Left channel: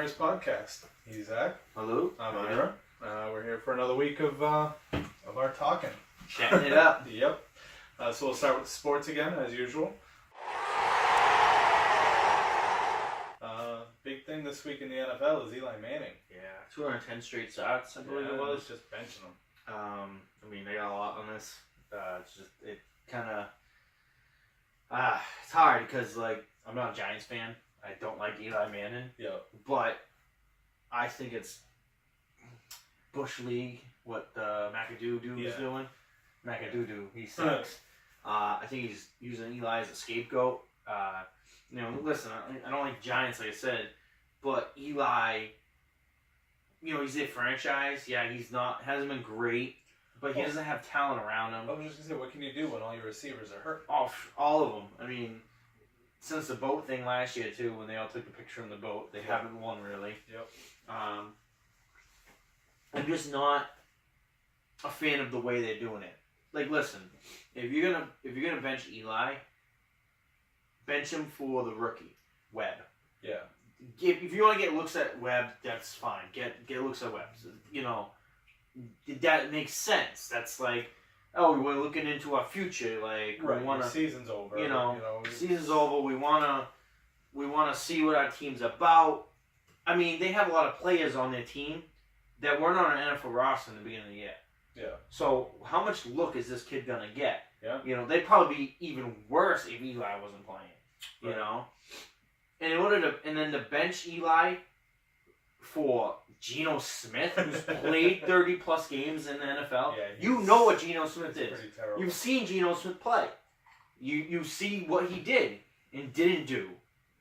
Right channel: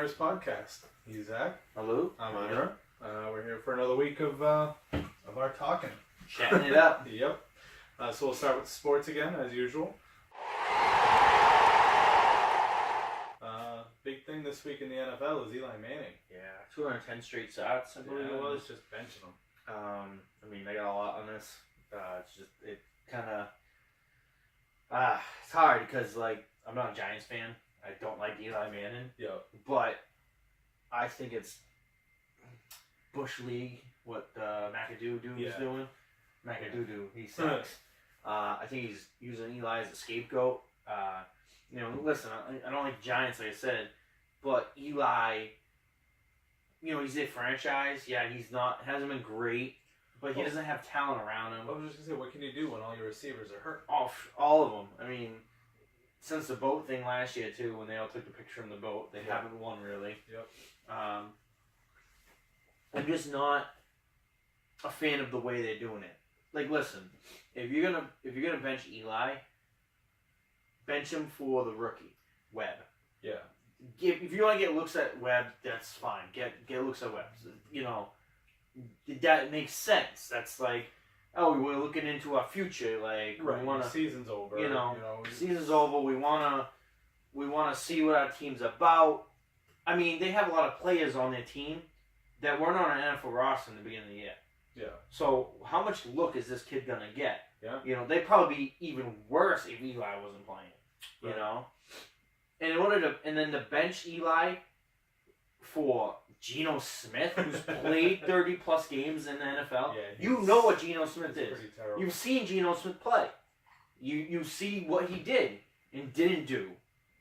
Ira's podcast. He's Zach. Hello. I'm Ira. We're here for another week of our talking. Chatting it up. Yep. So we'll start with sports again, as usual. Big thing this week in the NFL is Eli Manning. Yeah, 210 straight starts, I believe it was. Just benching him. I got a lot on this. It's hard because, I'm not a Giants fan. I don't like Eli Manning. Yeah. But I think it's Bush League, what McAdoo is doing. McAdoo, he sucks. I think he's using Eli as a scapegoat. Listen, I don't like Giants, like I said, but Eli, he's a franchise. Yeah, hasn't been great, but he doesn't have talent around him. I was just going to say, what can you do when all your receivers are hurt? All of them. I mean, since the boat thing last year, too, when they all took the picture in the boat, they haven't won, really. Yep. I'm just not a fan of the way they're doing it. Listen, if you're gonna bench Eli, bench him for the rookie, Webb. Yeah. If you want to get looks at Webb, that's fine. Get looks at Webb. That makes sense. That's we're looking into our future. Right. We want to. Season's over. Season's over. We wanna see what our team's about. I mean, they have a lot of players on their team that weren't on an NFL roster in the beginning of the year. Yeah. So how much look is this kid gonna get? Yeah. They'd probably be even worse if Eli wasn't playing. Right. And then to bench Eli for Geno Smith, who's played 30 plus games in the NFL. Yeah, you know what Geno Smith is. Pretty terrible. You've seen Geno Smith play. You see what he did and didn't do,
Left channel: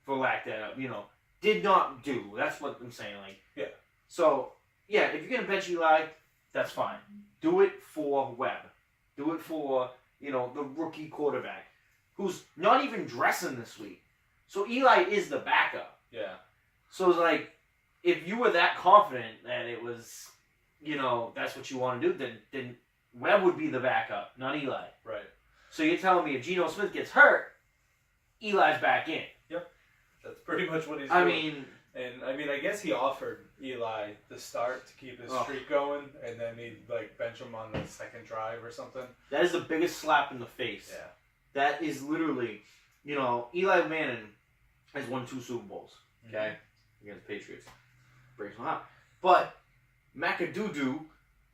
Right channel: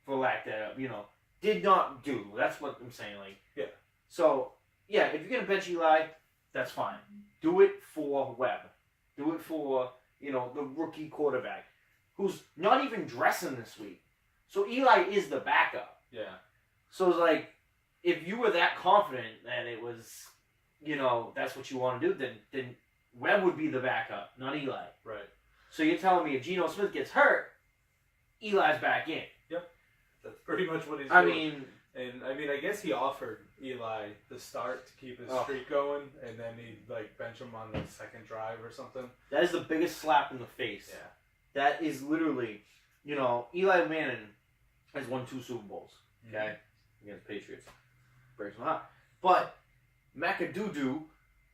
for lack of did not do. That's what I'm saying. Yeah. So if you're gonna bench Eli, that's fine. Do it for Webb. Do it for the rookie quarterback, who's not even dressing this week. So Eli is the backup. Yeah. So it's if you were that confident that it was, that's what you want to do, then Webb would be the backup, not Eli. Right. So you're telling me if Geno Smith gets hurt, Eli's back in. Yep. That's pretty much what he's doing. I guess he offered Eli the start to keep his streak going, and then he'd bench him on the second drive or something. That is the biggest slap in the face. Yeah. That is literally, Eli Manning has won 2 Super Bowls, okay, against the Patriots. Breaks my heart. But McAdoo,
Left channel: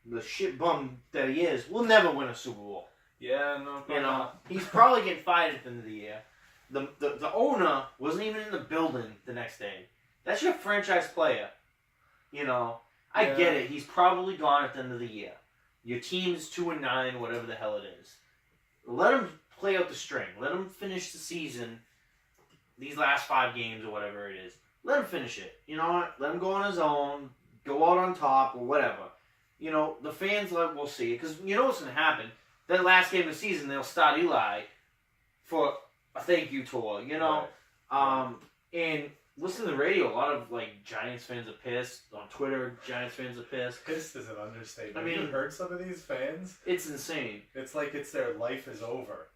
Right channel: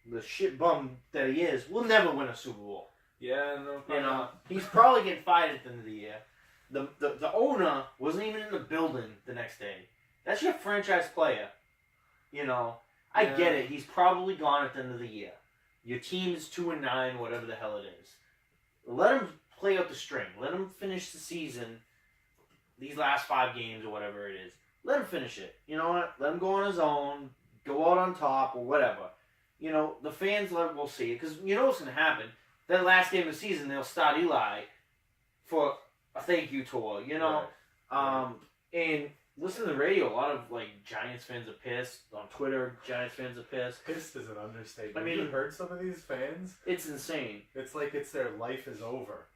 the shit bum that he is, will never win a Super Bowl. Yeah, no. He's probably getting fired at the end of the year. The owner wasn't even in the building the next day. That's your franchise player. I get it. He's probably gone at the end of the year. Your team is 2-9, whatever the hell it is. Let him play out the string. Let him finish the season, these last 5 games or whatever it is. Let him finish it. You know what? Let him go on his own, go out on top or whatever. The fans will see it. Because you know what's going to happen. That last game of the season, they'll start Eli for a thank you tour, Right. And listen to the radio. A lot of Giants fans are pissed. On Twitter, Giants fans are pissed. Pissed is an understatement. I mean, have you heard some of these fans? It's insane. It's it's their life is over.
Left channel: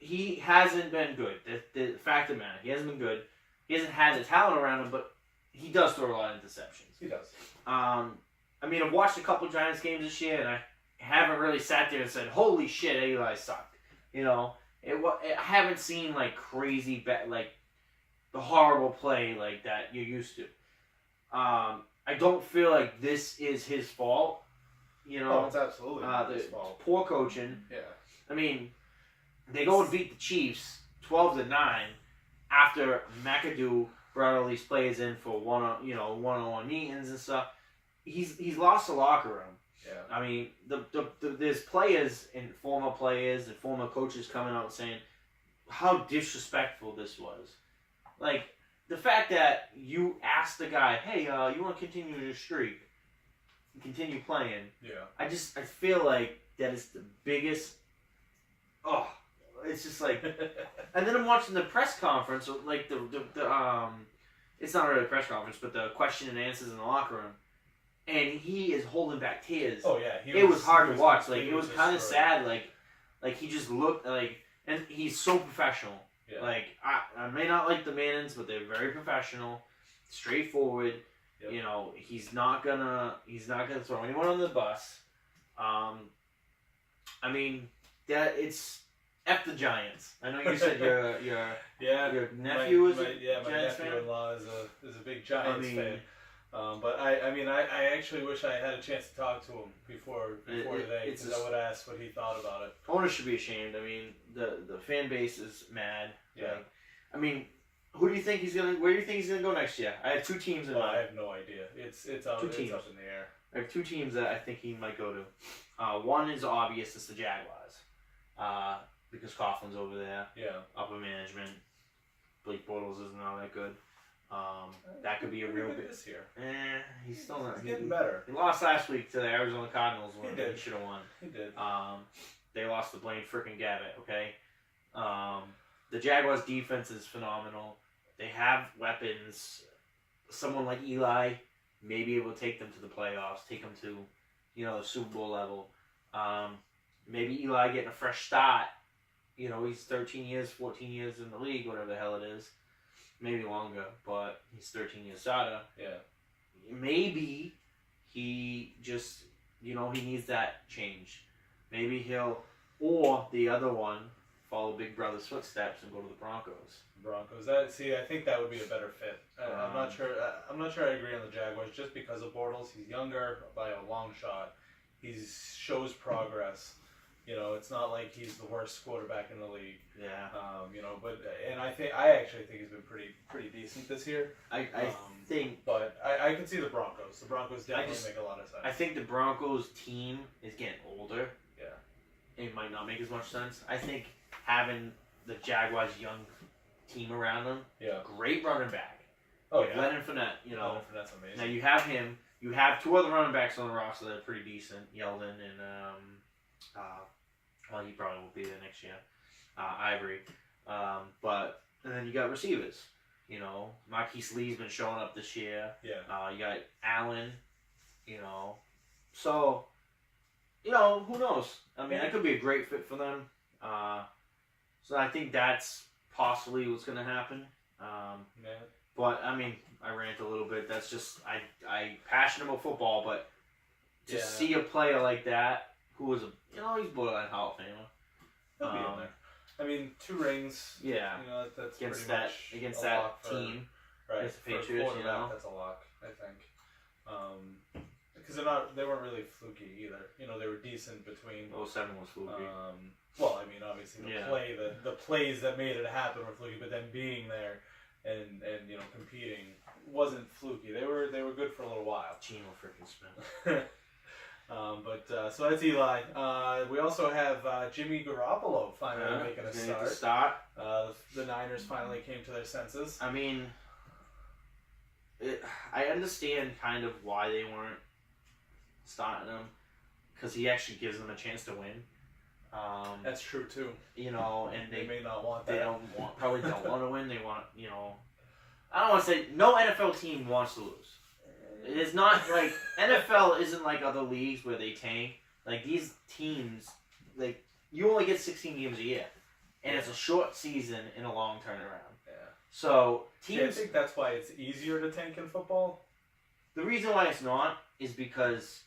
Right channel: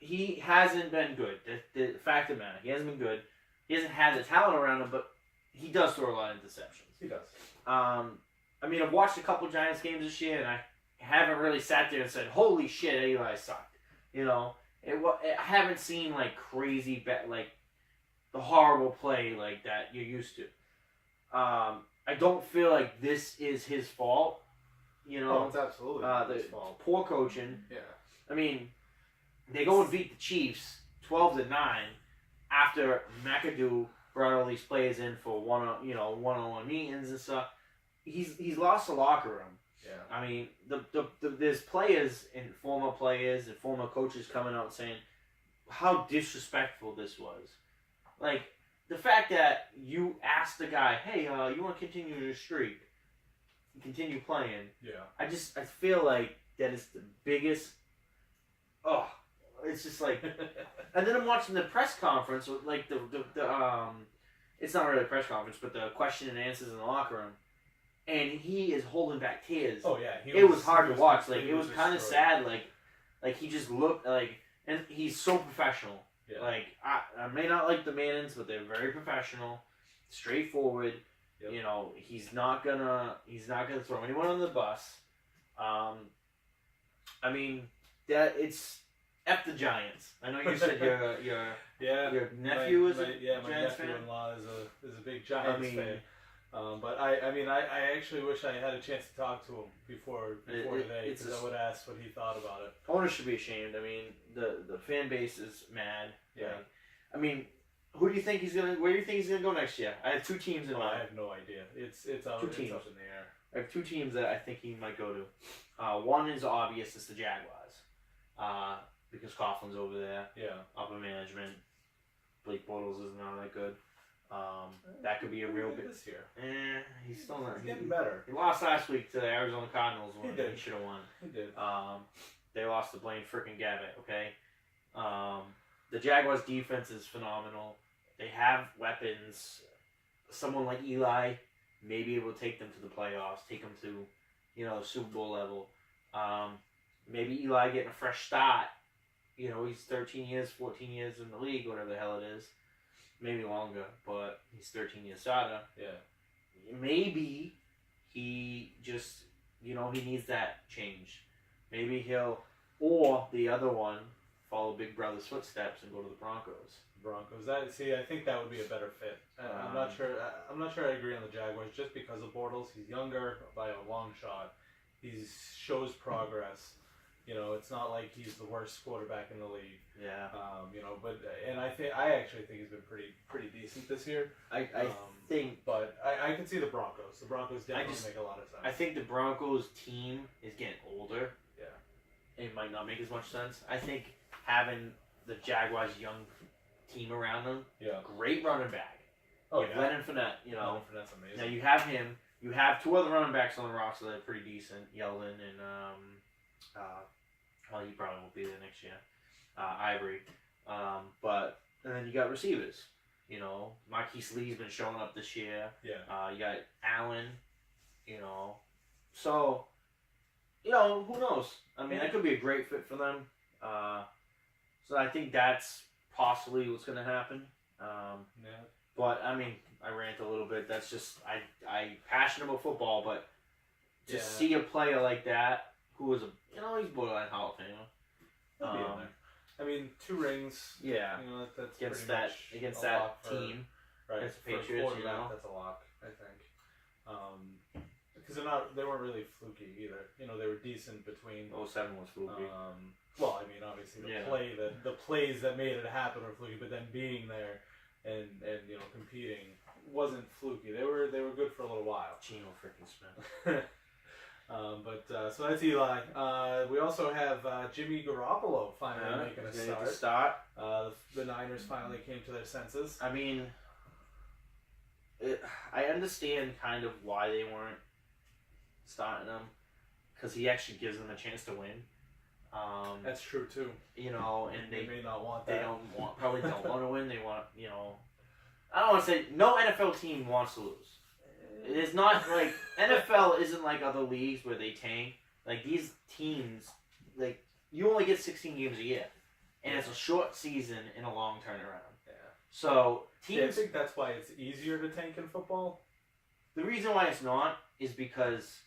He hasn't been good. The fact of the matter, he hasn't been good. He hasn't had the talent around him, but he does throw a lot of interceptions. He does. I've watched a couple Giants games this year, and I haven't really sat there and said, "Holy shit, Eli sucked." I haven't seen crazy the horrible play that you're used to. I don't feel like this is his fault. It's absolutely his fault. Poor coaching. Yeah. They go and beat the Chiefs 12-9 after McAdoo brought all these players in for one-on-one meetings and stuff. He's lost the locker room. Yeah. There's players and former coaches coming out saying how disrespectful this was. The fact that you asked the guy, hey, you want to continue your streak, continue playing. Yeah. I feel like that is the biggest. It's just and then I'm watching the press conference, it's not really a press conference, but the question and answers in the locker room. And he is holding back tears. Oh yeah, it was hard to watch. It was kind of sad. He just looked and he's so professional. Yeah. I may not like the Mannings, but they're very professional. straightforward. Yep. You know, he's not gonna throw anyone on the bus. I mean, that it's F the Giants. I know you said your nephew is a Giants fan. My nephew-in-law is a big Giants fan. But I actually wish I had a chance to talk to him before today, because I would ask what he thought about it. Owners should be ashamed. I mean, the fan base is mad. Yeah. Like, I mean, where do you think he's gonna go next year? I have two teams in mind. I have no idea. It's up in the air. I have two teams that I think he might go to. One is obvious. It's the Jaguars. Because Coughlin's over there. Yeah. Upper management. Blake Bortles isn't all that good. That could be a real big this year. He's still not. He's getting better. He lost last week to the Arizona Cardinals when he should have won. He did. They lost to Blaine frickin' Gabbert. Okay. The Jaguars' defense is phenomenal. They have weapons. Someone like Eli may be able to take them to the playoffs, take them to, the Super Bowl level. Maybe Eli getting a fresh start. He's 13 years, 14 years in the league, whatever the hell it is. Maybe longer, but he's 13 years starter. Yeah. Maybe he just, he needs that change. Maybe he'll, or the other one, follow Big Brother's footsteps and go to the Broncos. I think that would be a better fit. I'm not sure. I'm not sure I agree on the Jaguars just because of Bortles. He's younger by a long shot. He shows progress. It's not like he's the worst quarterback in the league. Yeah. I actually think he's been pretty decent this year. I think, but I can see the Broncos. The Broncos definitely make a lot of sense. I think the Broncos team is getting older. Yeah. It might not make as much sense. I think having the Jaguars' young team around them. Yeah. Great running back. Oh yeah. Leonard Fournette. Leonard Fournette's amazing. Now you have him. You have two other running backs on the roster that are pretty decent. Yeldon and he probably won't be there next year. Abreu. And then you got receivers. Marquise Lee's been showing up this year. Yeah. You got Allen. So, who knows? I mean, that could be a great fit for them. So I think that's possibly what's going to happen. Yeah. But, I mean, I rant a little bit. That's just, I'm passionate about football, but to see a player like that, who was he's borderline Hall of Famer. He'll be in there. I mean, 2 rings. Yeah. That's against pretty that much against a that lot team. Right. Against the Patriots, That's a lock, I think. Because they weren't really fluky either. They were decent between. 07 was fluky. Well, I mean, obviously the plays that made it happen were fluky, but then being there and competing wasn't fluky. They were good for a little while. Geno freaking Smith. So that's Eli. We also have Jimmy Garoppolo finally making a start. The Niners finally came to their senses. I mean, I understand kind of why they weren't starting him, because he actually gives them a chance to win. That's true too. And they may not want that. They probably don't want to win. They want, I don't want to say no NFL team wants to lose. It is not like NFL isn't like other leagues where they tank. Like these teams, like you only get 16 games a year, and it's a short season and a long turnaround. Yeah. So teams. I think that's why it's easier to tank in football. The reason why it's not is because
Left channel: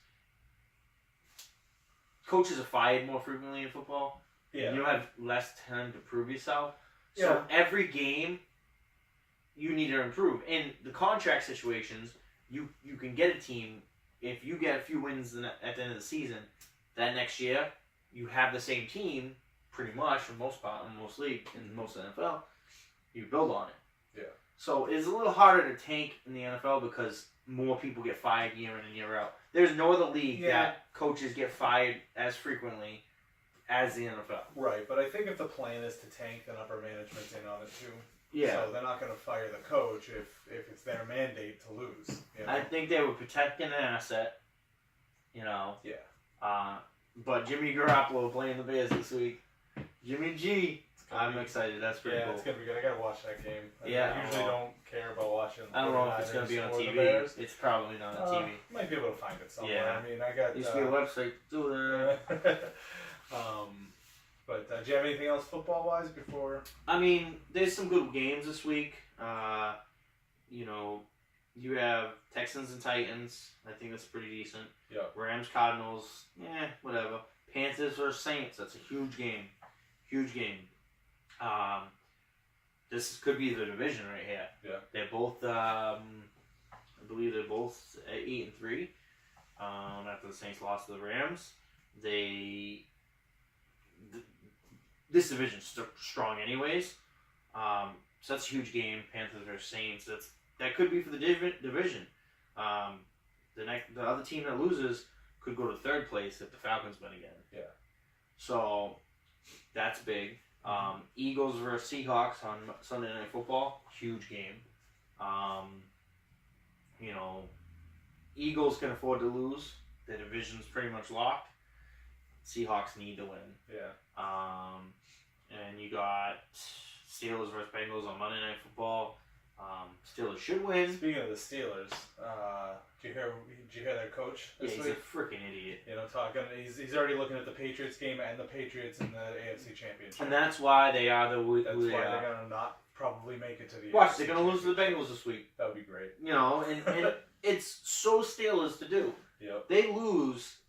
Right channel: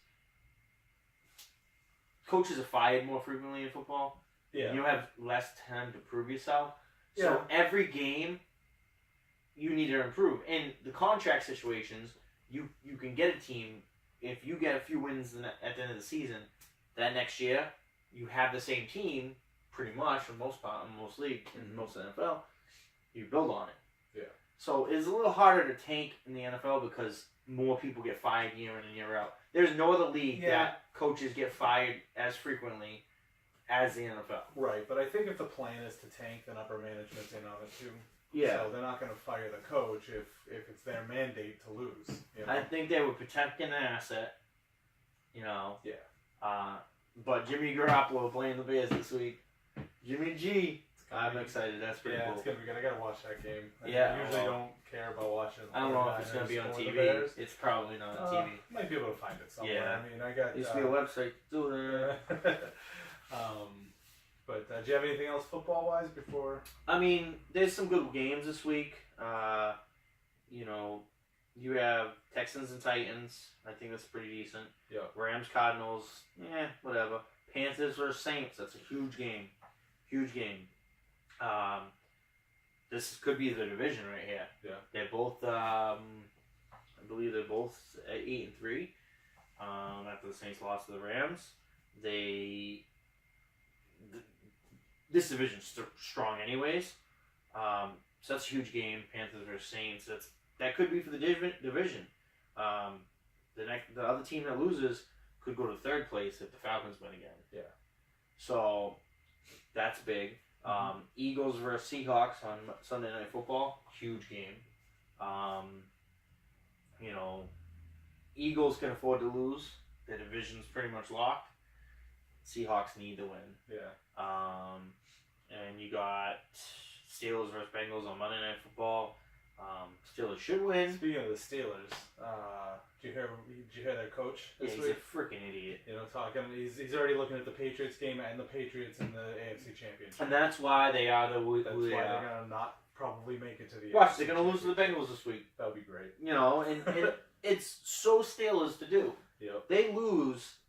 coaches are fired more frequently in football. Yeah. You have less time to prove yourself. So Yeah. every game, you need to improve. In the contract situations, you can get a team, if you get a few wins at the end of the season, that next year, you have the same team, pretty much, for most part, in most leagues, in most NFL, you build on it. Yeah. So it's a little harder to tank in the NFL because more people get fired year in and year out. There's no other league that coaches get fired as frequently as the NFL. Right, but I think if the plan is to tank, then upper management's in on it too. Yeah. So they're not going to fire the coach if it's their mandate to lose. I think they were protecting an asset, Yeah. But Jimmy Garoppolo playing the Bears this week. Jimmy G. I'm excited. That's pretty cool. Yeah, it's going to be good. I got to watch that game. I usually don't care about watching. I don't know if it's going to be on TV. It's probably not on TV. Might be able to find it somewhere. Yeah. I mean, I got... There used to be a website to do that. But do you have anything else football-wise before? I mean, there's some good games this week. You have Texans and Titans. I think that's pretty decent. Yeah. Rams, Cardinals. Whatever. Panthers or Saints. That's a huge game. Huge game. This could be the division right here. Yeah. They're both. I believe they're both 8-3. After the Saints lost to the Rams, this division's strong anyways. So that's a huge game. Panthers or Saints. That could be for the division. The other team that loses could go to third place if the Falcons win again. Yeah. So that's big. Eagles versus Seahawks on Sunday Night Football. Huge game. Eagles can afford to lose. The division's pretty much locked. Seahawks need to win. Yeah. And you got Steelers versus Bengals on Monday Night Football. Steelers should win. Speaking of the Steelers, did you hear their coach this he's week? a freaking idiot. He's already looking at the Patriots game and the Patriots in the AFC Championship. And that's why they are That's why they're gonna not probably make it to the. Watch, AFC they're gonna lose to the Bengals this week. That would be great. And it's so Steelers to do. Yep. They lose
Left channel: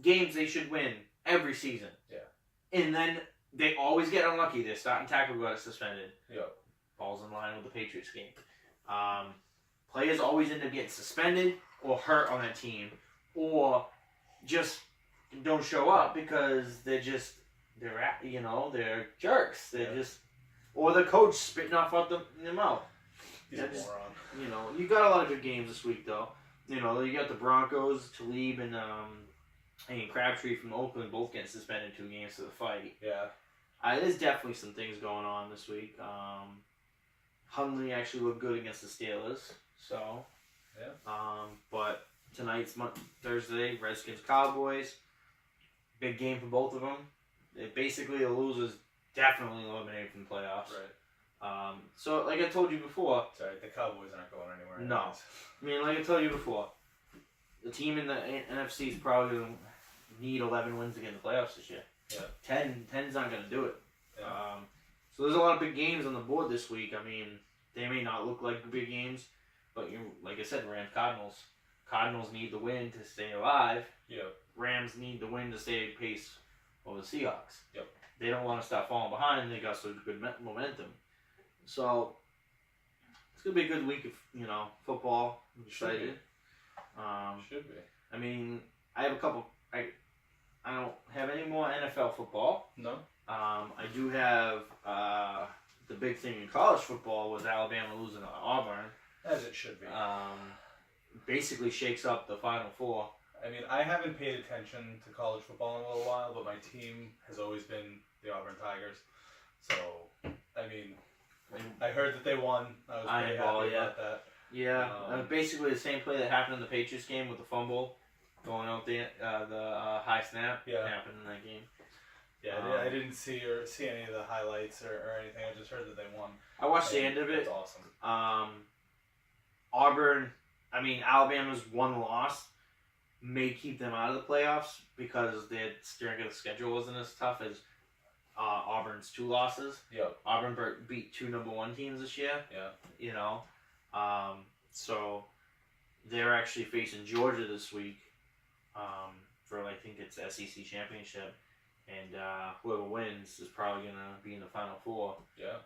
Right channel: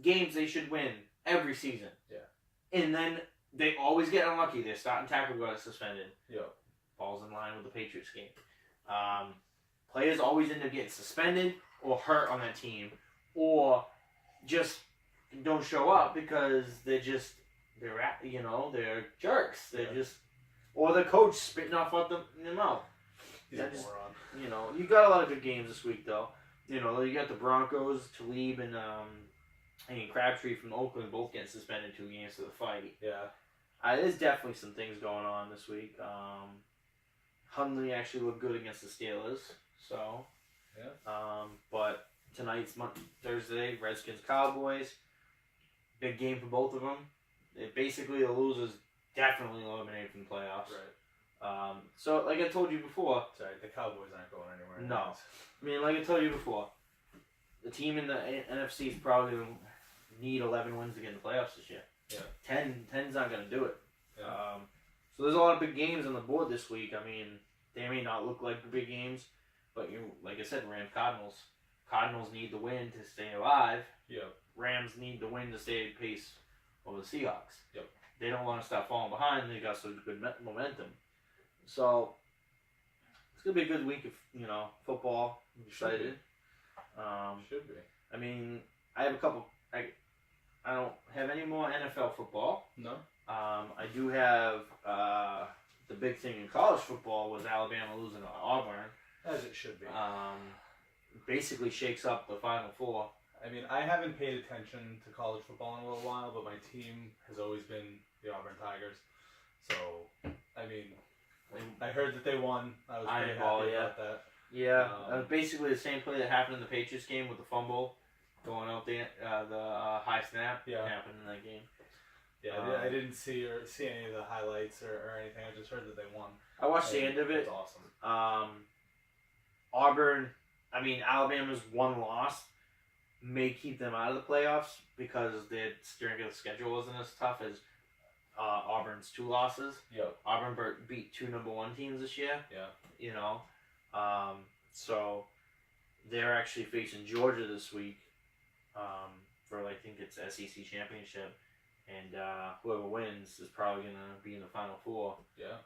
games they should win every season. Yeah. And then they always get unlucky. Their starting tackle got suspended. Yep. Falls in line with the Patriots game. Players always end up getting suspended or hurt on that team, or just don't show up because they're jerks. They're just, or the coach spitting off out their mouth. He's a moron. You got a lot of good games this week though. You got the Broncos, Talib and Crabtree from Oakland both getting suspended 2 games to the fight. Yeah. There's definitely some things going on this week. Hundley actually looked good against the Steelers, so. Yeah. But tonight's Thursday, Redskins Cowboys. Big game for both of them. Basically, the losers definitely eliminated from the playoffs. Right. So, like I told you before. Sorry, the Cowboys aren't going anywhere. No. I mean, like I told you before, the team in the NFC is probably going to need 11 wins to get in the playoffs this year. Yeah. 10's not going to do it. Yeah. So there's a lot of big games on the board this week. I mean, they may not look like big games, but like I said, Rams Cardinals. Cardinals need the win to stay alive. Yep. Rams need the win to stay pace over the Seahawks. Yep. They don't want to stop falling behind. They got some good momentum. So it's gonna be a good week of football. I'm excited. Should be. I mean, I have a couple. I don't have any more NFL football. No. I do have the big thing in college football was Alabama losing to Auburn. As it should be. Basically shakes up the Final Four. I mean, I haven't paid attention to college football in a little while, but my team has always been the Auburn Tigers. So, I mean, I heard that they won. I was pretty happy about that. Yeah, basically the same play that happened in the Patriots game with the fumble going out the high snap happened in that game. Yeah, I didn't see any of the highlights or anything. I just heard that they won. I watched the end of it. That's awesome. Auburn, Alabama's one loss may keep them out of the playoffs because their strength of the schedule wasn't as tough as Auburn's 2 losses. Yep. Auburn beat 2 number 1 teams this year. Yeah. So they're actually facing Georgia this week for I think it's SEC championship, and whoever wins is probably gonna be in the Final Four. Yeah.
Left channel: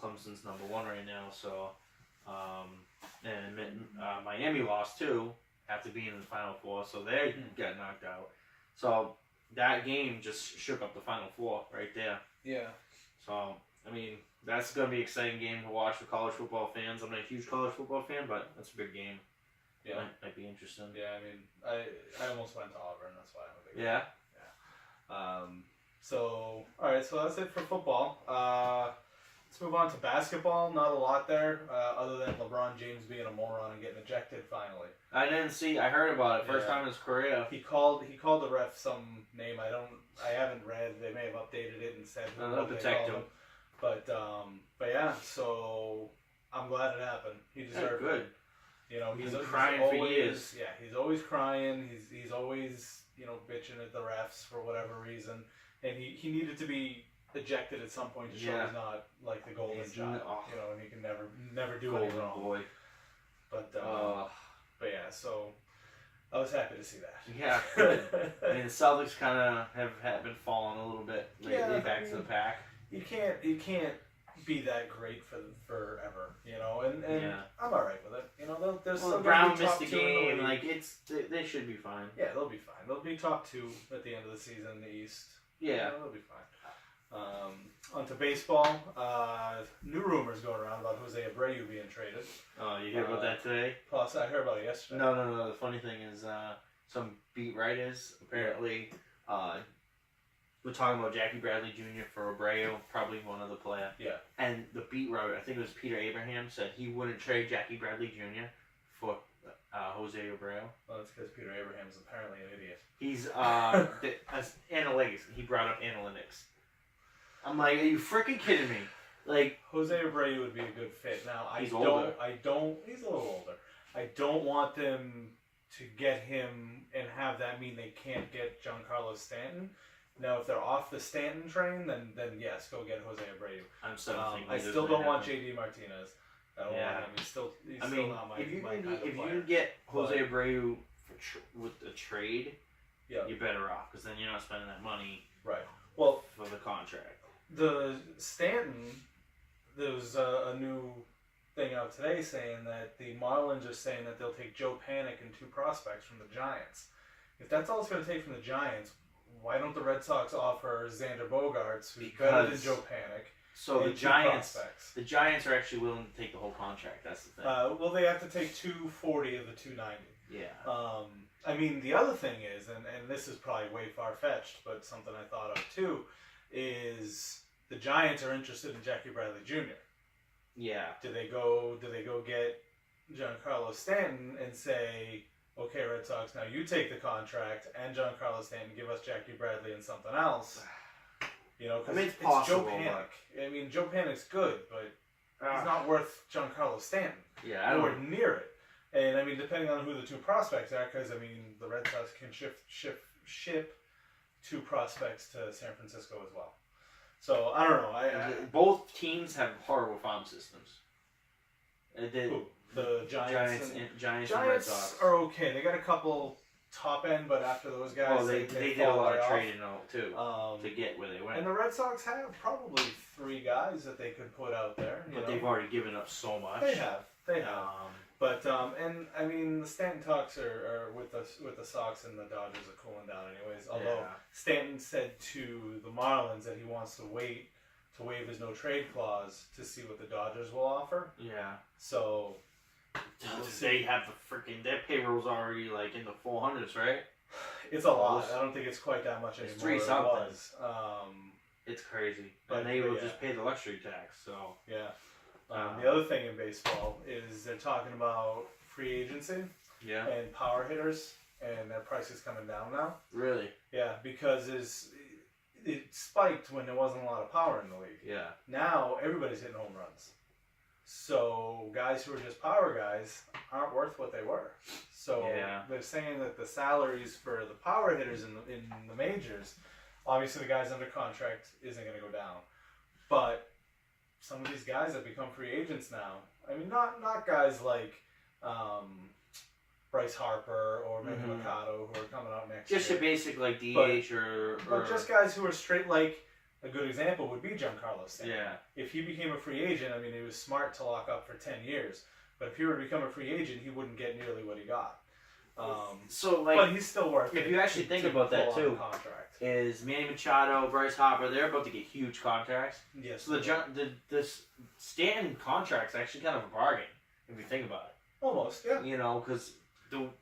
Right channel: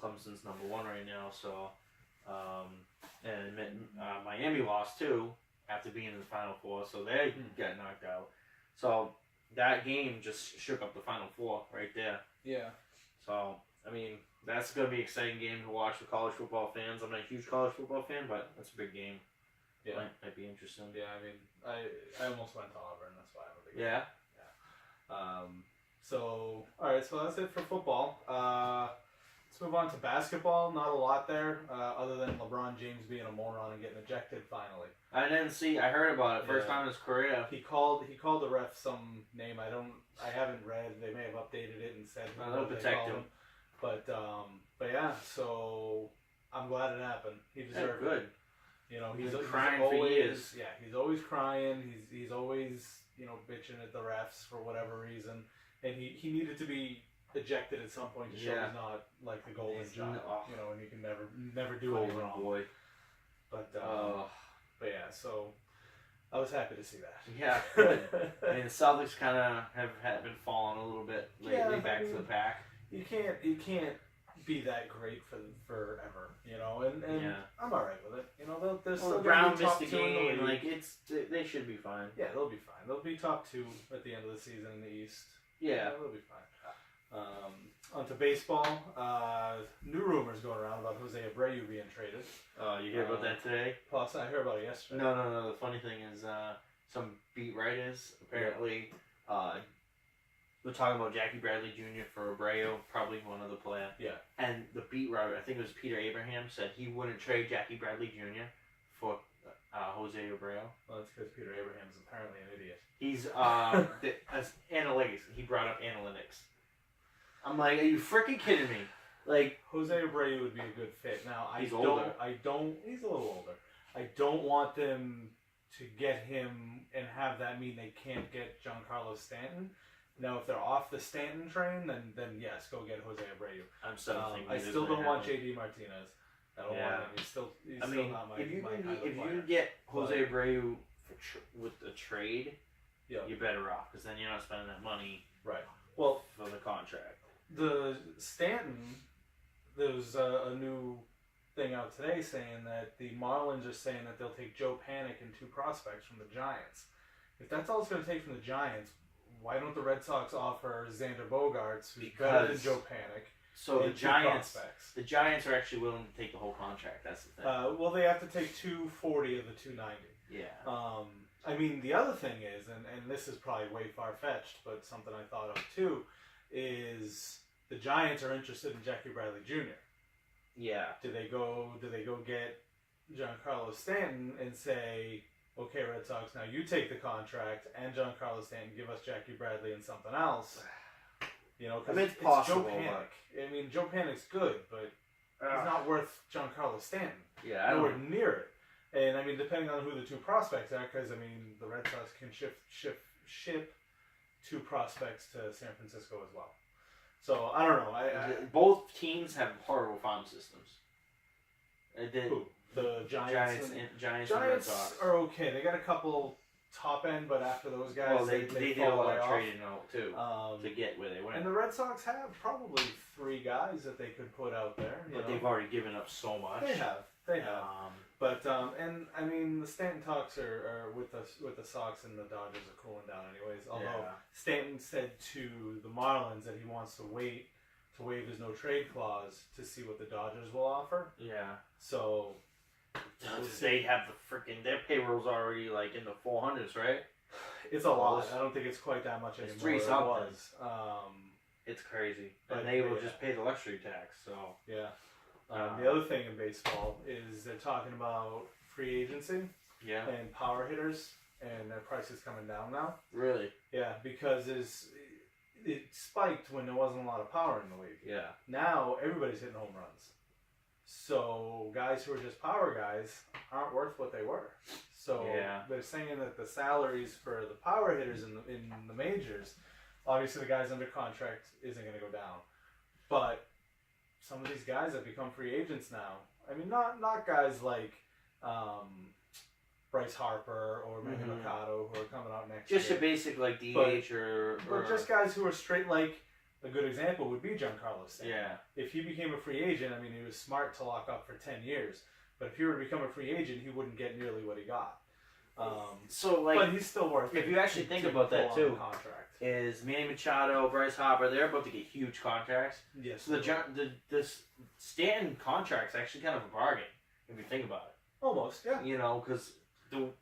Clemson's number 1 right now, so and Miami lost too after being in the Final Four, so they got knocked out. So that game just shook up the Final Four right there. Yeah. So that's gonna be an exciting game to watch for college football fans. I'm not a huge college football fan, but that's a big game. Yeah. Might be interesting. Yeah, I almost went to Auburn. That's why I'm a big fan. Yeah. So alright, so that's it for football. Let's move on to basketball. Not a lot there, other than LeBron James being a moron and getting ejected finally. I didn't see. I heard about it. First time in his career. He called the ref some name. I haven't read. They may have updated it and said. They'll protect him. But yeah. So I'm glad it happened. He deserved it. He's crying always, for years. Yeah, he's always crying. He's always bitching at the refs for whatever reason, and he needed to be ejected at some point to show he's not like the golden child, and he can never do anything wrong. Boy. But yeah, so I was happy to see that. Yeah, good. I mean, the Celtics kind of have been falling a little bit lately, back to the pack. You can't be that great forever, you know. And I'm all right with it. You know, they're still Brown gonna be missed top the 2 in the game. league. Like they should be fine. Yeah, they'll be fine. They'll be top 2 at the end of the season in the East. Yeah, you know, they'll be fine. Onto baseball. New rumors going around about Jose Abreu being traded. Oh, you hear about that today? Plus, I heard about it yesterday. No. The funny thing is, some beat writers apparently were talking about Jackie Bradley Jr. for Abreu, probably one other player. Yeah. And the beat writer, I think it was Peter Abraham, said he wouldn't trade Jackie Bradley Jr. for Jose Abreu. Well, that's because Peter Abraham's apparently an idiot. He's as analytics. He brought up analytics. I'm like, are you freaking kidding me? Like, Jose Abreu would be a good fit. Now, he's older. He's a little older. I don't want them to get him and have that mean they can't get Giancarlo Stanton. Now, if they're off the Stanton train, then yes, go get Jose Abreu. I'm still I still don't want JD Martinez. I don't want him. He's still not my if you kind of if player. you get Jose Abreu with a trade, Yeah. you're better off because then you're not spending that money Right. Well, for the contract. the Stanton, there's a new thing out today saying that the Marlins are saying that they'll take Joe Panic and 2 prospects from the Giants. If that's all it's going to take from the Giants, why don't the Red Sox offer Xander Bogaerts, who's better than Joe Panic? So the Giants, prospects? the Giants are actually willing to take the whole contract. That's the thing. Well, they have to take 240 of the 290. Yeah. I mean, the other thing is, and this is probably way far-fetched, but something I thought of too, is the Giants are interested in Jackie Bradley Jr. Yeah. Do they go get Giancarlo Stanton and say, okay, Red Sox, now you take the contract and Giancarlo Stanton, give us Jackie Bradley and something else? You know, because it's possible. Joe Panic. I mean, Joe Panic's good, but he's not worth Giancarlo Stanton. Yeah, I nowhere near it. And I mean, depending on who the 2 prospects are, because I mean, the Red Sox can ship 2 prospects to San Francisco as well. So I don't know. Both teams have horrible farm systems. Who? The Giants and Red Sox are okay. They got a couple top end, but after those guys, well, they did a lot of trading too to get where they went. And the Red Sox have probably 3 guys that they could put out there. But they've already given up so much. They have. But and I mean, the Stanton talks are with the Sox and the Dodgers are cooling down anyways. Although Stanton said to the Marlins that he wants to wait to waive his no trade clause to see what the Dodgers will offer. Yeah. So they have the freaking their payroll's already like in the 400s, right? It's a lot. I don't think it's quite that much anymore. It's 3 something. It was. It's crazy, and they will just pay the luxury tax. So yeah. The other thing in baseball is they're talking about free agency and power hitters, and their price is coming down now. Really? Yeah, because it spiked when there wasn't a lot of power in the league. Yeah. Now everybody's hitting home runs. So guys who are just power guys aren't worth what they were. So they're saying that the salaries for the power hitters in the majors, obviously the guys under contract isn't going to go down, but some of these guys have become free agents now. I mean, not guys like Bryce Harper or Manny Machado who are coming out next year. Just a basic like DH or just guys who are straight. Like a good example would be Giancarlo Stanton. Yeah. If he became a free agent, I mean, it was smart to lock up for 10 years. But if he were to become a free agent, he wouldn't get nearly what he got. But he's still worth it. If you actually think about that too, contract. Is Manny Machado, Bryce Harper, they're about to get huge contracts. Yes. So the Stanton contract's actually kind of a bargain if you think about it. Almost, yeah. You know, because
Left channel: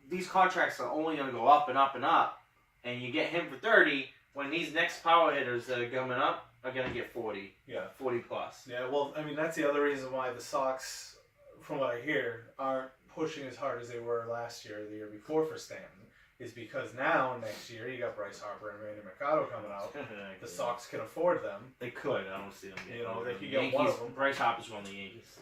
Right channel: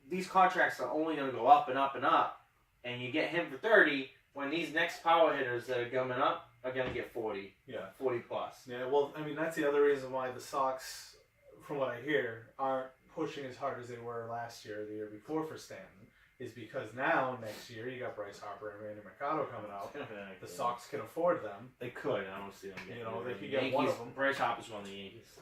these contracts are only going to go up and up and up, and you get him for 30 when these next power hitters that are coming up are going to get 40. Yeah. 40 plus. Yeah. Well, I mean, that's the other reason why the Sox, from what I hear, aren't pushing as hard as they were last year or the year before for Stanton. Is because now, next year, you got Bryce Harper and Manny Machado coming out. The Sox can afford them. They could. I don't see them getting they could get one of them. Bryce Harper's one of the Yankees.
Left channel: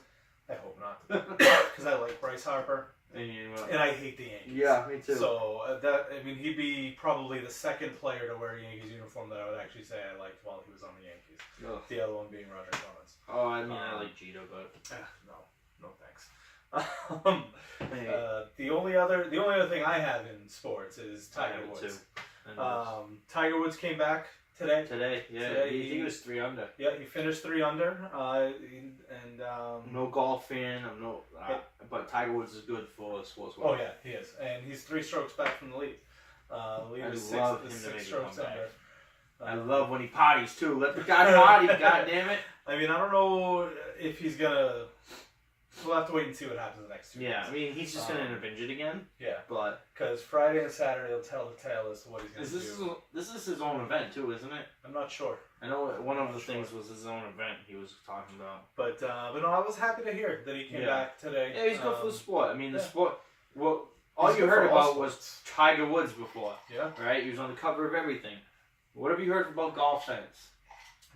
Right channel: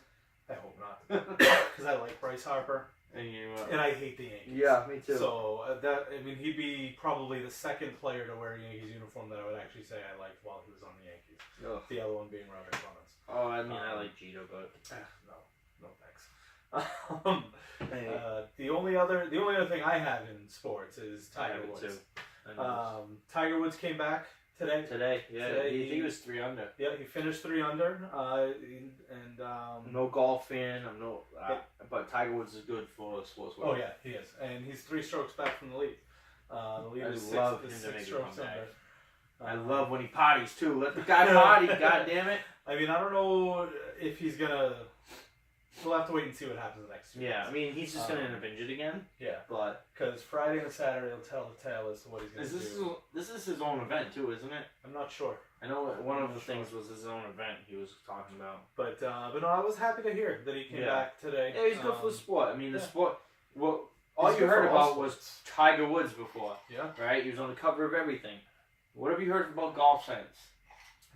I hope not. Because I like Bryce Harper. And I hate the Yankees. Yeah, me too. So, he'd be probably the second player to wear a Yankees uniform that I would actually say I liked while he was on the Yankees. Ugh. The other one being Roger Clemens. Oh, I like Jeter, but... No thanks. The only other thing I have in sports is Tiger Woods. Tiger Woods came back today. He was 3 under. Yeah, he finished 3 under. No golf fan. But Tiger Woods is good for sports. Oh yeah, he is, and he's 3 strokes back from the lead. The lead is love him six to make a strokes comeback. under. I love when he potties too. Let the guy potty. God damn it. I mean, I don't know if he's gonna. We'll have to wait and see what happens the next 2 Yeah, days. I mean, he's just gonna end up injured again. Yeah, But because Friday and Saturday will tell the tale as to what he's gonna do. this is his own event too, isn't it? I'm not sure. I know one of the things was his own event he was talking about. But no, I was happy to hear that he came back today. Yeah, he's good for the sport. I mean, the sport. Well, all He's you good heard for all about was Tiger Woods before, Yeah, right? He was on the cover of everything. What have you heard about golf since?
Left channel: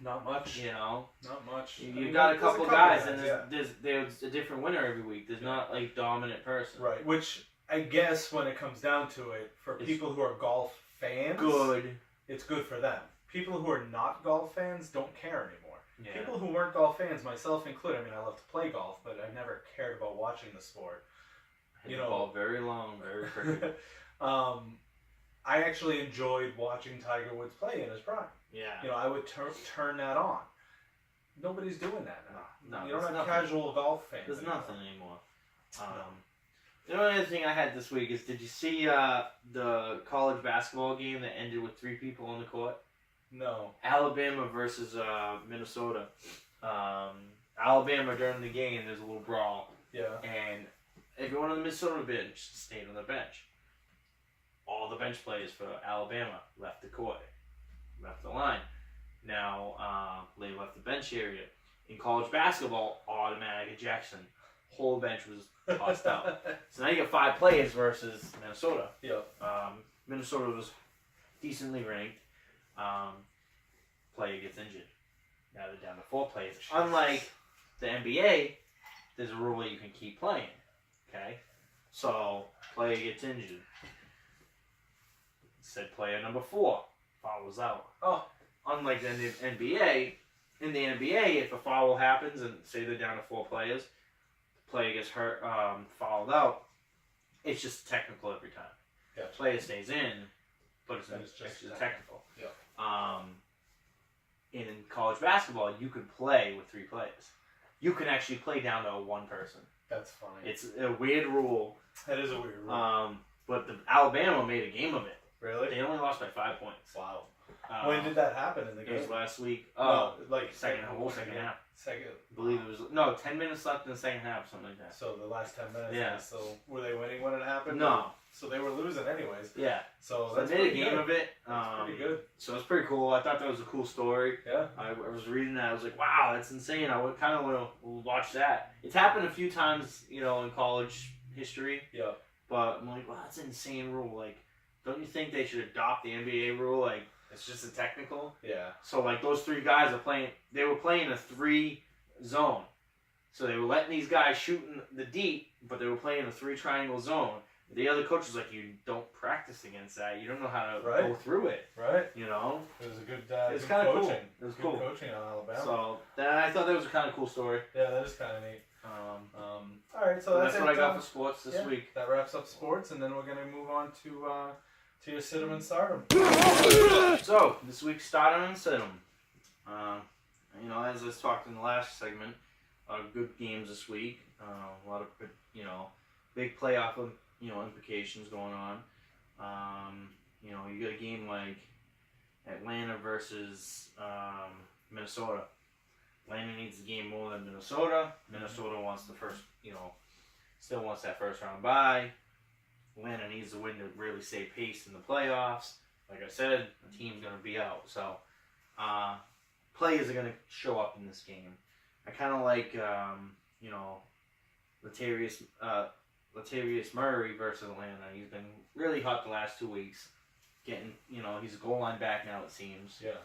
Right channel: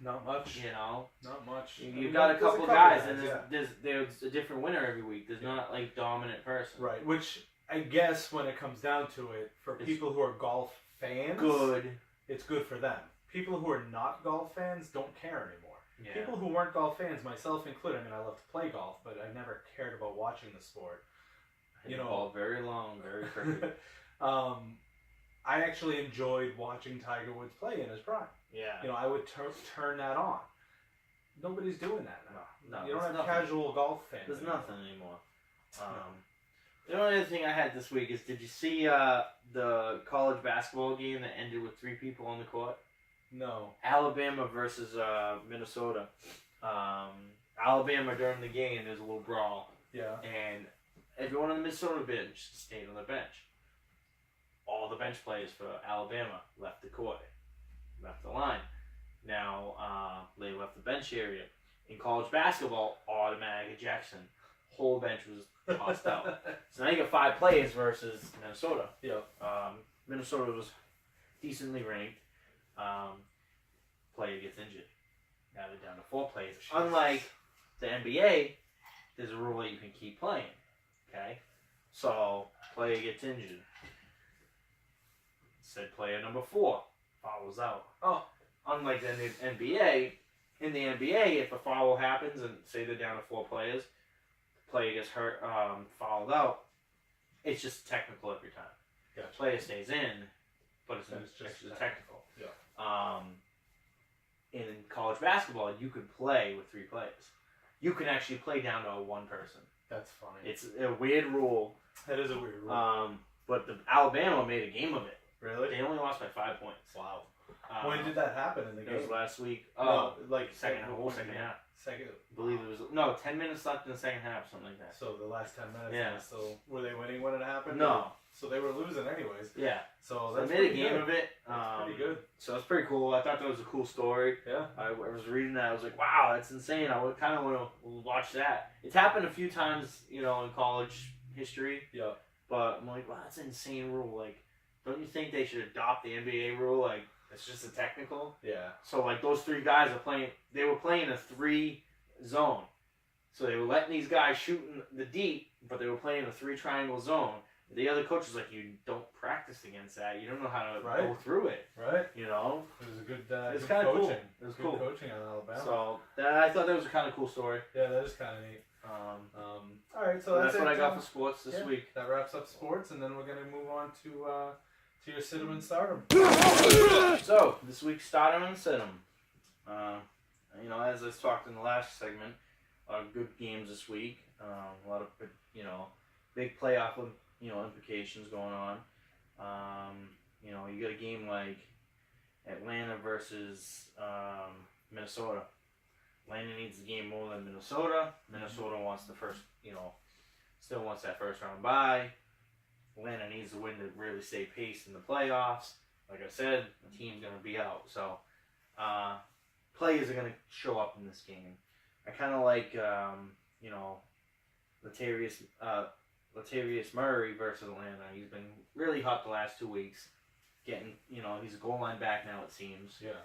not much. You know, Not much. you've got a couple guys, and yeah. there's a different winner every week. There's not like dominant person. Right, which I guess when it comes down to it, for people who are golf fans, it's good for them. People who are not golf fans don't care anymore. Yeah. People who weren't golf fans, myself included, I mean, I love to play golf, but I never cared about watching the sport. You know, ball very long, very crooked. I actually enjoyed watching Tiger Woods play in his prime. Yeah. You know, I would turn that on. Nobody's doing that now. No, you don't have nothing. Casual golf fans. There's anymore. nothing anymore. The only other thing I had this week is, did you see the college basketball game that ended with 3 people on the court? No. Alabama versus Minnesota. Alabama during the game, there's a little brawl. Yeah. And everyone on the Minnesota bench stayed on the bench. All the bench players for Alabama left the court, left the line. Now, they left the bench area. In college basketball, automatic ejection. Whole bench was tossed out. So now you got 5 players versus Minnesota. Yep. Minnesota was decently ranked. Player gets injured. Now they're down to 4 players. Unlike the NBA, there's a rule that you can keep playing. Okay? So, player gets injured. Said player number 4 fouls out. Oh. Unlike the NBA, in the NBA, if a foul happens and say they're down to 4 players, the player gets hurt, fouled out, it's just technical every time. Gotcha. Player stays in, but it's just technical. Yeah. In college basketball, you can play with 3 players. You can actually play down to 1 person. That's funny. It's a weird rule. That is a weird rule. But the Alabama made a game of it. Really? They only lost by 5 points. Wow. When did that happen in the game? It was last week. No, like second half. Second. I believe it was 10 minutes left in the second half, something like that. So the last 10 minutes. Yeah. So were they winning when it happened? No. So they were losing anyways. Yeah. So they made a game of it. That's pretty good. So it's pretty cool. I thought that was a cool story. Yeah. I was reading that. I was like, wow, that's insane. I would kind of want to watch that. It's happened a few times, in college history. Yeah. But I'm like, wow, that's an insane rule. Like, don't you think they should adopt the NBA rule? Like, it's just a technical. Yeah. So like those 3 guys they were playing a 3 zone. So they were letting these guys shoot in the deep, but they were playing a 3 triangle zone. The other coach was like, you don't practice against that. You don't know how to go through it. Right. You know? It was a good it's kind of cool. coaching. It was good cool. coaching on Alabama. So I thought that was a kind of cool story. Yeah, that is kind of neat. All right, so that's what I got for sports this week. That wraps up sports, and then we're going to move on to your Sit 'em and Stardom. So, this week's Stardom and Sit 'em. As I talked in the last segment, good games this week. A lot of, big playoff, implications going on. You got a game like Atlanta versus Minnesota. Atlanta needs the game more than Minnesota. Minnesota wants the first, still wants that first round bye. Atlanta needs to win to really stay paced in the playoffs. Like I said, the team's going to be out. So, players are going to show up in this game. I kind of like, Latavius Murray versus Atlanta. He's been really hot the last 2 weeks. Getting, he's a goal line back now, it seems. Yeah.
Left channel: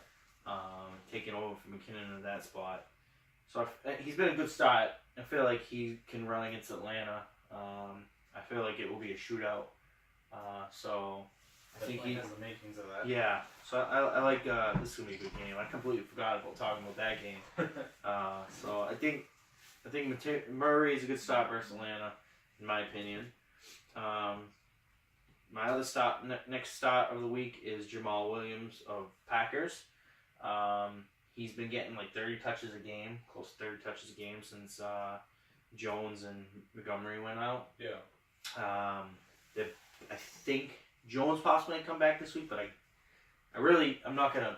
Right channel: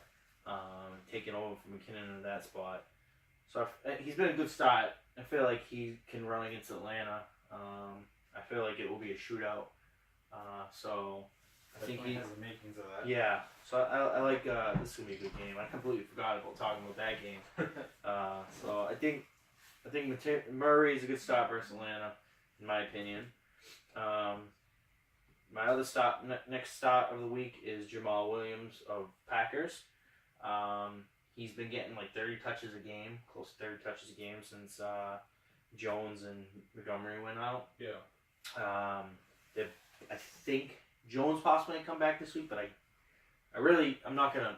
Taking over from McKinnon in that spot. So he's been a good start. I feel like he can run against Atlanta. I feel like it will be a shootout. So I think he has the makings of that. Yeah. So I like this is gonna be a good game. I completely forgot about talking about that game. So I think I think Murray is a good start versus Atlanta, in my opinion. My other next start of the week is Jamal Williams of Packers. He's been getting like 30 touches a game, close to 30 touches a game since Jones and Montgomery went out. Yeah. I think Jones possibly might come back this week, but I'm not gonna,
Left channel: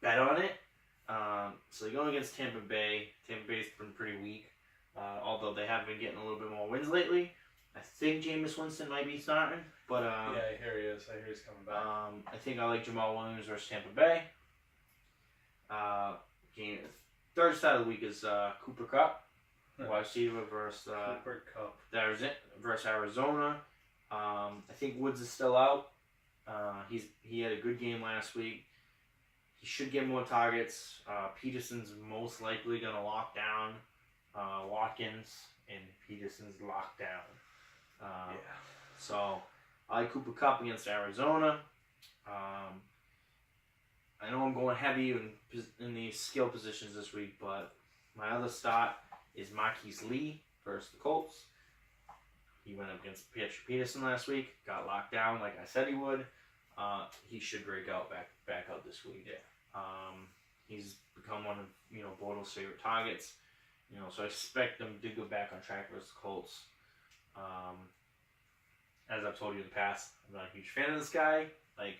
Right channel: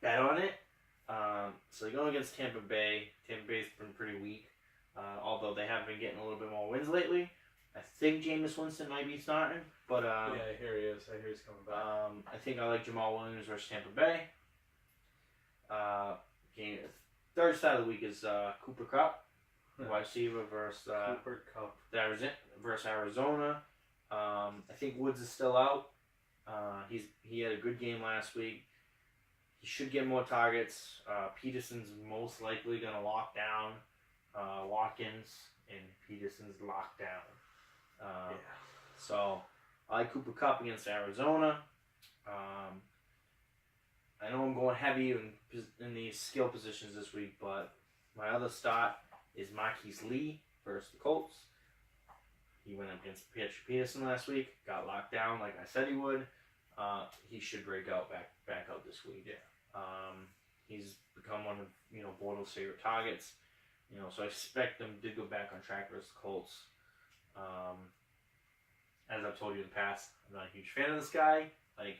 bet on it. So they're going against Tampa Bay. Tampa Bay's been pretty weak, although they have been getting a little bit more wins lately. I think Jameis Winston might be starting, but yeah, I hear he is. I hear he's coming back. I think I like Jamal Williams versus Tampa Bay. Third side of the week is Cooper Kupp, wide receiver versus Cooper Kupp versus Arizona. I think Woods is still out. He had a good game last week. He should get more targets. Peterson's most likely going to lock down Watkins, and Peterson's locked down. So I like Cooper Kupp against Arizona. I know I'm going heavy in the skill positions this week, but my other start is Marquise Lee versus the Colts. He went up against Peterson last week, got locked down like I said he would. He should break out back out this week. Yeah. He's become one of Bortles' favorite targets. So I expect them to go back on track versus the Colts. As I've told you in the past, I'm not a huge fan of this guy. Like,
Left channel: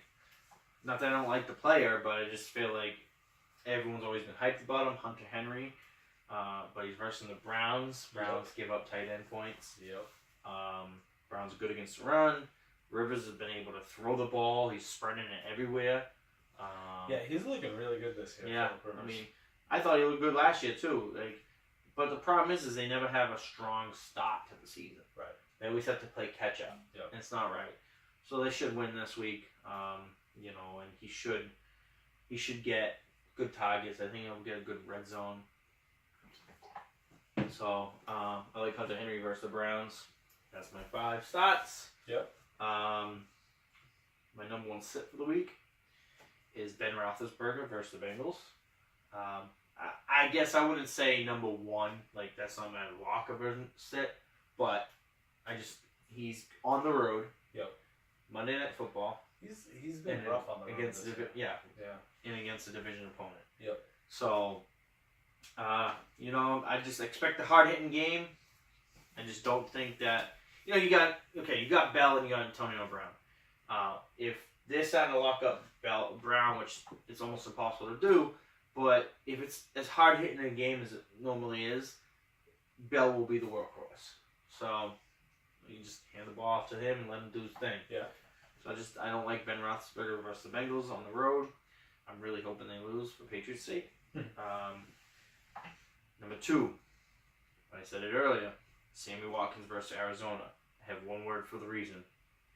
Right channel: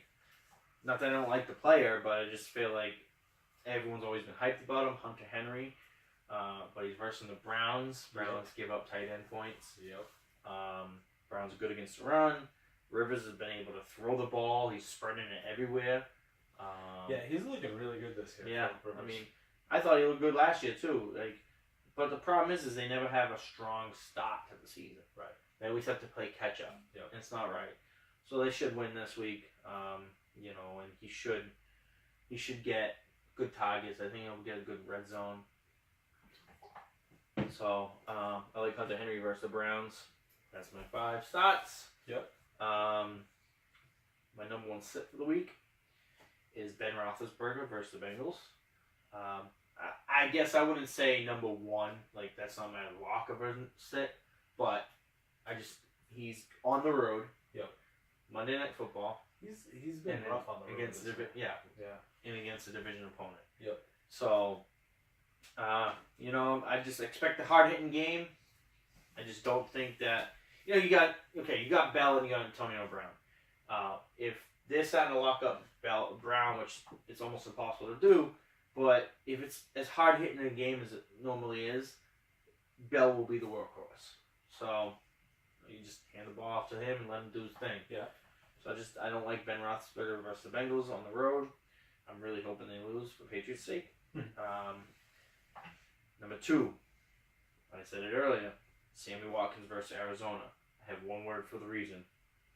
not that I don't like the player, but I just feel like everyone's always been hyped about him. Hunter Henry, but he's versus the Browns. Browns give up tight end points. Yep. Browns are good against the run. Rivers has been able to throw the ball. He's spreading it everywhere. Yeah, he's looking really good this year. Yeah, I mean, I thought he looked good last year too. But the problem is they never have a strong start to the season. Right. They always have to play catch up. Yep. And it's not right. So they should win this week. And he should get good targets. I think he'll get a good red zone. So I like Hunter Henry versus the Browns. That's my 5 starts. Yep. My number 1 sit for the week is Ben Roethlisberger versus the Bengals. I guess I wouldn't say number 1, like that's not my lock of a sit, but he's on the road. Yep. Monday Night Football. He's been rough on the road against yeah. And against a division opponent. Yep. So, I just expect a hard-hitting game. I just don't think that you got Bell and you got Antonio Brown. If they're starting to lock up Brown, which it's almost impossible to do, but if it's as hard-hitting a game as it normally is, Bell will be the workhorse. So you just hand the ball off to him and let him do his thing. Yeah. So I don't like Ben Roethlisberger versus the Bengals on the road. I'm really hoping they lose for Patriots' sake. Number 2, I said it earlier, Sammy Watkins versus Arizona. I have one word for the reason:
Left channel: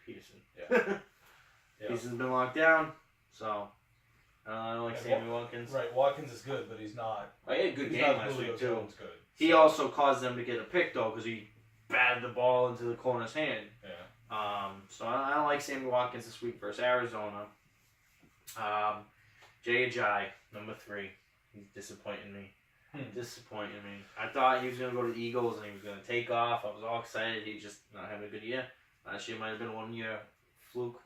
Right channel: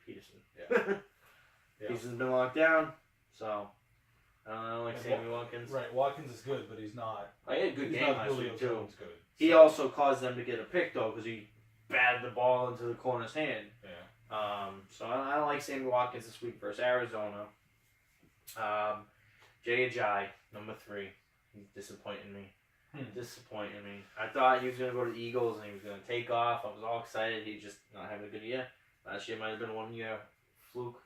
Peterson. Yeah. Yeah. Peterson's been locked down, so I don't like Sammy Watkins. Right, Watkins is good, but he's not. He had a good game last week too. Good. He also caused them to get a pick though because he batted the ball into the corner's hand. Yeah. So I don't like Sammy Watkins this week versus Arizona. Jay Ajayi, number 3. He's disappointing me. I thought he was going to go to the Eagles and he was going to take off. I was all excited. He's just not having a good year. Last year might have been a 1-year fluke,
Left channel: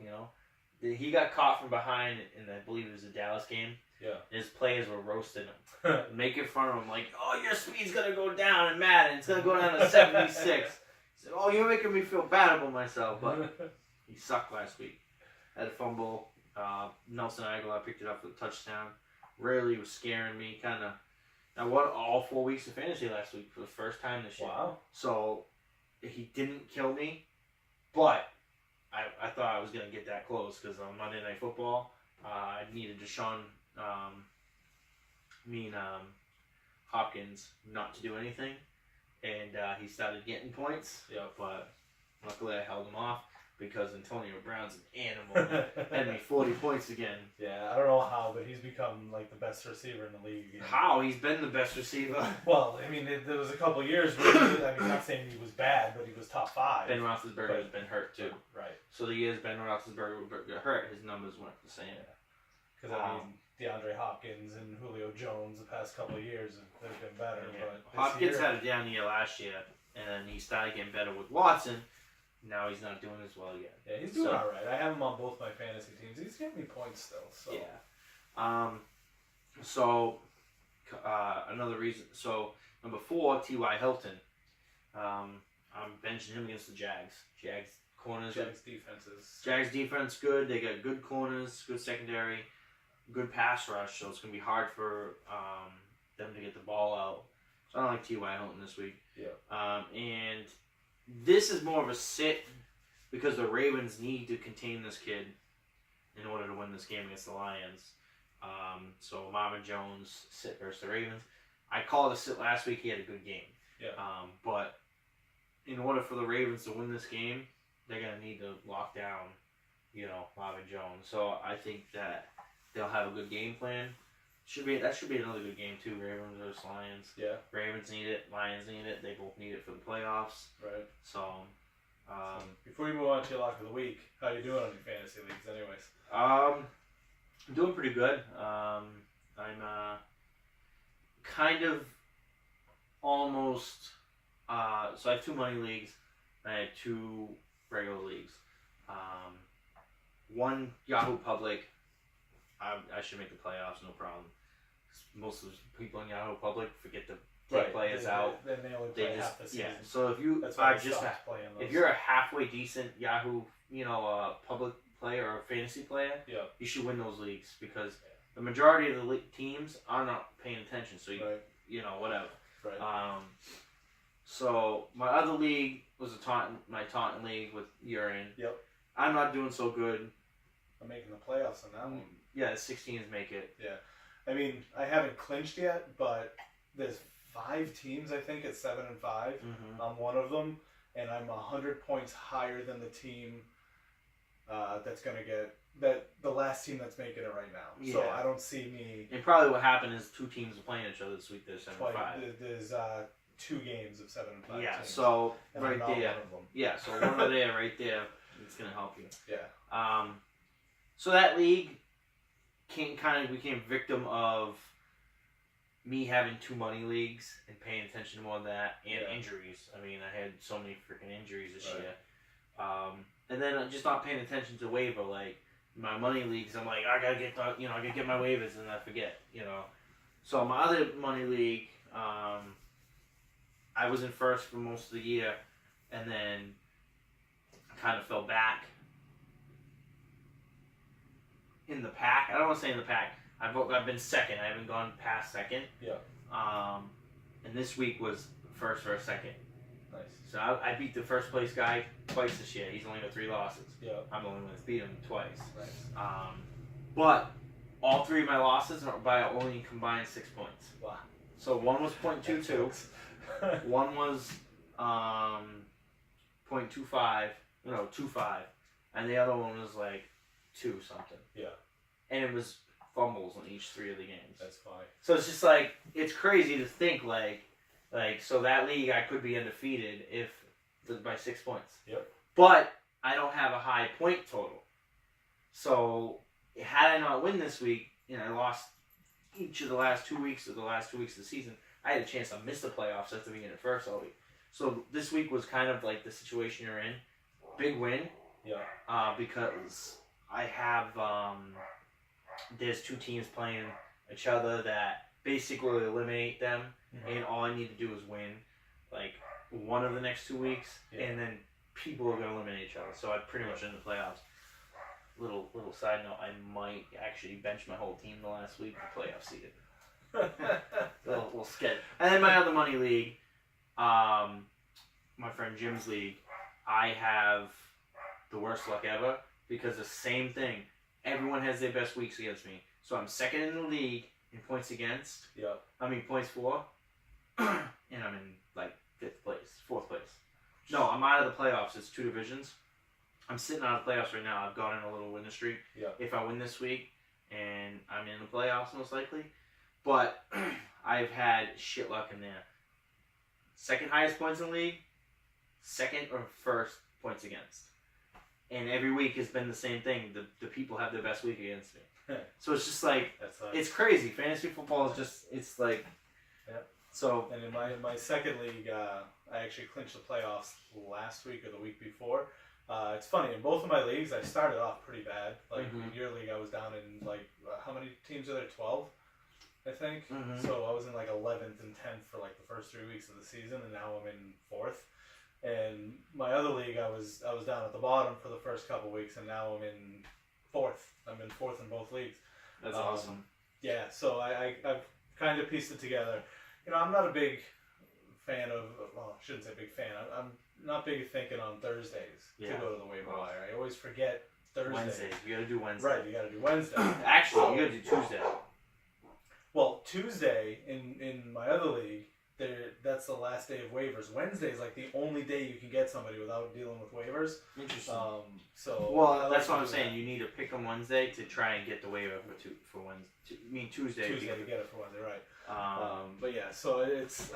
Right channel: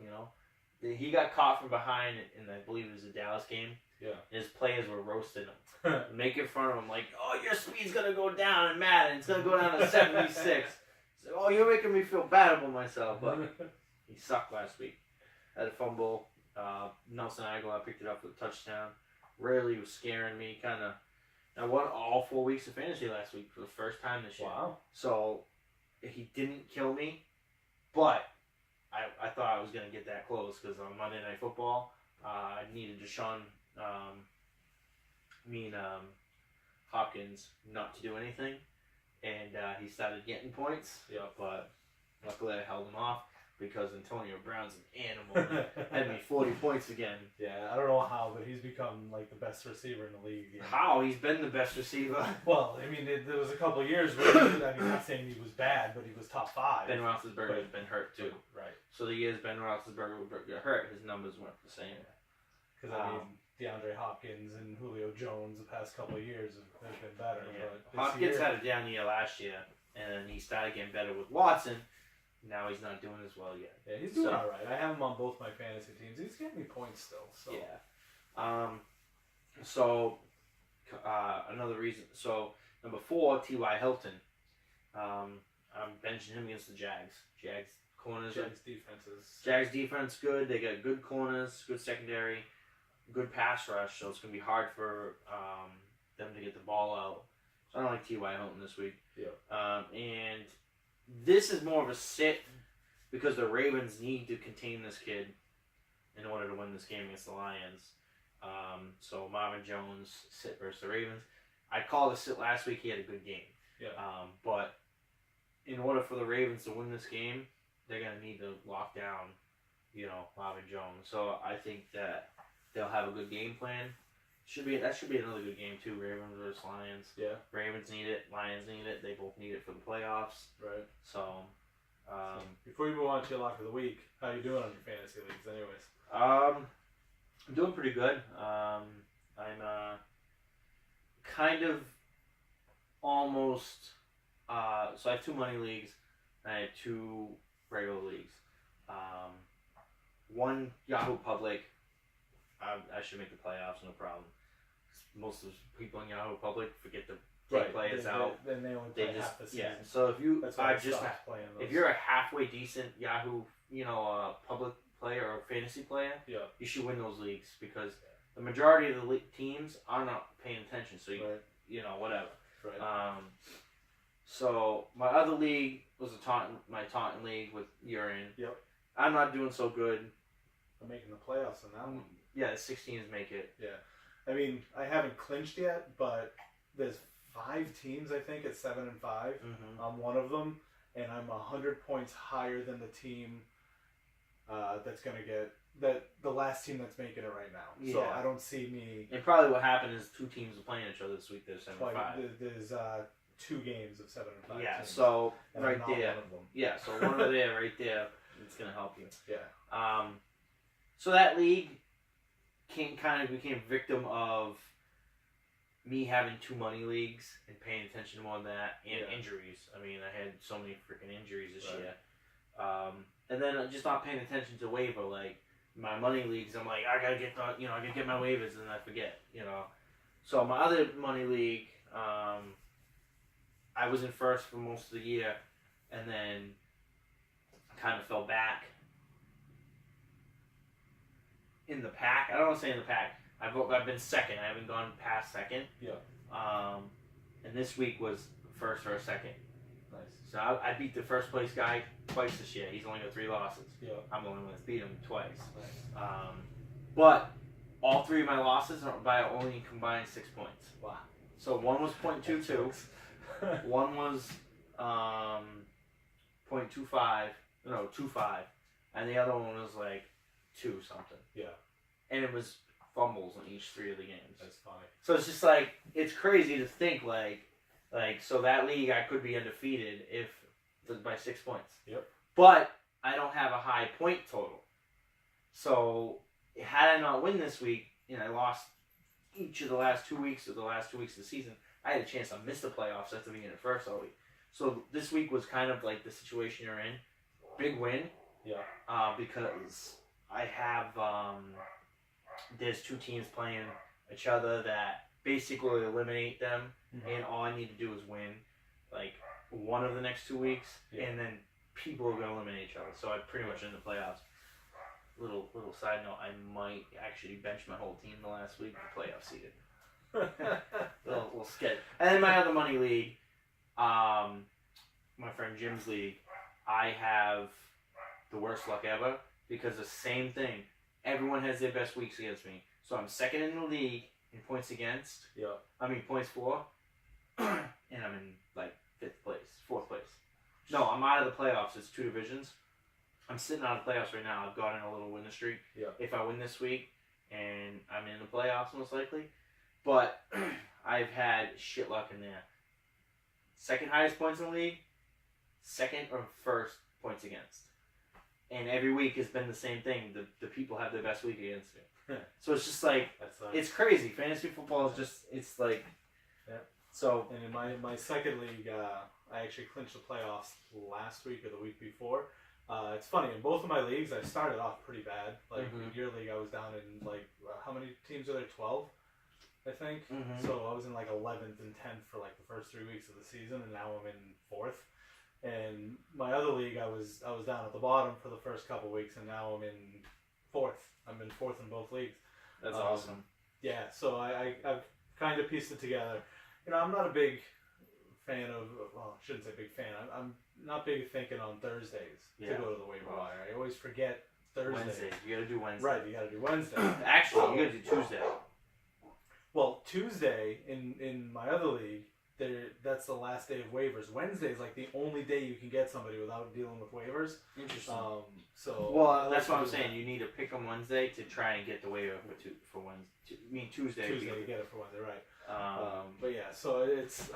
He got caught from behind in, I believe it was a Dallas game. Yeah. His players were roasting him. Making fun of him like, oh, your speed's going to go down in Madden. It's going to go down to 76. He said, oh, you're making me feel bad about myself. But he sucked last week. Had a fumble. Nelson Aguilar picked it up for the touchdown. Really was scaring me. I won all 4 weeks of fantasy last week for the first time this year. Wow. So he didn't kill me, but I thought I was going to get that close because on Monday Night Football, I needed Hopkins not to do anything, and he started getting points. Yeah. But luckily I held him off because Antonio Brown's an animal. Had me 40 points again. Yeah, I don't know how, but he's become like the best receiver in the league again. How? He's been the best receiver. Well, I mean, there was a couple of years where not saying he was bad, but he was top 5. Ben Roethlisberger has been hurt too. Right. So the years Ben Roethlisberger got hurt, his numbers weren't the same. Because DeAndre Hopkins and Julio Jones the past couple of years and they've been better. Yeah. But Hopkins had a down year last year, and he started getting better with Watson. Now he's not doing as well yet. Yeah, he's doing all right. I have him on both my fantasy teams. He's getting me points still. So. Yeah. Another reason. So number 4, T.Y. Hilton. I'm benching him against the Jags. Jags corners. Jags defense good. They got good corners, good secondary, good pass rush. So it's gonna be hard for them to get the ball out. So I don't like T.Y. Hilton this week. Yeah. And this is more of a sit because the Ravens need to contain this kid in order to win this game against the Lions. So Marvin Jones sit versus the Ravens. I called a sit last week. He had a good game. Yeah. But in order for the Ravens to win this game, they're gonna need to lock down, Marvin Jones. So I think that they'll have a good game plan. That should be another good game too. Ravens versus Lions. Yeah. Ravens need it. Lions need it. They both need it for the playoffs. Right. So before you move on to your lock of the week, how you doing on your fantasy leagues, anyways? I'm doing pretty good. I'm kind of almost. So I have 2 money leagues. And I have 2 regular leagues. One Yahoo Public. I should make the playoffs, no problem. Most of the people in Yahoo Public forget to take players out. Then they only play half the season. Yeah. So if you That's why I stopped playing those. if you're a halfway decent Yahoo, public player or fantasy player, you should win those leagues because the majority of the teams are not paying attention. So whatever. Right. So my other league was my Taunton league with you're in. Yep. I'm not doing so good. I'm making the playoffs on that one. Yeah, the 16s make it. Yeah. I mean, I haven't clinched yet, but there's 5 teams, I think, at 7 and 5. Mm-hmm. I'm one of them, and I'm 100 points higher than the team that's going to get the last team that's making it right now. Yeah. So I don't see me. And probably what happened is 2 teams are playing each other this week. There's 7 and 5. There's 2 games of 7 and 5. Yeah, teams, so and right I'm not there. one of them. Yeah, so one over there, right there, it's gonna help you. Yeah. So that league became victim of me having 2 money leagues and paying attention to more of that and injuries. I mean, I had so many freaking injuries this year. And then just not paying attention to waiver. Like my money leagues, I'm like, I gotta get my waivers, and I forget. So my other money league, I was in first for most of the year, and then kind of fell back in the pack. I don't want to say in the pack. I've been second. I haven't gone past second. Yeah. And this week was first or second. Nice. So I beat the first place guy twice this year. He's only got 3 losses. Yeah. I'm the only one that's beat him twice. Nice. But all 3 of my losses are by only combined 6 points. Wow. So one was 0.22. One was 0.25. No, 2.5. And the other one was like 2 something. Yeah. And it was fumbles in each 3 of the games. That's fine. So it's just like, it's crazy to think like so that league I could be undefeated if by 6 points. Yep. But I don't have a high point total. So had I not win this week and I lost each of the last 2 weeks of the season, I had a chance to miss the playoffs after being in it first all week. So this week was kind of like the situation you're in. Big win. Yeah. Because I have there's 2 teams playing each other that basically eliminate them, and all I need to do is win like one of the next 2 weeks, and then people are gonna eliminate each other. So I'm pretty much in the playoffs. Little side note: I might actually bench my whole team the last week for playoff seeded. little sketch. And then my other money league, my friend Jim's league, I have the worst luck ever because the same thing. Everyone has their best weeks against me. So I'm second in the league in points against. Yeah. I mean points for. And I'm in like 4th place. No, I'm out of the playoffs. It's 2 divisions. I'm sitting out of the playoffs right now. I've gone in a little winning streak. Yeah. If I win this week, and I'm in the playoffs most likely. But I've had shit luck in there. Second highest points in the league, second or first points against. And every week has been the same thing. The people have their best week against me. So it's just like, it's crazy. Fantasy football is just, it's like, so. And in my second league, I actually clinched the playoffs last week or the week before. It's funny, in both of my leagues, I started off pretty bad. Like, in your league, I was down in, like, how many teams are there? 12, I think. So I was in, like, 11th and 10th for, like, the first 3 weeks of the season, and now I'm in 4th. And my other league, I was down at the bottom for the first couple weeks, and now I'm in 4th. I'm in 4th in both leagues. That's awesome. Yeah, so I've kind of pieced it together. You know, I'm not a big fan of, well, I shouldn't say big fan. I'm not big thinking on Thursdays to go to the waiver wire. I always forget Thursday. Wednesdays. You got to do Wednesday. Right, you got to do Wednesday. Actually, you got to do Tuesday. Well, Tuesday in my other league, that's the last day of waivers. Wednesday is like the only day you can get somebody without dealing with waivers. Interesting. So that's what I'm saying. You need to pick on Wednesday to try and get the waiver for Wednesday. I mean Tuesday. Tuesday to get it for Wednesday, right? But yeah, so it's.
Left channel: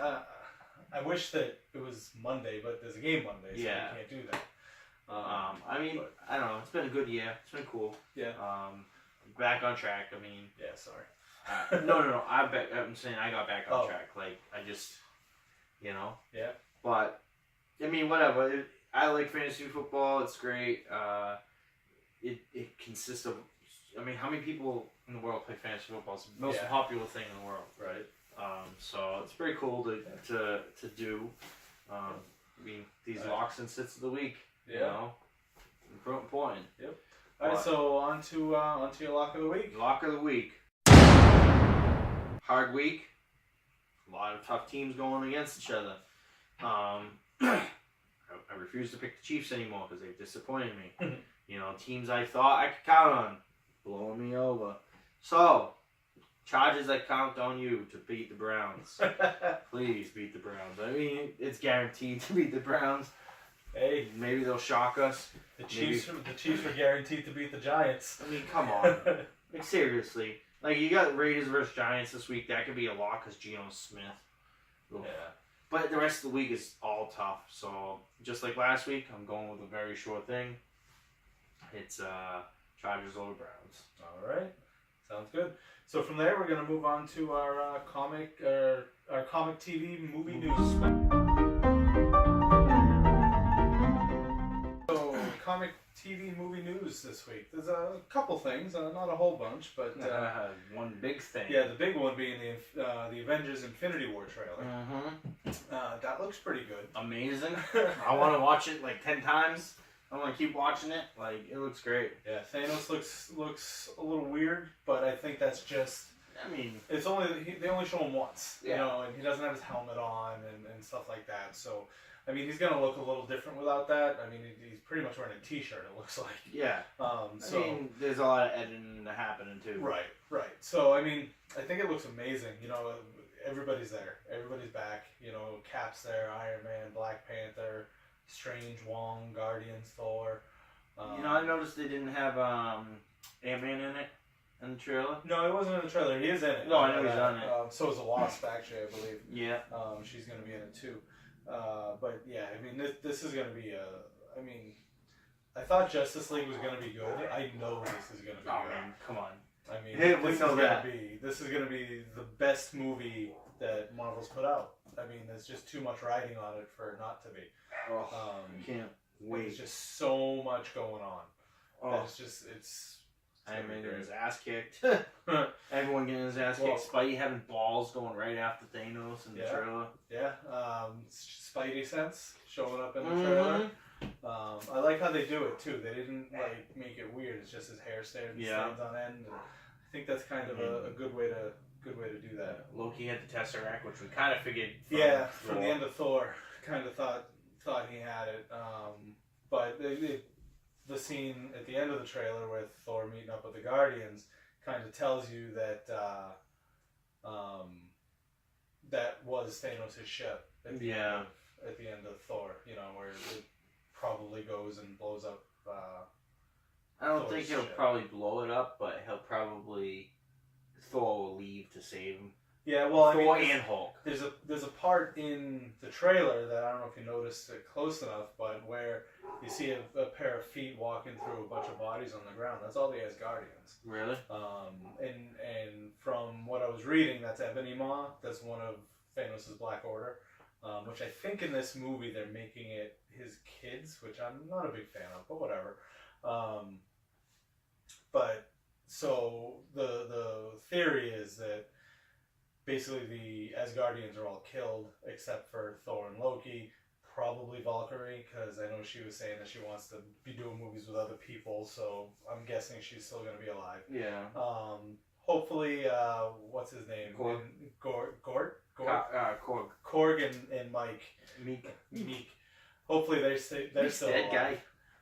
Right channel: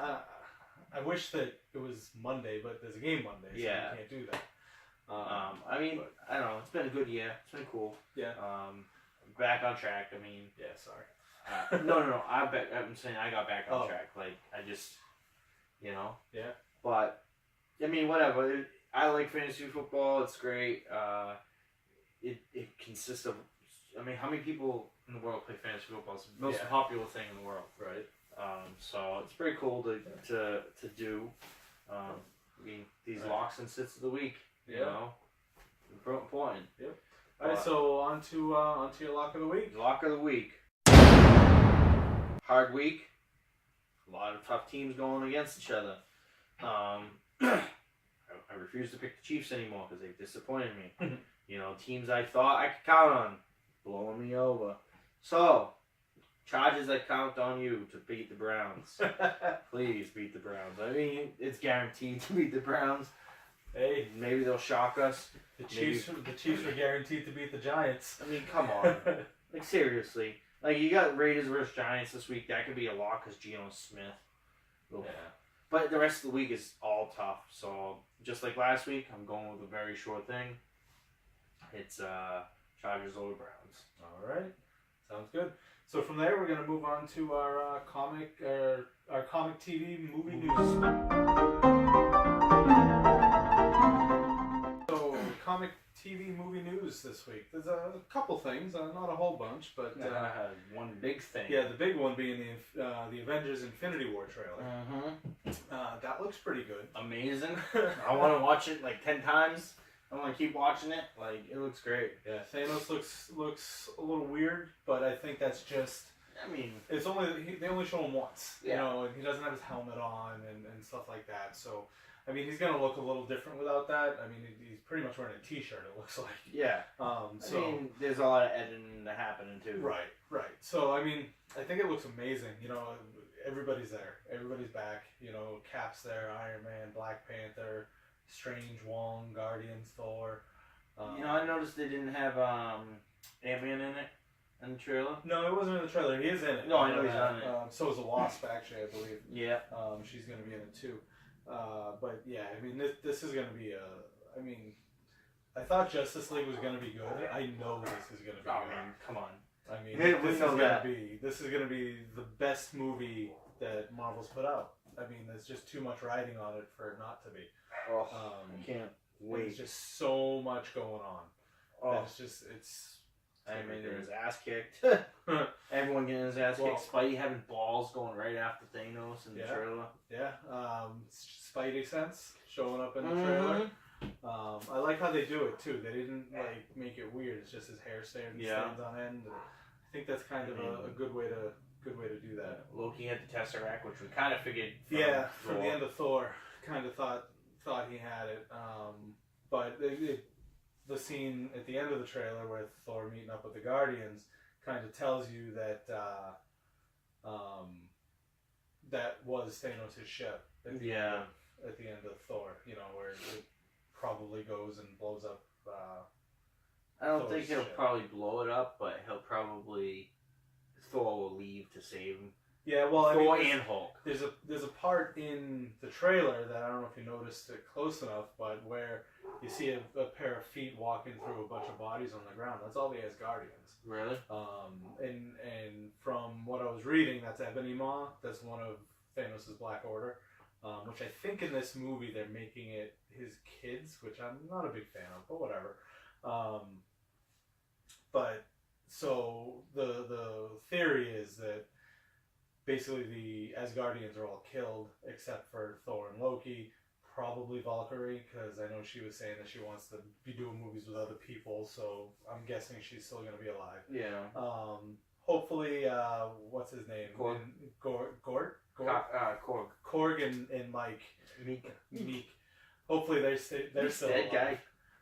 I wish that it was Monday, but there's a game Monday, so you can't do that. I mean, I don't know. It's been a good year. It's been cool. Yeah. Back on track. I mean. Yeah. Sorry. No. I'm saying I got back on track. Like I just, you know. Yeah. But I mean, whatever. I like fantasy football. It's great. It consists of. I mean, how many people in the world play fantasy football? It's the most popular thing in the world. Right. So it's pretty cool to do. I mean, these locks and sits of the week. You know, important. Yep. All right. So on to your lock of the week. Lock of the week. Hard week. A lot of tough teams going against each other. I refuse to pick the Chiefs anymore because they've disappointed me. You know, teams I thought I could count on blowing me over. So, Chargers, I count on you to beat the Browns. Please beat the Browns. I mean, it's guaranteed to beat the Browns. Hey, maybe they'll shock us. The Chiefs are guaranteed to beat the Giants. I mean, come on. Like, seriously. Like, you got Raiders versus Giants this week. That could be a lock because Geno Smith. Oof. Yeah. But the rest of the week is all tough. So, just like last week, I'm going with a very short thing. It's Chargers over Browns. All right. Sounds good. So from there, we're going to move on to our comic TV movie news. So, comic TV movie news this week. There's a couple things, not a whole bunch, but one big thing. Yeah, the big one being the Avengers Infinity War trailer. That looks pretty good. Amazing. I want to watch it like 10 times. I want to keep watching it. Like, it looks great. Yeah, Thanos looks a little weird, but I think that's just. I mean, it's they only show him once, you know, and he doesn't have his helmet on and stuff like that. So, I mean, he's gonna look a little different without that. I mean, he's pretty much wearing a T-shirt. It looks like. Yeah. I mean, there's a lot of editing happening too. Right. So, I mean, I think it looks amazing. You know, everybody's there. Everybody's back. You know, Cap's there, Iron Man, Black Panther, Strange, Wong, Guardians, Thor. You know, I noticed they didn't have Ant-Man in it in the trailer. No, it wasn't in the trailer. He is in it. No, I know he's on it. So is the Wasp, actually, I believe. Yeah. She's going to be in it too. But yeah, I mean, this is going to be I mean, I thought Justice League was going to be good. I know this is going to be good. Man, come on. I mean, this is going to be the best movie that Marvel's put out. I mean, there's just too much riding on it for it not to be. Oh, I can't wait. There's just so much going on. Oh, it's Iron Man getting his ass kicked. Everyone getting his ass kicked. Spidey having balls going right after Thanos in the trailer. Yeah. Spidey sense showing up in the trailer. I like how they do it too. They didn't like make it weird. It's just his hair stands on end. I think that's kind of a good way to do that. Loki had the Tesseract, which we kind of figured. From the end of Thor, kind of thought he had it. But the scene at the end of the trailer with Thor meeting up with the Guardians kind of tells you that that was Thanos' ship at the end of Thor. You know, where it probably goes and blows up. I don't think he'll probably blow it up, but Thor will leave to save him. Yeah, well, I Thor mean, and Hulk. there's a part in the trailer that I don't know if you noticed it close enough, but where you see a pair of feet walking through a bunch of bodies on the ground. That's all the Asgardians. Really? And from what I was reading, that's Ebony Maw. That's one of Thanos' Black Order, which I think in this movie they're making it his kids, which I'm not a big fan of, but whatever. But so the theory is that basically the Asgardians are all killed except for Thor and Loki, probably Valkyrie, because I know she was saying that she wants to be doing movies with other people, so I'm guessing she's still going to be alive. Yeah. Hopefully, what's his name? Korg. Korg and Mike. Meek. Hopefully they're still dead alive.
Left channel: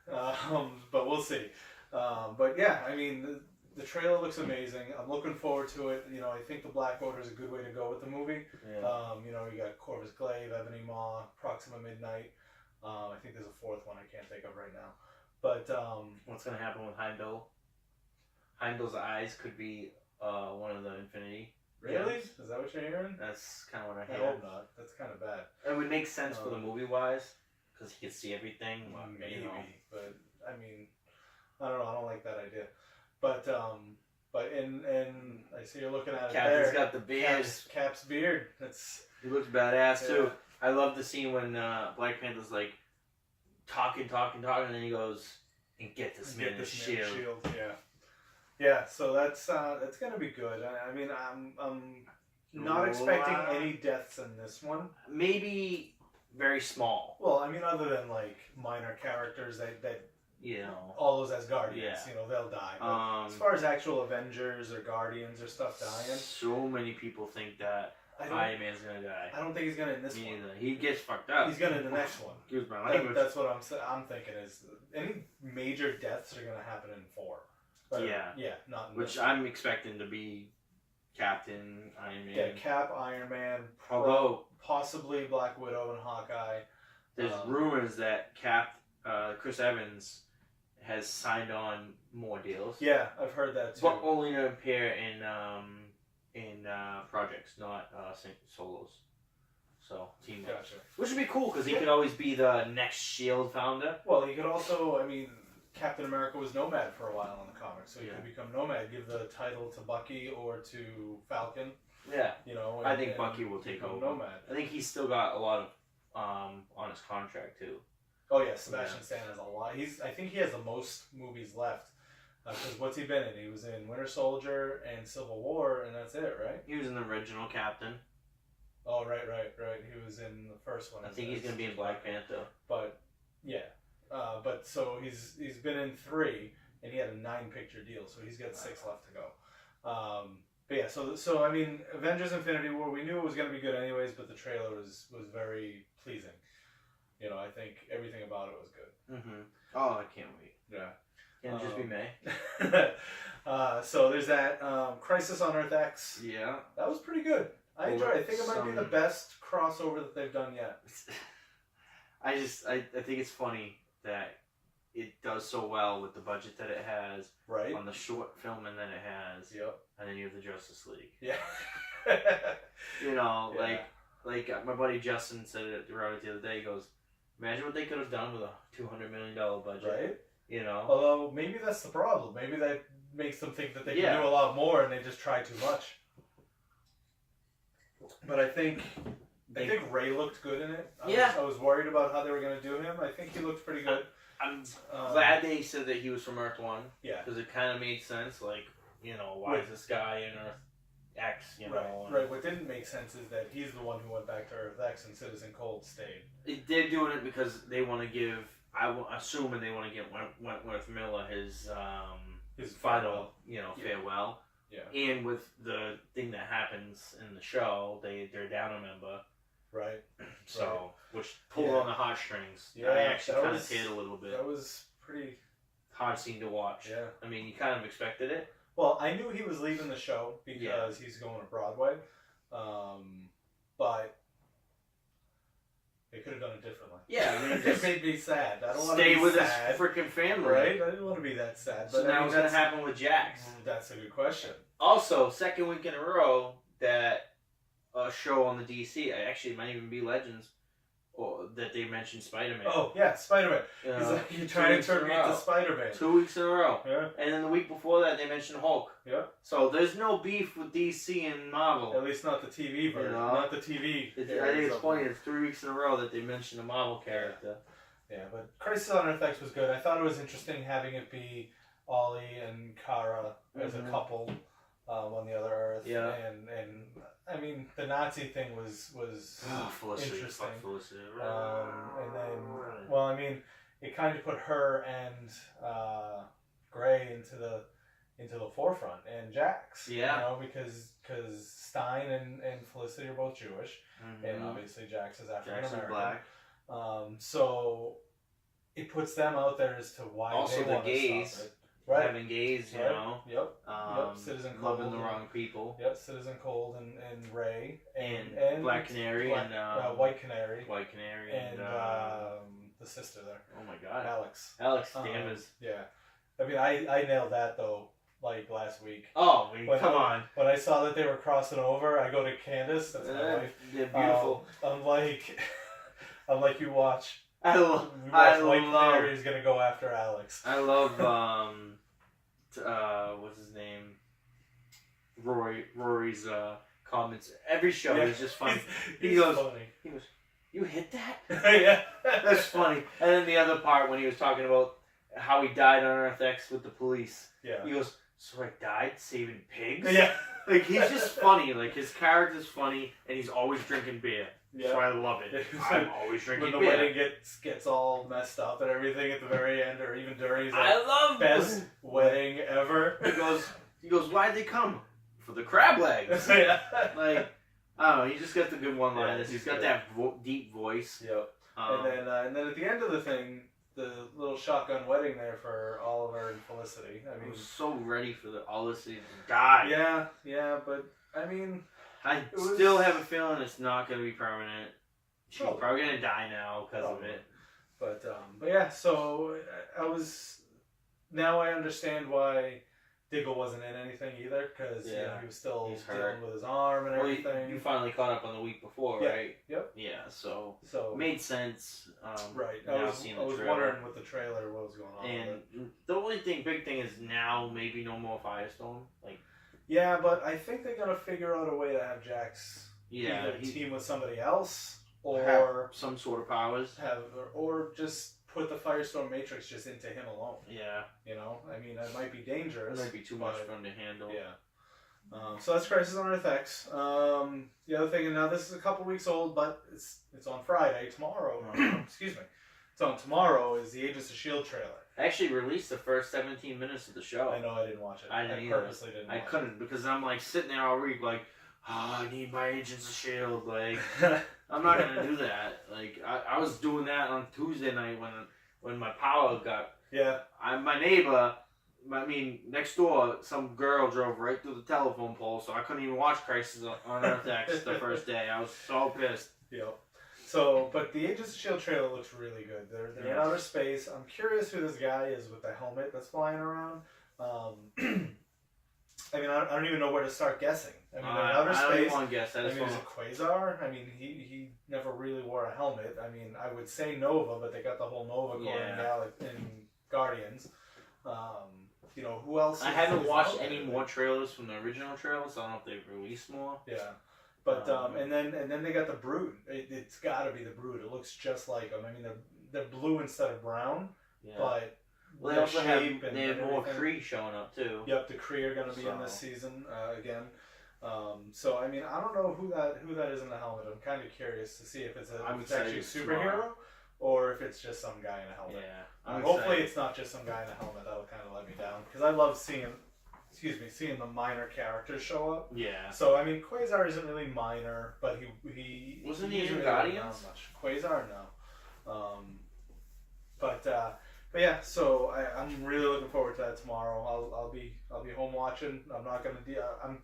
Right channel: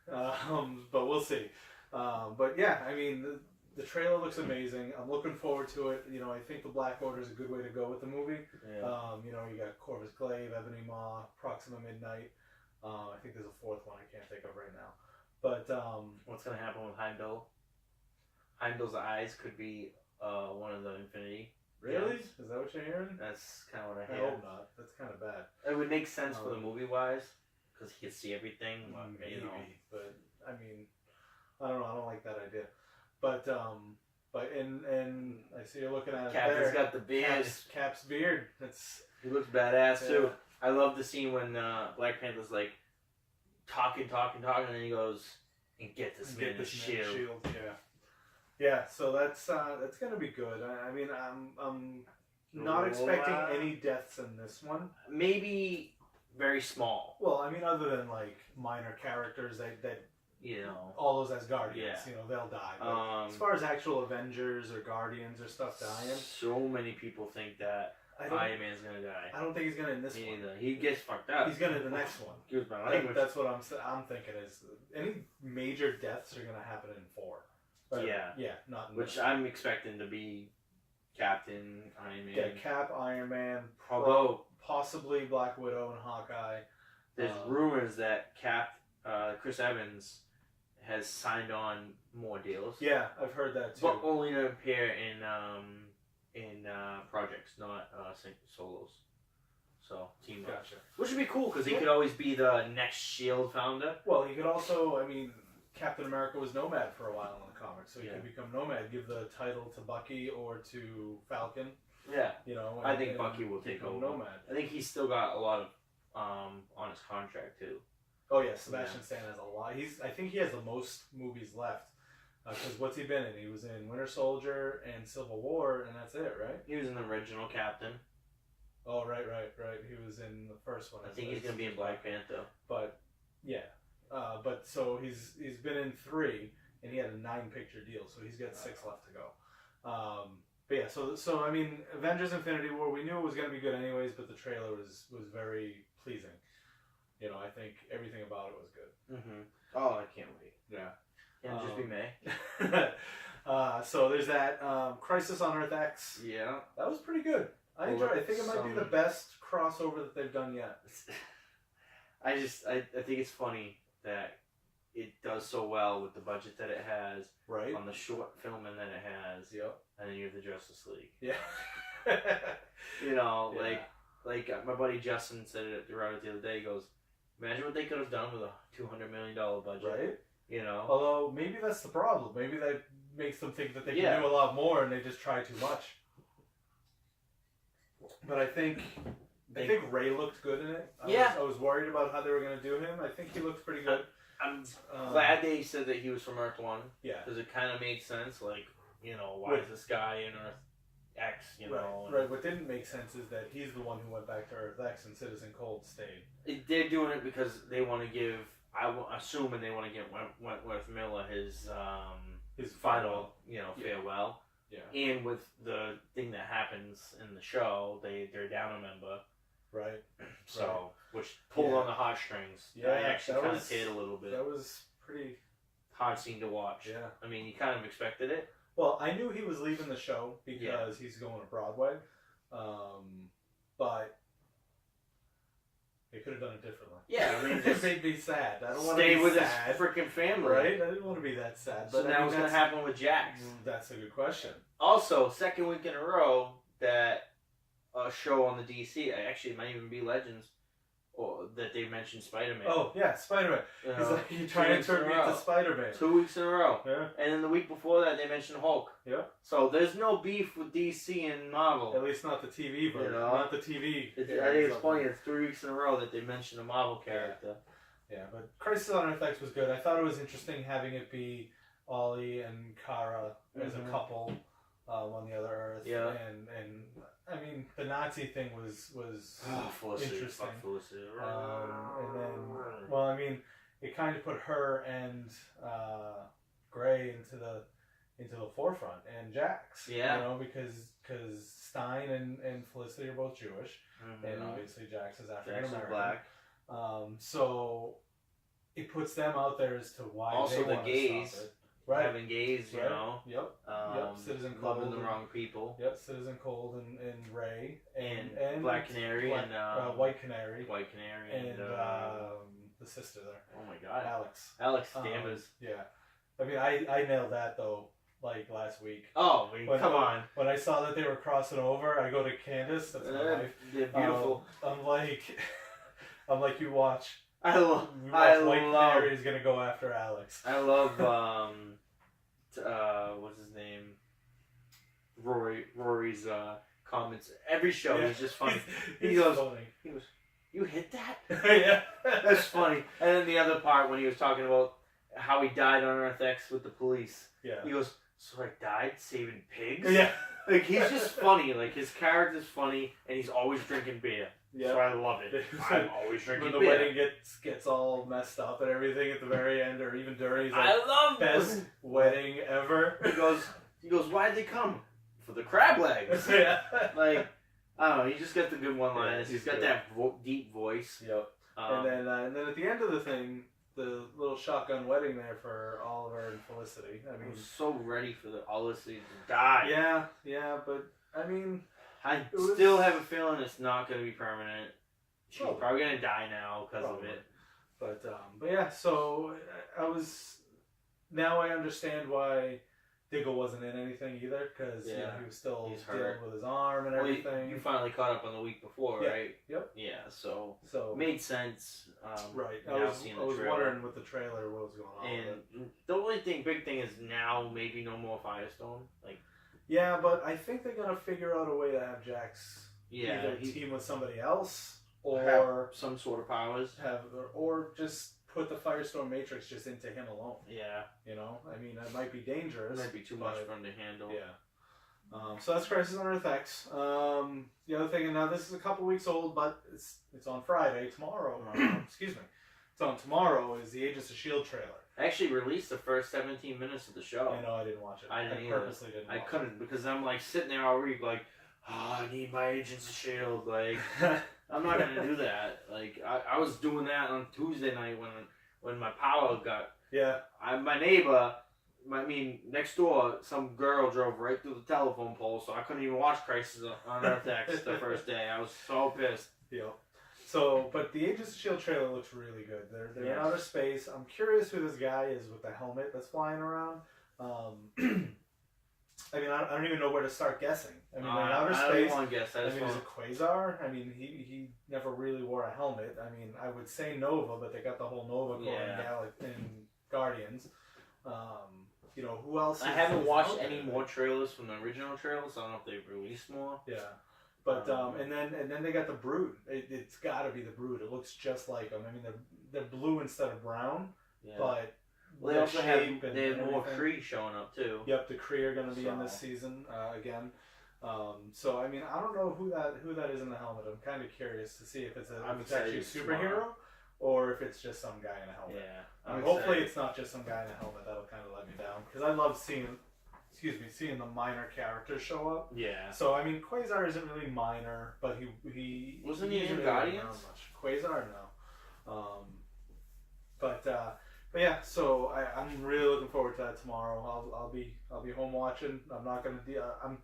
Guy. But we'll see. But yeah, I mean, the trailer looks amazing. I'm looking forward to it. You know, I think the Black Order is a good way to go with the movie. Yeah. You know, you got Corvus Glaive, Ebony Maw, Proxima Midnight. I think there's a fourth one I can't think of right now. But what's gonna happen with Heimdall? Heimdall's eyes could be one of the Infinity. Really? Games. Is that what you're hearing? That's kind of what I I hear. hope not. That's kind of bad. It would make sense for the movie wise, because he could see everything. Maybe, you know. but I mean, I don't know. I don't like that idea. But and I see you're looking at it Captain's there. got the beard. Cap's beard. It's He looks badass too. I love the scene when Black Panther's like talking, and then he goes and get this man his shield. Yeah. So that's gonna be good. I mean, I'm not expecting any deaths in this one. Maybe very small. Well, I mean, other than like minor characters that you know, all those Asgardians, Yeah. you know, they'll die. But as far as actual Avengers or Guardians or stuff dying, so many people think that Iron Man's gonna die. I don't think he's gonna in this Me one. neither. He gets fucked up. He's gonna in the next one. Excuse my language. That's what I'm thinking is any major deaths are gonna happen in 4. Yeah. Not in Which this. I'm expecting to be Captain, Iron Man. Yeah, Cap, Iron Man, Although possibly Black Widow and Hawkeye. there's rumors that Chris Evans has signed on more deals. Yeah, I've heard that too. But only to appear in projects, not solos. So team up. Gotcha. Which would be cool because he could always be the next Shield founder. Well, he could also, I mean, Captain America was Nomad for a while in the comics, so he could become Nomad, give the title to Bucky or to Falcon. Yeah. You know, I think Bucky will take over. Nomad. I think he's still got a lot of on his contract too. Oh yeah, Sebastian Stan has a lot. I think he has the most movies left. Because what's he been in? He was in Winter Soldier and Civil War, and that's it, right? He was an original Captain. Oh, right. He was in the first one. I think he's gonna be in Black Panther. But yeah, but so he's been in 3, and he had a 9-picture deal, so he's got 6 left to go. But yeah, so I mean, Avengers Infinity War, we knew it was gonna be good anyways, but the trailer was very pleasing. You know, I think everything about it was good. Mm-hmm. Oh, I can't wait. Yeah. Can it just be May? So there's that Crisis on Earth X. Yeah. That was pretty good. I enjoyed it. I think it might be the best crossover that they've done yet. I think it's funny that it does so well with the budget that it has. Right. On the short film and then it has. Yep. And then you have the Justice League. Yeah. You know, like my buddy Justin said it the other day. He goes, imagine what they could have done with a $200 million budget. Right. You know. Although maybe that's the problem. Maybe that makes them think that they can do a lot more, and they just try too much. But I think Ray looked good in it. I was worried about how they were going to do him. I think he looked pretty good. I'm glad they said that he was from Earth 1. Yeah. Because it kind of made sense. Like, you know, why is this guy in Earth X? You know. Right. What didn't make sense is that he's the one who went back to Earth X and Citizen Cold stayed. They're doing it because they want to give. I'm assuming they want to give Wentworth Miller his final, farewell. Yeah. And with the thing that happens in the show, they're down a member. Right. So, which pulled on the heartstrings. Yeah. I actually kind of teared a little bit. That was pretty hard scene to watch. Yeah. I mean, you kind of expected it. Well, I knew he was leaving the show because he's going to Broadway. But they could have done it differently. Yeah, I mean, it made me sad. I don't want to stay be with sad, his freaking family, right? I didn't want to be that sad. But so now what's gonna happen with Jax? That's a good question. Also, second week in a row that a show on the DC. Actually, it might even be Legends, or that they mentioned Spider-Man. Oh yeah, Spider-Man. He's like, you're trying to turn me into Spider-Man. 2 weeks in a row. Yeah. And then the week before that, they mentioned Hulk. Yeah. So there's no beef with DC and Marvel. At least not the TV version. Not the TV. I think it's funny. It's 3 weeks in a row that they mentioned a Marvel character. Yeah, but Crisis on Earth X was good. I thought it was interesting having it be Ollie and Kara as a couple on the other Earth. Yeah. And I mean, the Nazi thing was interesting. And then, well, I mean, it kind of put her and Gray into the forefront, and Jax. Yeah. You know, because Stein and Felicity are both Jewish, and obviously Jax is African American. Jax is black. So it puts them out there as to why also they the want gays. to stop it. Right. Having gays, you know. Yep. Citizen Cold. Loving the wrong people. Yep. Citizen Cold and Ray and Black Canary and White Canary. White Canary and the sister there. Oh my God. Alex Danvers. Yeah. I mean, I nailed that though. Like last week. Oh, come on! When I saw that they were crossing over, I go to Candace. That's my wife. They're beautiful. I'm like, you watch. I love. White Canary is gonna go after Alex. I love. What's his name? Rory's comments. Every show is just funny. He goes. You hit that? Yeah. That's funny. And then the other part when he was talking about how he died on Earth X with the police. Yeah. He goes, so I died saving pigs? Yeah. Like, he's just funny. Like, his character's funny, and he's always drinking beer. Yeah. So I love it. I'm always drinking when beer. the wedding gets all messed up and everything at the very end, or even during, he's like, I love best wedding ever. He goes, why'd they come? For the crab legs. Yeah. Like, I don't know, he just got the good one-liners. Yeah, he's got that deep voice. Yep. And then at the end of the thing, the little shotgun wedding there for Oliver and Felicity. I mean, was so ready for all this to die. Yeah, but I mean, I still have a feeling it's not going to be permanent. She's Probably. probably going to die now because of it. But yeah, so now I understand why Diggle wasn't in anything either, because he was still dealing with his arm and everything. You finally caught up on the week before, right? Yep. Yeah, so made sense. Right. I was wondering with the trailer what was going on. And the only big thing is now maybe no more Firestorm. Yeah, but I think they're gonna figure out a way to have Jax either team with somebody else or have some sort of powers, or just put the Firestorm Matrix just into him alone. Yeah. You know, I mean, it might be dangerous. It might be too much for him to handle. Yeah. So that's Crisis on Earth X. The other thing, and now this is a couple weeks old, but it's on Friday, tomorrow. Excuse me. It's on tomorrow, is the Agents of S.H.I.E.L.D. trailer. I actually released the first 17 minutes of the show. I know, I didn't watch it. I purposely didn't watch it. I couldn't, because I'm like sitting there all week like, I need my Agents of S.H.I.E.L.D. Like, I'm not going to do that. Like, I was doing that on Tuesday night when my power got... Yeah. My neighbor, next door, some girl drove right through the telephone pole, so I couldn't even watch Crisis on Earth X the first day. I was so pissed. Yep. So, but the Agents of S.H.I.E.L.D. trailer looks really good. They're in outer space. I'm curious who this guy is with the helmet that's flying around. I mean, I don't even know where to start guessing. I mean, they're in outer space. I don't want to guess. Is it Quasar? I mean, he never really wore a helmet. I mean, I would say Nova, but they got the whole Nova going in Guardians. You know, who else? I haven't watched any more trailers from the original trailers. So I don't know if they've released more. Yeah. But and then they got the Brood. It's got to be the Brood. It looks just like them. I mean, they're blue instead of brown. Yeah. But they also have more Kree showing up too. Yep, the Kree are going to be in this season again. So I mean, I don't know who that is in the helmet. I'm kind of curious to see if it's actually a superhero or if it's just some guy in a helmet. Yeah. Hopefully it's not just some guy in a helmet. That'll kind of let me down, because I love seeing the minor characters show up. Yeah. So I mean, Quasar isn't really minor, but he wasn't he in Guardians? Quasar, no. But yeah. So I'm really looking forward to that tomorrow. I'll be home watching. I'm not gonna. I'm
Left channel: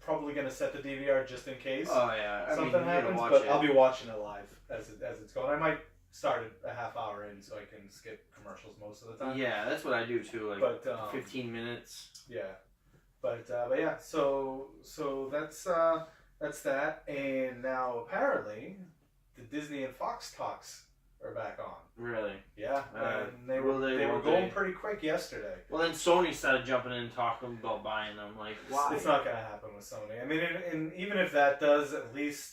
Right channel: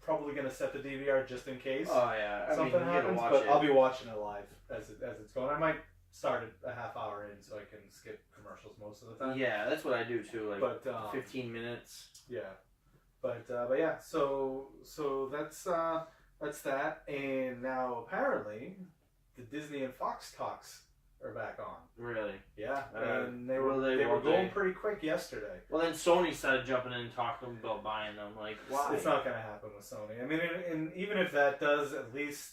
probably gonna set the DVR just in case. Oh yeah. Something happens, but I'll be watching it live as it's going. I might start it a half hour in so I can skip commercials most of the time. Yeah, that's what I do too. Like 15 minutes. Yeah, but yeah. So that's that's that. And now apparently, the Disney and Fox talks are back on. Really? Yeah, and they were going pretty quick yesterday. Well, then Sony started jumping in and talking about buying them. Like, why? It's not going to happen with Sony. I mean, and even if that does, at least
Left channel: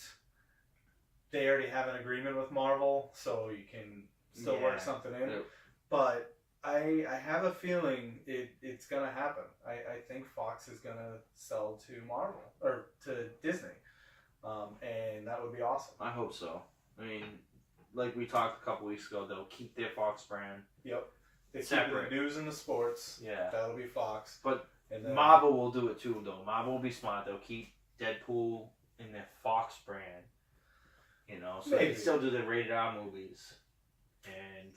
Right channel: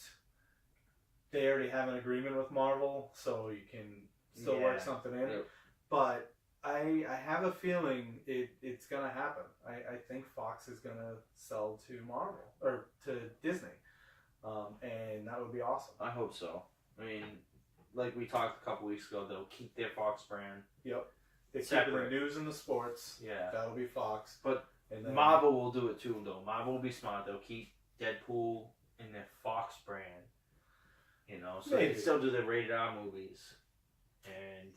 they already have an agreement with Marvel, so you can still work something in. Yep. But I have a feeling it's going to happen. I think Fox is going to sell to Marvel or to Disney, and that would be awesome. I hope so. I mean, like we talked a couple weeks ago, they'll keep their Fox brand. Yep. They keep the news and the sports. Yeah. That'll be Fox. But and then, Marvel will do it too, though. Marvel will be smart. They'll keep Deadpool in their Fox brand. You know, so they can still do the rated R movies. And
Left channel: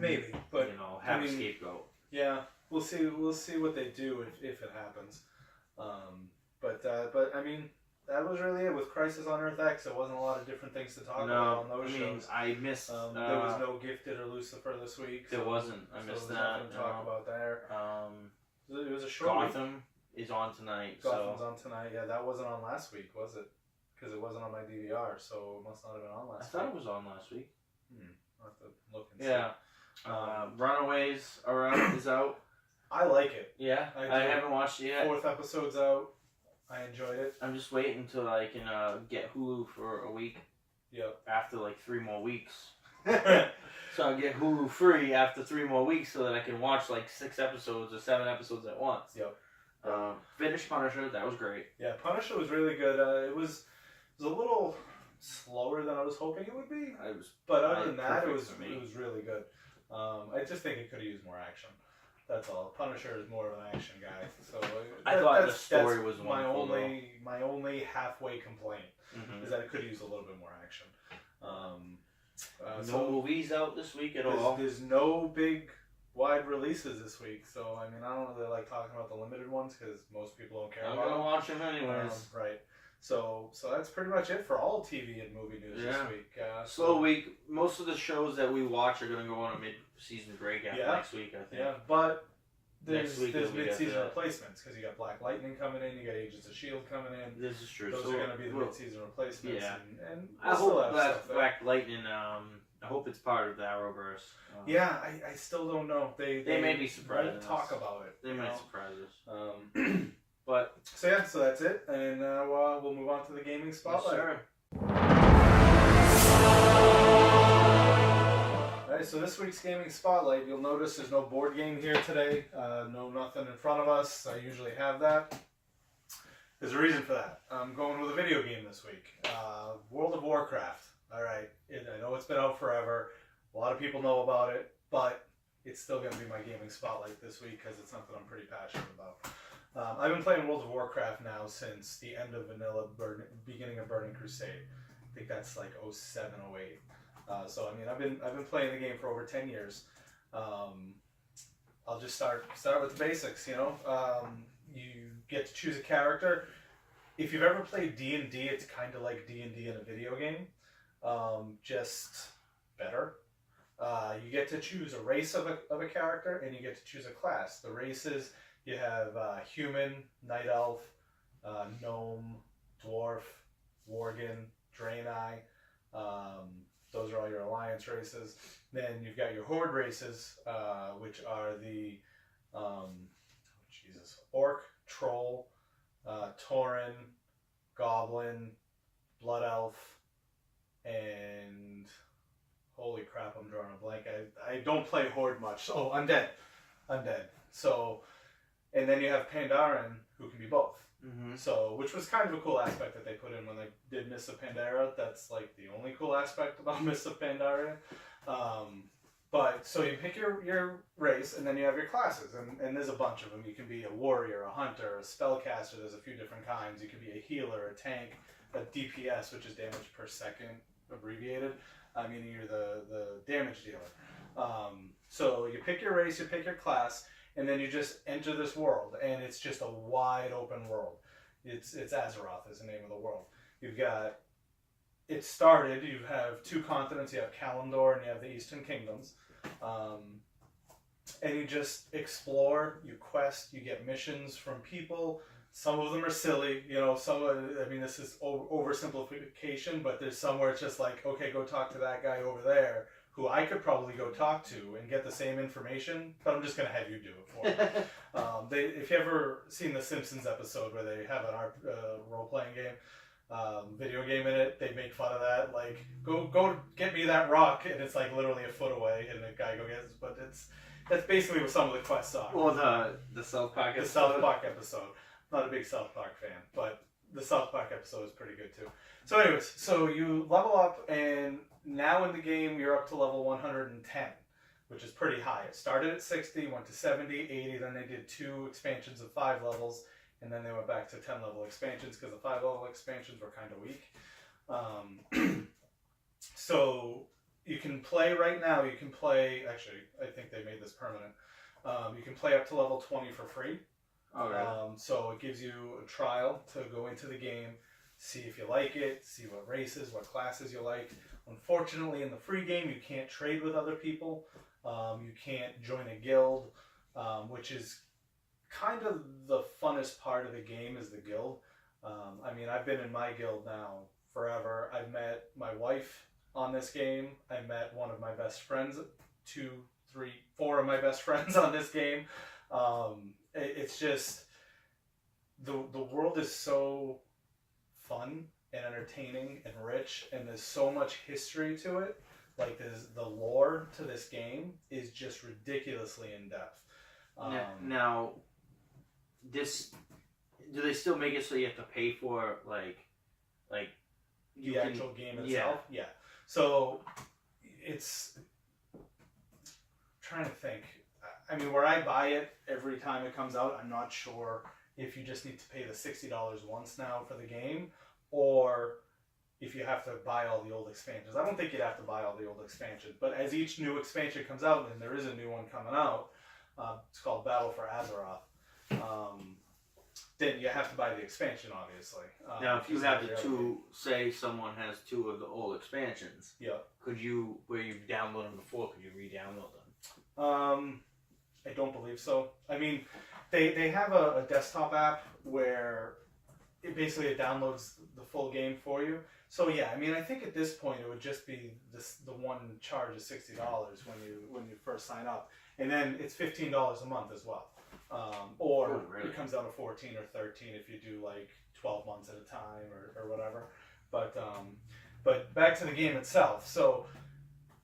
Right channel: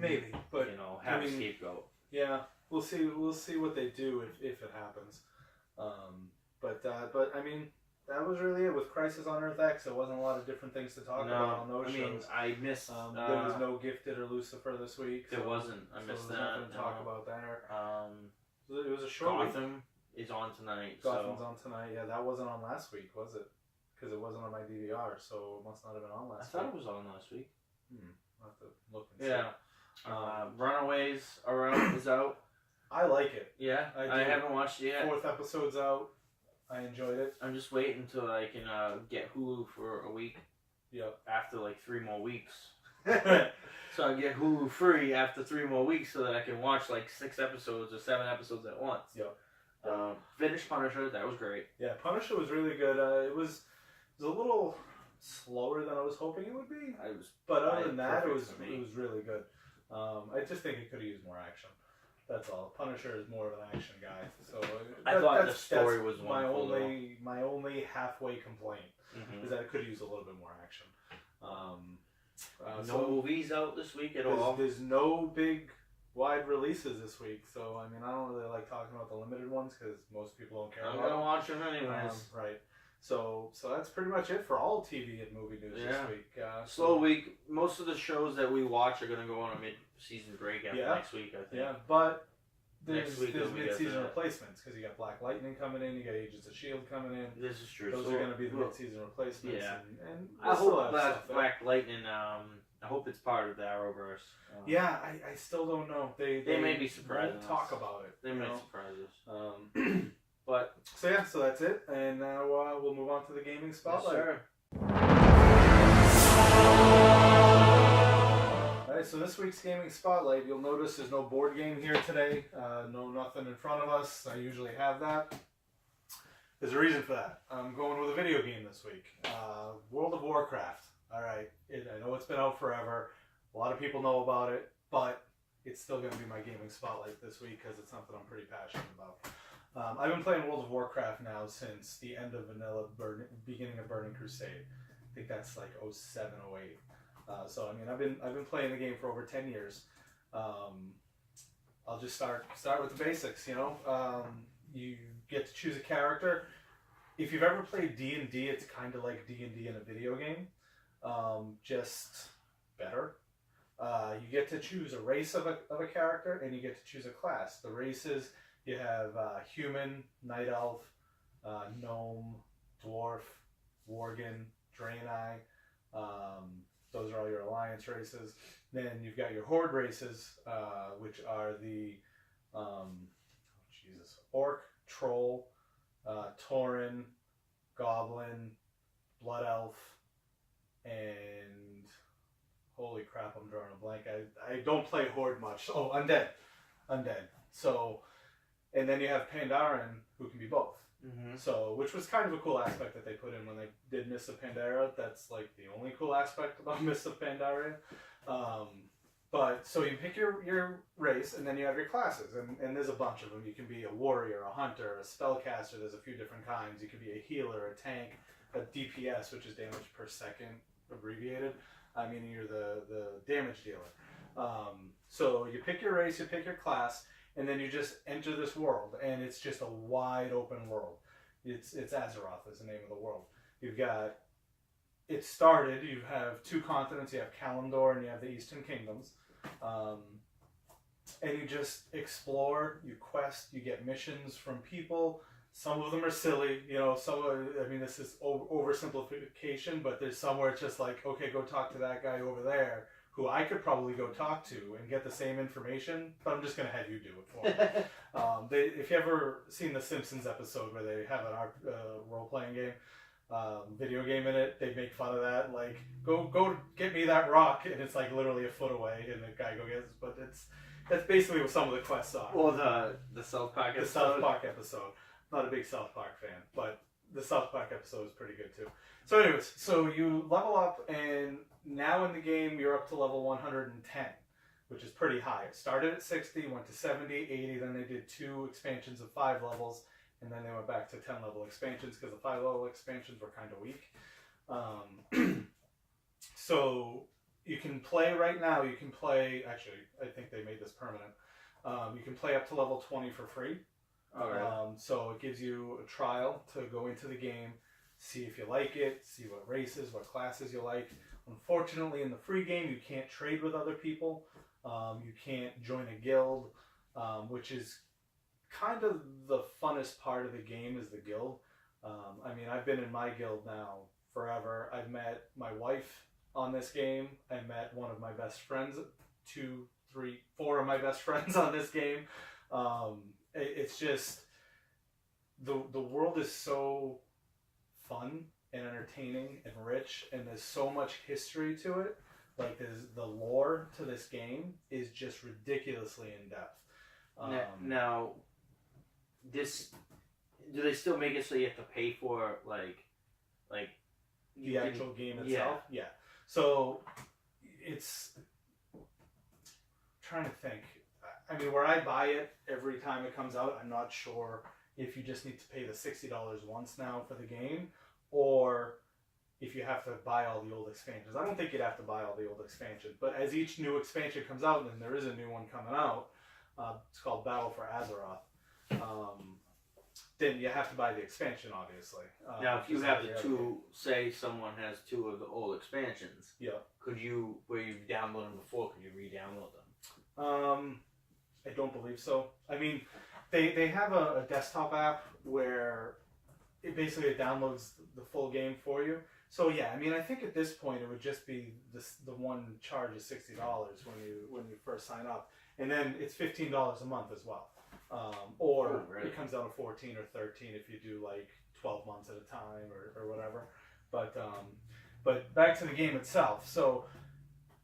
maybe, but have a scapegoat. Yeah, we'll see. We'll see what they do if it happens. But I mean, that was really it with Crisis on Earth X. There wasn't a lot of different things to talk about on those shows. I missed. There was no Gifted or Lucifer this week. There wasn't. I missed that. Nothing to talk about there. It was a short Gotham is on tonight. Gotham's on tonight. Yeah, that wasn't on last week, was it? Because it wasn't on my DVR, so it must not have been on last week. I thought it was on last week. I'll have to look and see. Yeah. Runaways is out. I like it. Yeah, I haven't watched it yet. 4th episode's out. I enjoyed it. I'm just waiting until I can get Hulu for a week. Yep. After like 3 more weeks. So I get Hulu free after 3 more weeks so that I can watch like 6 episodes or 7 episodes at once. Yep. Finished Punisher. That was great. Yeah, Punisher was really good. It was a little slower than I was hoping it would be. But other than that, it was really good. I just think it could have used more action. That's all. Punisher is more of an action guy, so I thought the story was wonderful. My only halfway complaint is that it could have used a little bit more action. No movies out this week at all. There's no big wide releases this week, so I mean I don't really like talking about the limited ones because most people don't care about them. I'm gonna watch them anyways. Right. So that's pretty much it for all TV and movie news this week. Slow week. Most of the shows that we watch are going to go on a mid-season break after next week, I think. Yeah, but there's mid-season replacements because you got Black Lightning coming in, you got Agents of S.H.I.E.L.D. coming in. This is true. Those are going to be the mid-season replacements. Yeah. And I hope that Black Lightning, I hope it's part of the Arrowverse. Yeah, I still don't know. They may be surprised. Talk about it. They might surprise us. But so that's it, and we'll move on to the gaming spotlight. Yes, sir. All right, so this week's gaming spotlight, you'll notice there's no board game here today. No nothing in front of us. I usually have that. There's a reason for that. I'm going with a video game this week. World of Warcraft. All right, I know it's been out forever. A lot of people know about it, but it's still going to be my gaming spotlight this week because it's something I'm pretty passionate about. I've been playing World of Warcraft now since the end of beginning of Burning Crusade. I think that's like 07, 08. So I mean, I've been playing the game for over 10 years. I'll just start with the basics. You get to choose a character. If you've ever played D&D, it's kind of like D&D in a video game, just better. You get to choose a race of a character, and you get to choose a class. The races. You have human, night elf, gnome, dwarf, worgen, draenei. Those are all your alliance races. Then you've got your horde races, which are the orc, troll, tauren, goblin, blood elf, and holy crap, I'm drawing a blank. I don't play horde much. Oh, undead. So. And then you have Pandaren, who can be both. Mm-hmm. So, which was kind of a cool aspect that they put in when they did Mists of Pandaria. That's like the only cool aspect about Mists of Pandaria. But so you pick your race, and then you have your classes, and there's a bunch of them. You can be a warrior, a hunter, a spellcaster. There's a few different kinds. You can be a healer, a tank, a DPS, which is damage per second abbreviated. I mean, you're the damage dealer. So you pick your race, you pick your class. And then you just enter this world, and it's just a wide open world. It's Azeroth is the name of the world. You have 2 continents. You have Kalimdor and you have the Eastern Kingdoms. And you just explore, you quest, you get missions from people. Some of them are silly, I mean, this is oversimplification, but there's some where it's just like, okay, go talk to that guy over there, who I could probably go talk to and get the same information, but I'm just going to have you do it for me. If you ever seen the Simpsons episode where they have an role-playing game, video game in it, they make fun of that, like, go get me that rock, and it's like literally a foot away, and the guy go gets it, but that's basically what some of the quests are. Or the South Park episode. The South Park episode. Not a big South Park fan, but the South Park episode is pretty good too. So anyways, so you level up, and now in the game you're up to level 110, which is pretty high. It started at 60, went to 70, 80, then they did 2 expansions of 5 levels, and then they went back to 10 level expansions because the 5 level expansions were kind of weak. So you can play right now, actually, I think they made this permanent. You can play up to level 20 for free. Oh, really? So it gives you a trial to go into the game, see if you like it, see what races, what classes you like. Unfortunately, in the free game, you can't trade with other people. You can't join a guild, which is kind of the funnest part of the game is the guild. I mean, I've been in my guild now forever. I've met my wife on this game. I met one of my best friends, 2, 3, 4 of my best friends on this game. It's just, the world is so fun and entertaining and rich, and there's so much history to it. Like, the lore to this game is just ridiculously in depth. Now, do they still make it so you have to pay for like the actual game itself? Yeah. So it's, I'm trying to think. I mean, where I buy it every time it comes out, I'm not sure if you just need to pay the $60 once now for the game, or if you have to buy all the old expansions. I don't think you'd have to buy all the old expansions, but as each new expansion comes out, and there is a new one coming out, it's called Battle for Azeroth, then you have to buy the expansion, obviously. Now, if you have the 2, say someone has 2 of the old expansions, yeah, could you, where you've downloaded them before, could you re-download them? I don't believe so. I mean, they have a desktop app where it downloads the full game for you. So yeah, I mean, I think at this point it would just be the one charge is $60 when you first sign up, and then it's $15 a month as well. Or really? It comes down to 14 or 13 if you do like 12 months at a time or whatever. But back to the game itself. So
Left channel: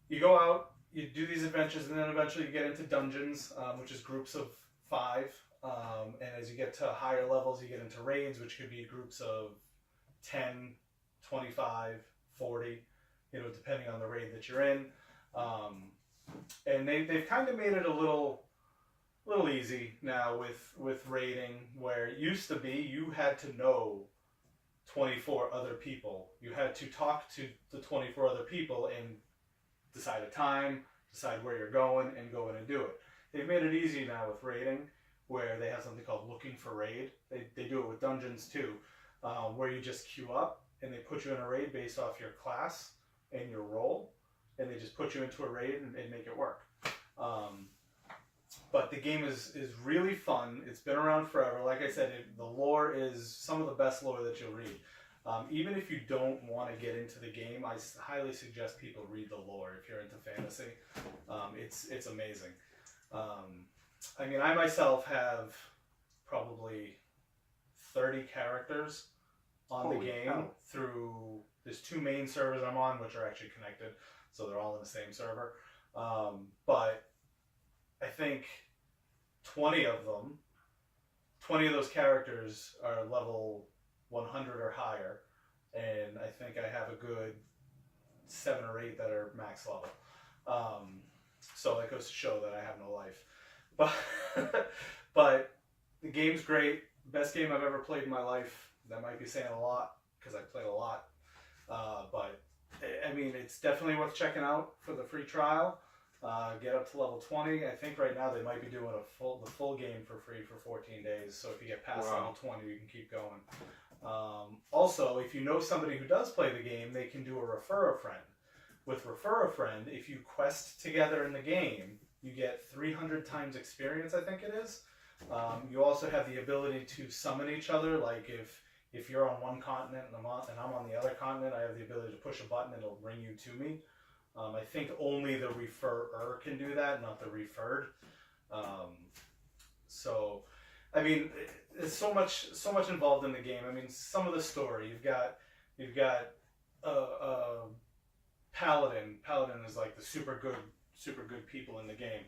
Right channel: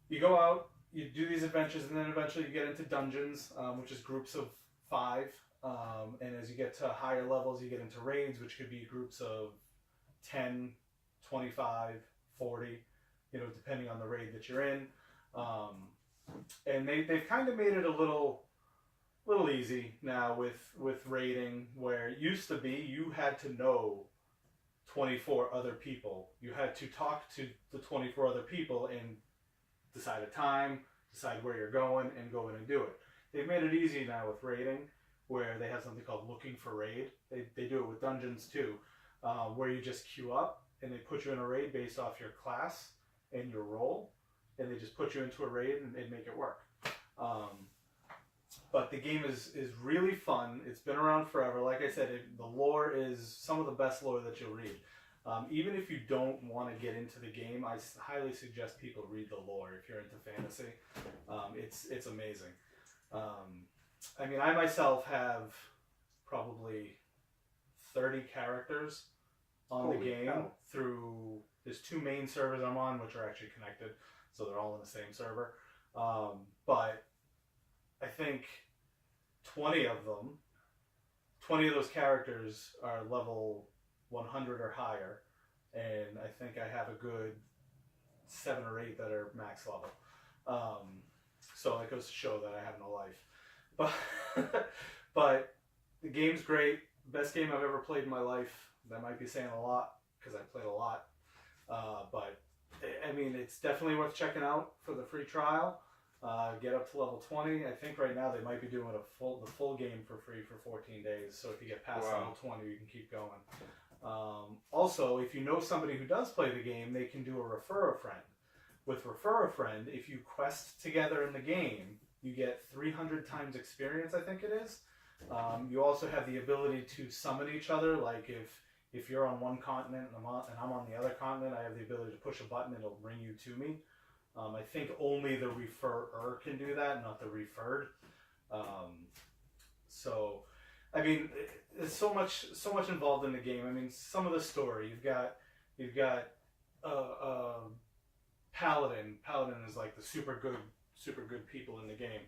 you go out, you do these adventures, and then eventually you get into dungeons, which is groups of 5. And as you get to higher levels, you get into raids, which could be groups of 10, 25, 40, depending on the raid that you're in. And they've kind of made it a little easy now with raiding, where it used to be you had to know 24 other people. You had to talk to the 24 other people and decide a time, decide where you're going, and go in and do it. They've made it easy now with raiding, where they have something called looking for raid. They do it with dungeons too, where you just queue up and they put you in a raid based off your class and your role, and they just put you into a raid and make it work. But the game is really fun. It's been around forever. Like I said, the lore is some of the best lore that you'll read. Even if you don't want to get into the game, I highly suggest people read the lore if you're into fantasy. It's amazing. I mean, I myself have probably 30 characters on the game through, there's 2 main servers I'm on, which are actually connected, so they're all in the same server. But I think 20 of those characters are level 100 or higher, and I think I have a good 7 or 8 that are max level. So that goes to show that I have no life. But the game's great. Best game I've ever played in my life. That might be saying a lot because I've played a lot. But I mean, it's definitely worth checking out for the free trial. Get up to level 20. I think right now they might be doing the full game for free for 14 days. So if you get past level 20, you can keep going. Also, if you know somebody who does play the game, they can do a refer a friend. With refer a friend, if you quest together in the game, you get 300 times experience, I think it is. You also have the ability to summon each other. Like if you're on one continent and I'm on the other continent, I have the ability to push a button and it'll bring you to me. I think only the referrer can do that, not the referred. So, I mean, there's so much involved in the game. I mean, some of the story you've got Paladin. Paladin is like the super good people in the game.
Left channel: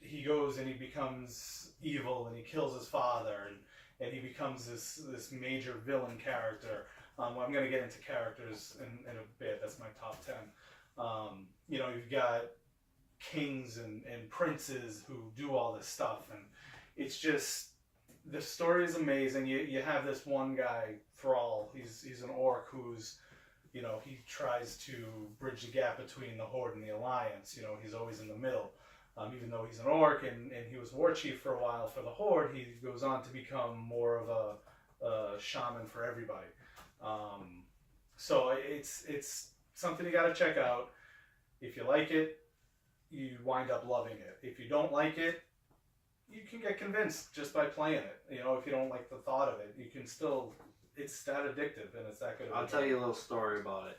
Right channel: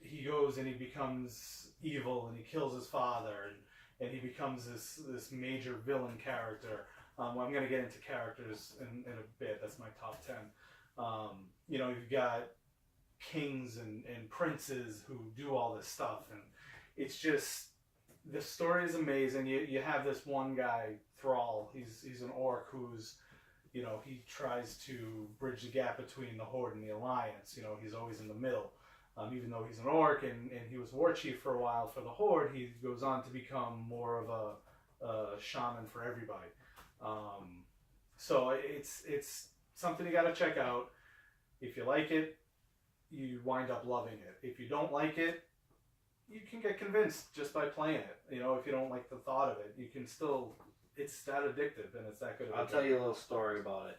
He goes and he becomes evil and he kills his father and he becomes this major villain character. I'm going to get into characters in a bit. That's my top 10. You've got kings and princes who do all this stuff, and it's just, the story is amazing. You have this one guy, Thrall. He's an orc who's, he tries to bridge the gap between the Horde and the Alliance. He's always in the middle. Even though he's an orc and he was war chief for a while for the Horde, he goes on to become more of a shaman for everybody. So it's something you got to check out. If you like it, you wind up loving it. If you don't like it, you can get convinced just by playing it. If you don't like the thought of it, you can still, it's that addictive and it's that good. I'll tell you a little story about it.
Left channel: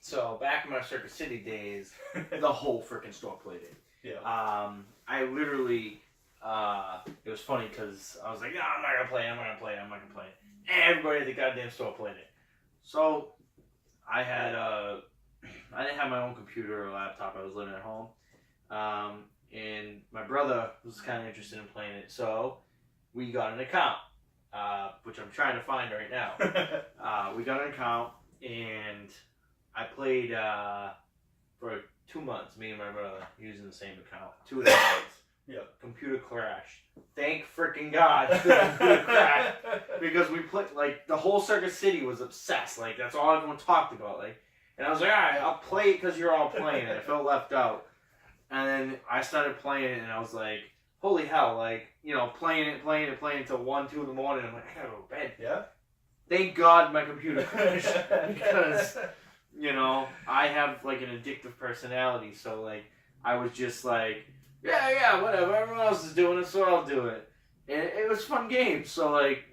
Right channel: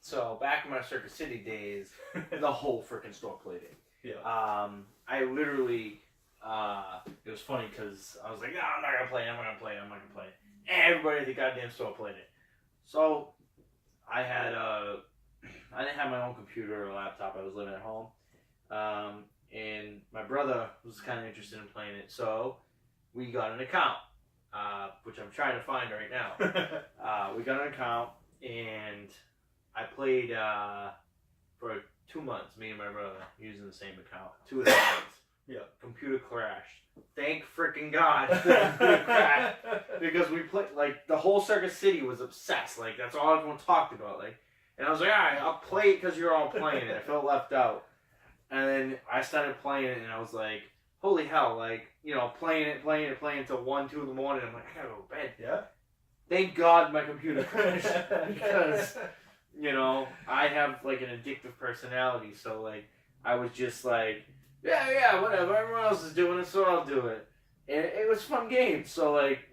So back in my Circuit City days, the whole freaking store played it. Yeah. I literally, it was funny because I was like, no, I'm not going to play it. And everybody at the goddamn store played it. So I didn't have my own computer or laptop. I was living at home. And my brother was kind of interested in playing it. So we got an account, which I'm trying to find right now. We got an account and I played for 2 months, me and my brother, using the same account. 2 months. Yeah. Computer crashed. Thank freaking God the computer crashed. Because we played, like, the whole Circuit City was obsessed. Like, that's all everyone talked about. Like, and I was like, alright, I'll play it because you're all playing it. I felt left out. And then I started playing it and I was like, holy hell, like, playing it till 1, 2 in the morning. I'm like, I gotta go to bed. Yeah. Thank God my computer crashed. Because, I have, like, an addictive personality. So, like, I was just like, yeah, whatever. Everyone else is doing it, so I'll do it. And it was a fun game. So, like,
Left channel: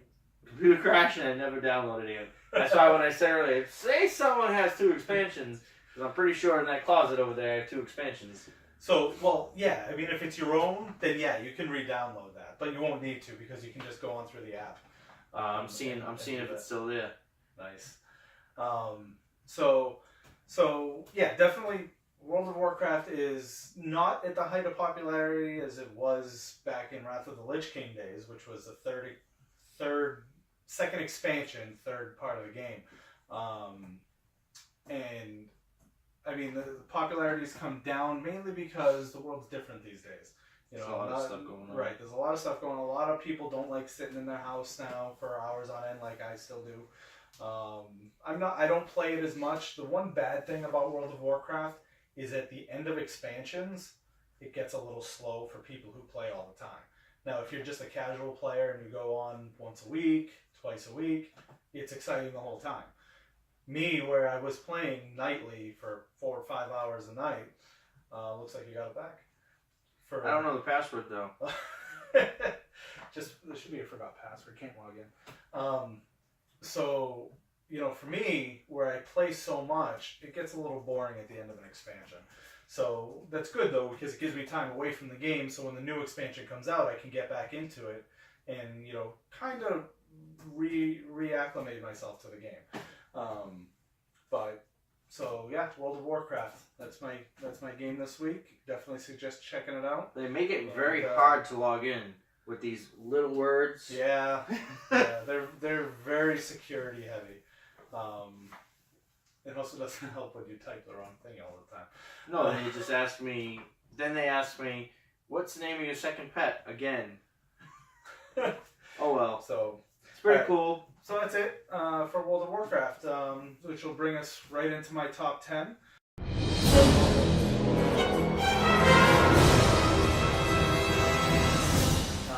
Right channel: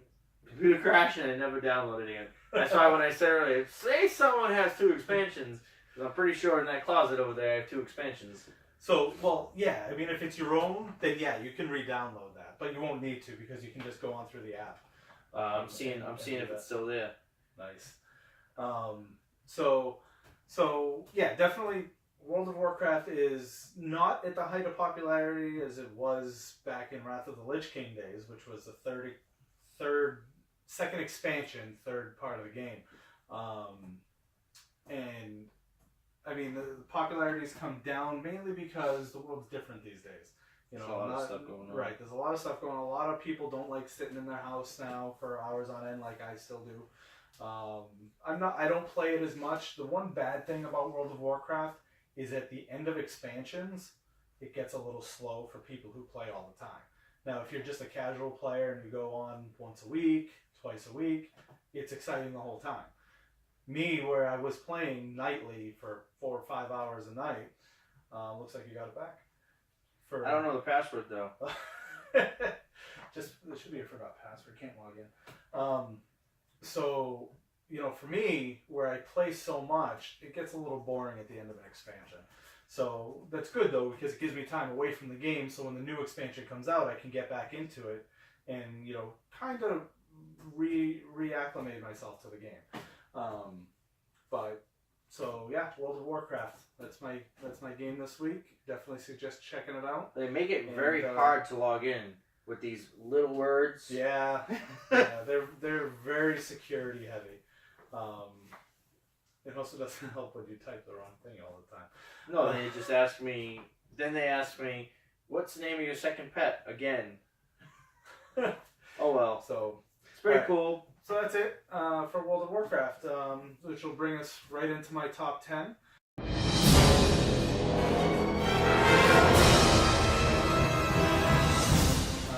computer crashed and I never downloaded it again. That's why when I said earlier, say someone has 2 expansions, because I'm pretty sure in that closet over there I have 2 expansions. So, well, yeah, I mean, if it's your own, then yeah, you can re-download that, but you won't need to because you can just go on through the app. I'm seeing if it's still there. Nice. So yeah, definitely World of Warcraft is not at the height of popularity as it was back in Wrath of the Lich King days, which was the second expansion, third part of the game. And I mean, the popularity's come down mainly because the world's different these days. There's a lot of stuff going on. Right, there's a lot of stuff going on. A lot of people don't like sitting in their house now for hours on end like I still do. I don't play it as much. The one bad thing about World of Warcraft is at the end of expansions, it gets a little slow for people who play all the time. Now, if you're just a casual player and you go on once a week, twice a week, it's exciting the whole time. Me, where I was playing nightly for 4 or 5 hours a night, looks like you got it back. I don't know the password though. Just there should be a forgot password. Can't log in. So for me, where I play so much, it gets a little boring at the end of an expansion. So that's good though because it gives me time away from the game. So when the new expansion comes out, I can get back into it and kind of reacclimate myself to the game. But so yeah, World of Warcraft. That's my game this week. Definitely suggest checking it out. They make it very hard to log in with these little words. Yeah, they're very security heavy. It also doesn't help when you type the wrong thing all the time. No, they just ask me. Then they ask me, "What's the name of your second pet?" Again. Oh well. So it's pretty cool. So that's it for World of Warcraft, which will bring us right into my top 10.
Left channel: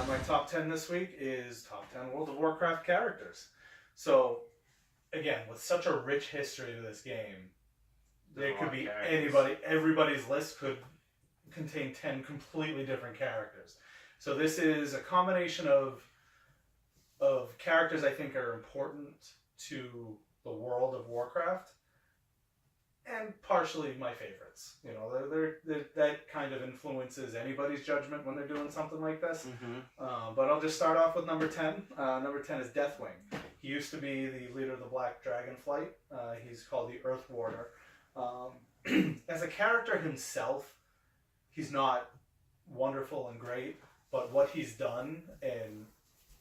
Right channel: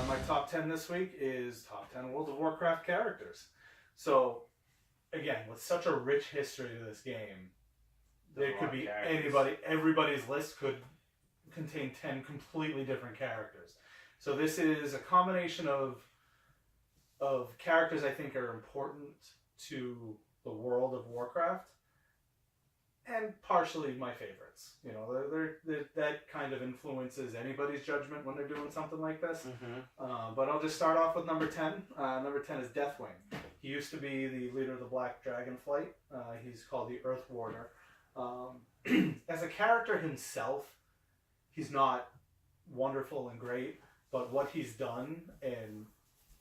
My top 10 this week is top 10 World of Warcraft characters. So, again, with such a rich history to this game, there could be anybody, everybody's list could contain 10 completely different characters. So this is a combination of characters I think are important to the world of Warcraft, and partially my favorites. You know, they're that kind of influences anybody's judgment when they're doing something like this. But I'll just start off with number 10. Number 10 is Deathwing. He used to be the leader of the Black Dragon Flight. He's called the Earth Warder. As a character himself, he's not wonderful and great, but what he's done and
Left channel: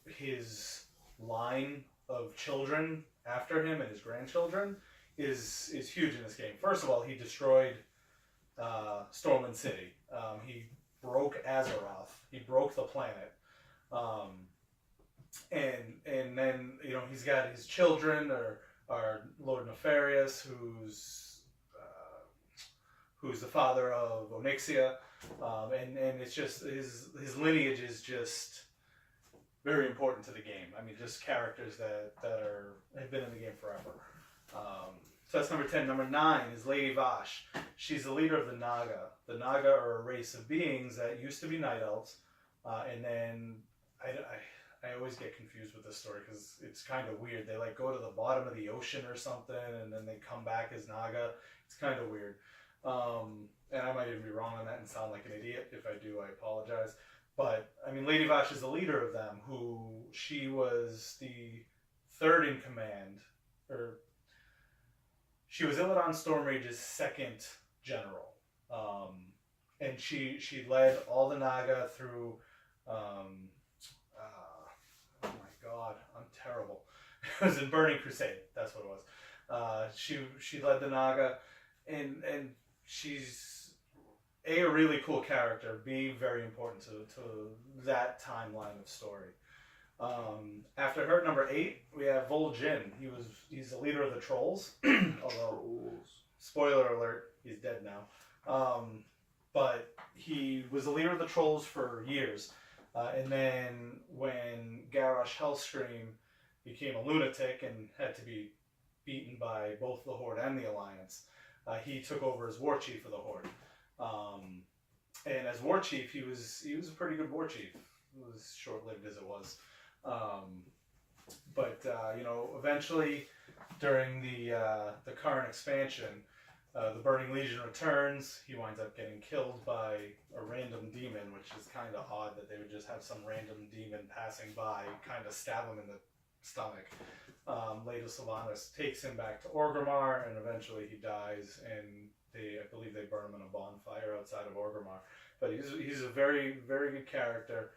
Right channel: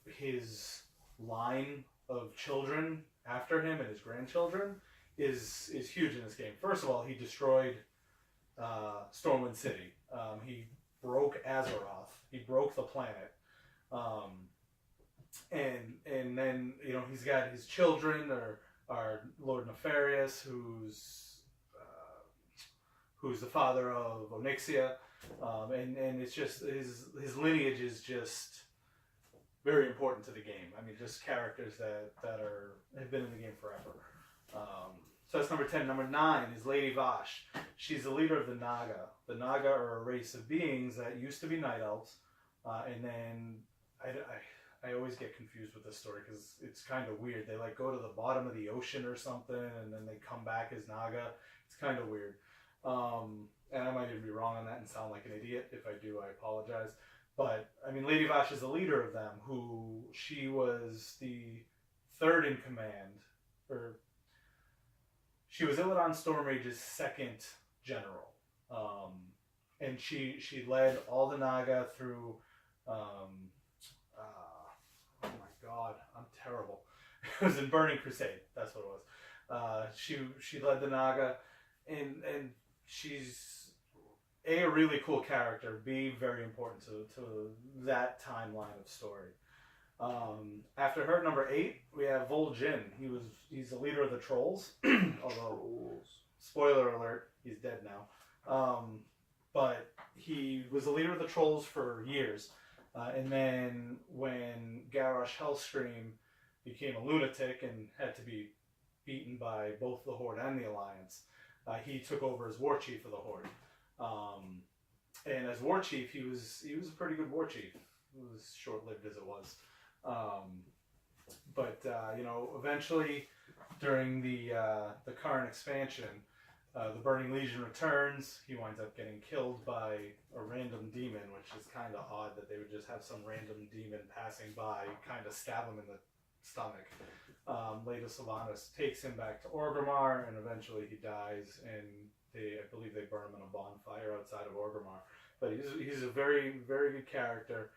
his line of children after him and his grandchildren is huge in this game. First of all, he destroyed Stormwind City. He broke Azeroth. He broke the planet. And then, you know, he's got his children are Lord Nefarious, who's the father of Onyxia, and it's just his lineage is just very important to the game. I mean, just characters that have been in the game forever. So that's number 10. Number 9 is Lady Vash. She's the leader of the Naga. The Naga are a race of beings that used to be night elves, and then I always get confused with this story because it's kind of weird. They like go to the bottom of the ocean or something, and then they come back as Naga. It's kind of weird. And I might even be wrong on that and sound like an idiot. If I do, I apologize. But, I mean, Lady Vash is the leader of them, she was the third in command, or she was Illidan Stormrage's second general. And she led all the Naga through, oh my god, I'm terrible. It was in Burning Crusade, that's what it was. She led the Naga, and she's A, a really cool character, B, very important to that timeline of story. After her, number 8, we have Vol'jin. He's the leader of the Trolls, although, spoiler alert, he's dead now. But he was the leader of the Trolls for years. And then when Garrosh Hellscream became a lunatic and had to be beaten by both the Horde and the Alliance, he took over as war chief of the Horde. And as war chief, he was a pretty good war chief. It was short-lived as it was. But you know, eventually, during the current expansion, the Burning Legion returns. He winds up getting killed by a random demon, which is kind of odd that they would just have some random demon passing by, kind of stab him in the stomach. Leda Sylvanas takes him back to Orgrimmar, and eventually he dies, and I believe they burn him in a bonfire outside of Orgrimmar. But he's a very, very good character.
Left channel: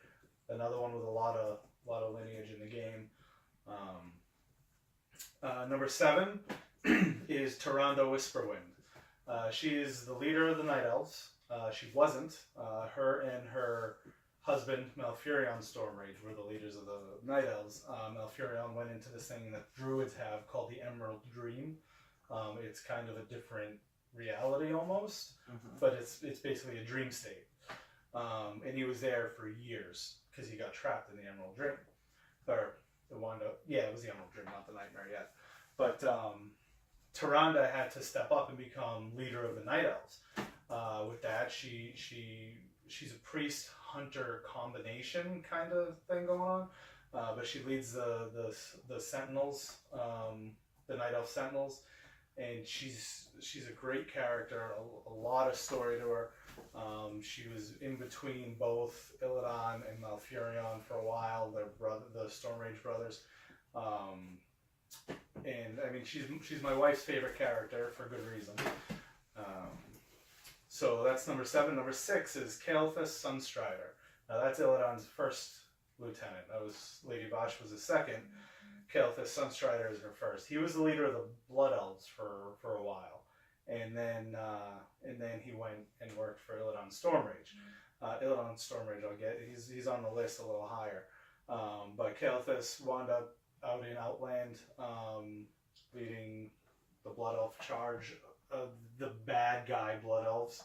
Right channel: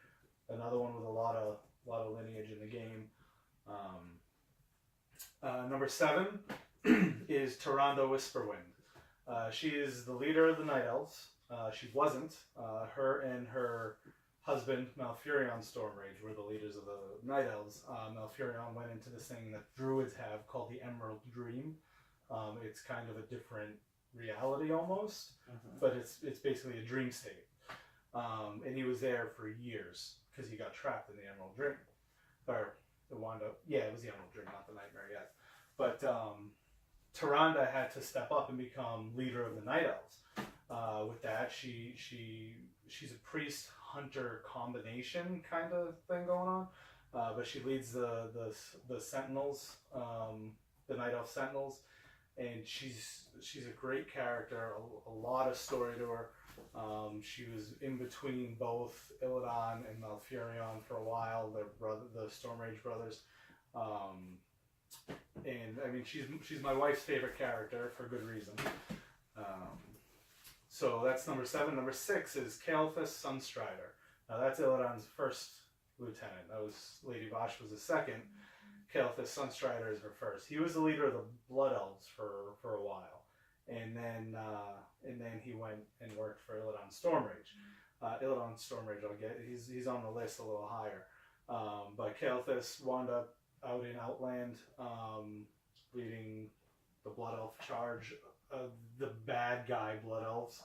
Another one with a lot of lineage in the game. Number 7 is Tyrande Whisperwind. She is the leader of the Night Elves. She wasn't. Her and her husband, Malfurion Stormrage, were the leaders of the Night Elves. Malfurion went into this thing that druids have called the Emerald Dream. It's kind of a different reality almost, but it's basically a dream state. And he was there for years because he got trapped in the Emerald Dream. Or it wound up, yeah, it was the Emerald Dream, not the Nightmare yet. But Tyrande had to step up and become leader of the Night Elves. With that, she's a priest hunter combination kind of thing going on, but she leads the Sentinels, the Night Elf Sentinels, and she's a great character. A lot of story to her. She was in between both Illidan and Malfurion for a while, the Stormrage brothers. And I mean, she's my wife's favorite character for good reason. So that's number 7. Number 6 is Kael'thas Sunstrider. Now that's Illidan's first lieutenant. That was Lady Vash was his second. Kael'thas Sunstrider is her first. He was the leader of the Blood Elves for a while, and then he went and worked for Illidan Stormrage. Illidan Stormrage, he's on the list a little higher. But Kael'thas wound up out in Outland, leading the Blood Elf charge. The bad guy Blood Elves.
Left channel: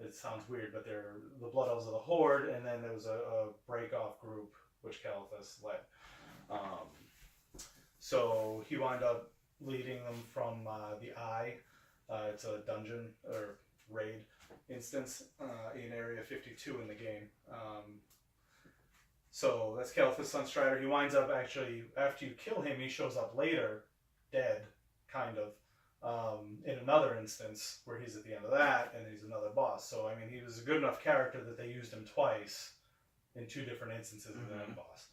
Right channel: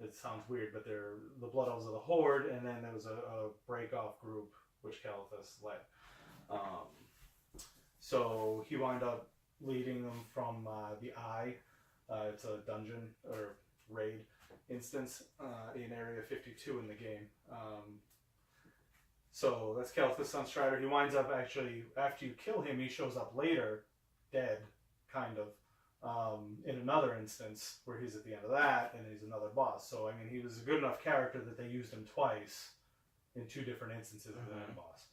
It sounds weird, but they're the Blood Elves of the Horde, and then there was a break-off group which Kael'thas led. So he wound up leading them from the Eye. It's a dungeon or raid instance in Area 52 in the game. So that's Kael'thas Sunstrider. He winds up actually, after you kill him, he shows up later, dead, kind of, in another instance where he's at the end of that, and he's another boss. So, I mean, he was a good enough character that they used him twice in 2 different instances as an end boss.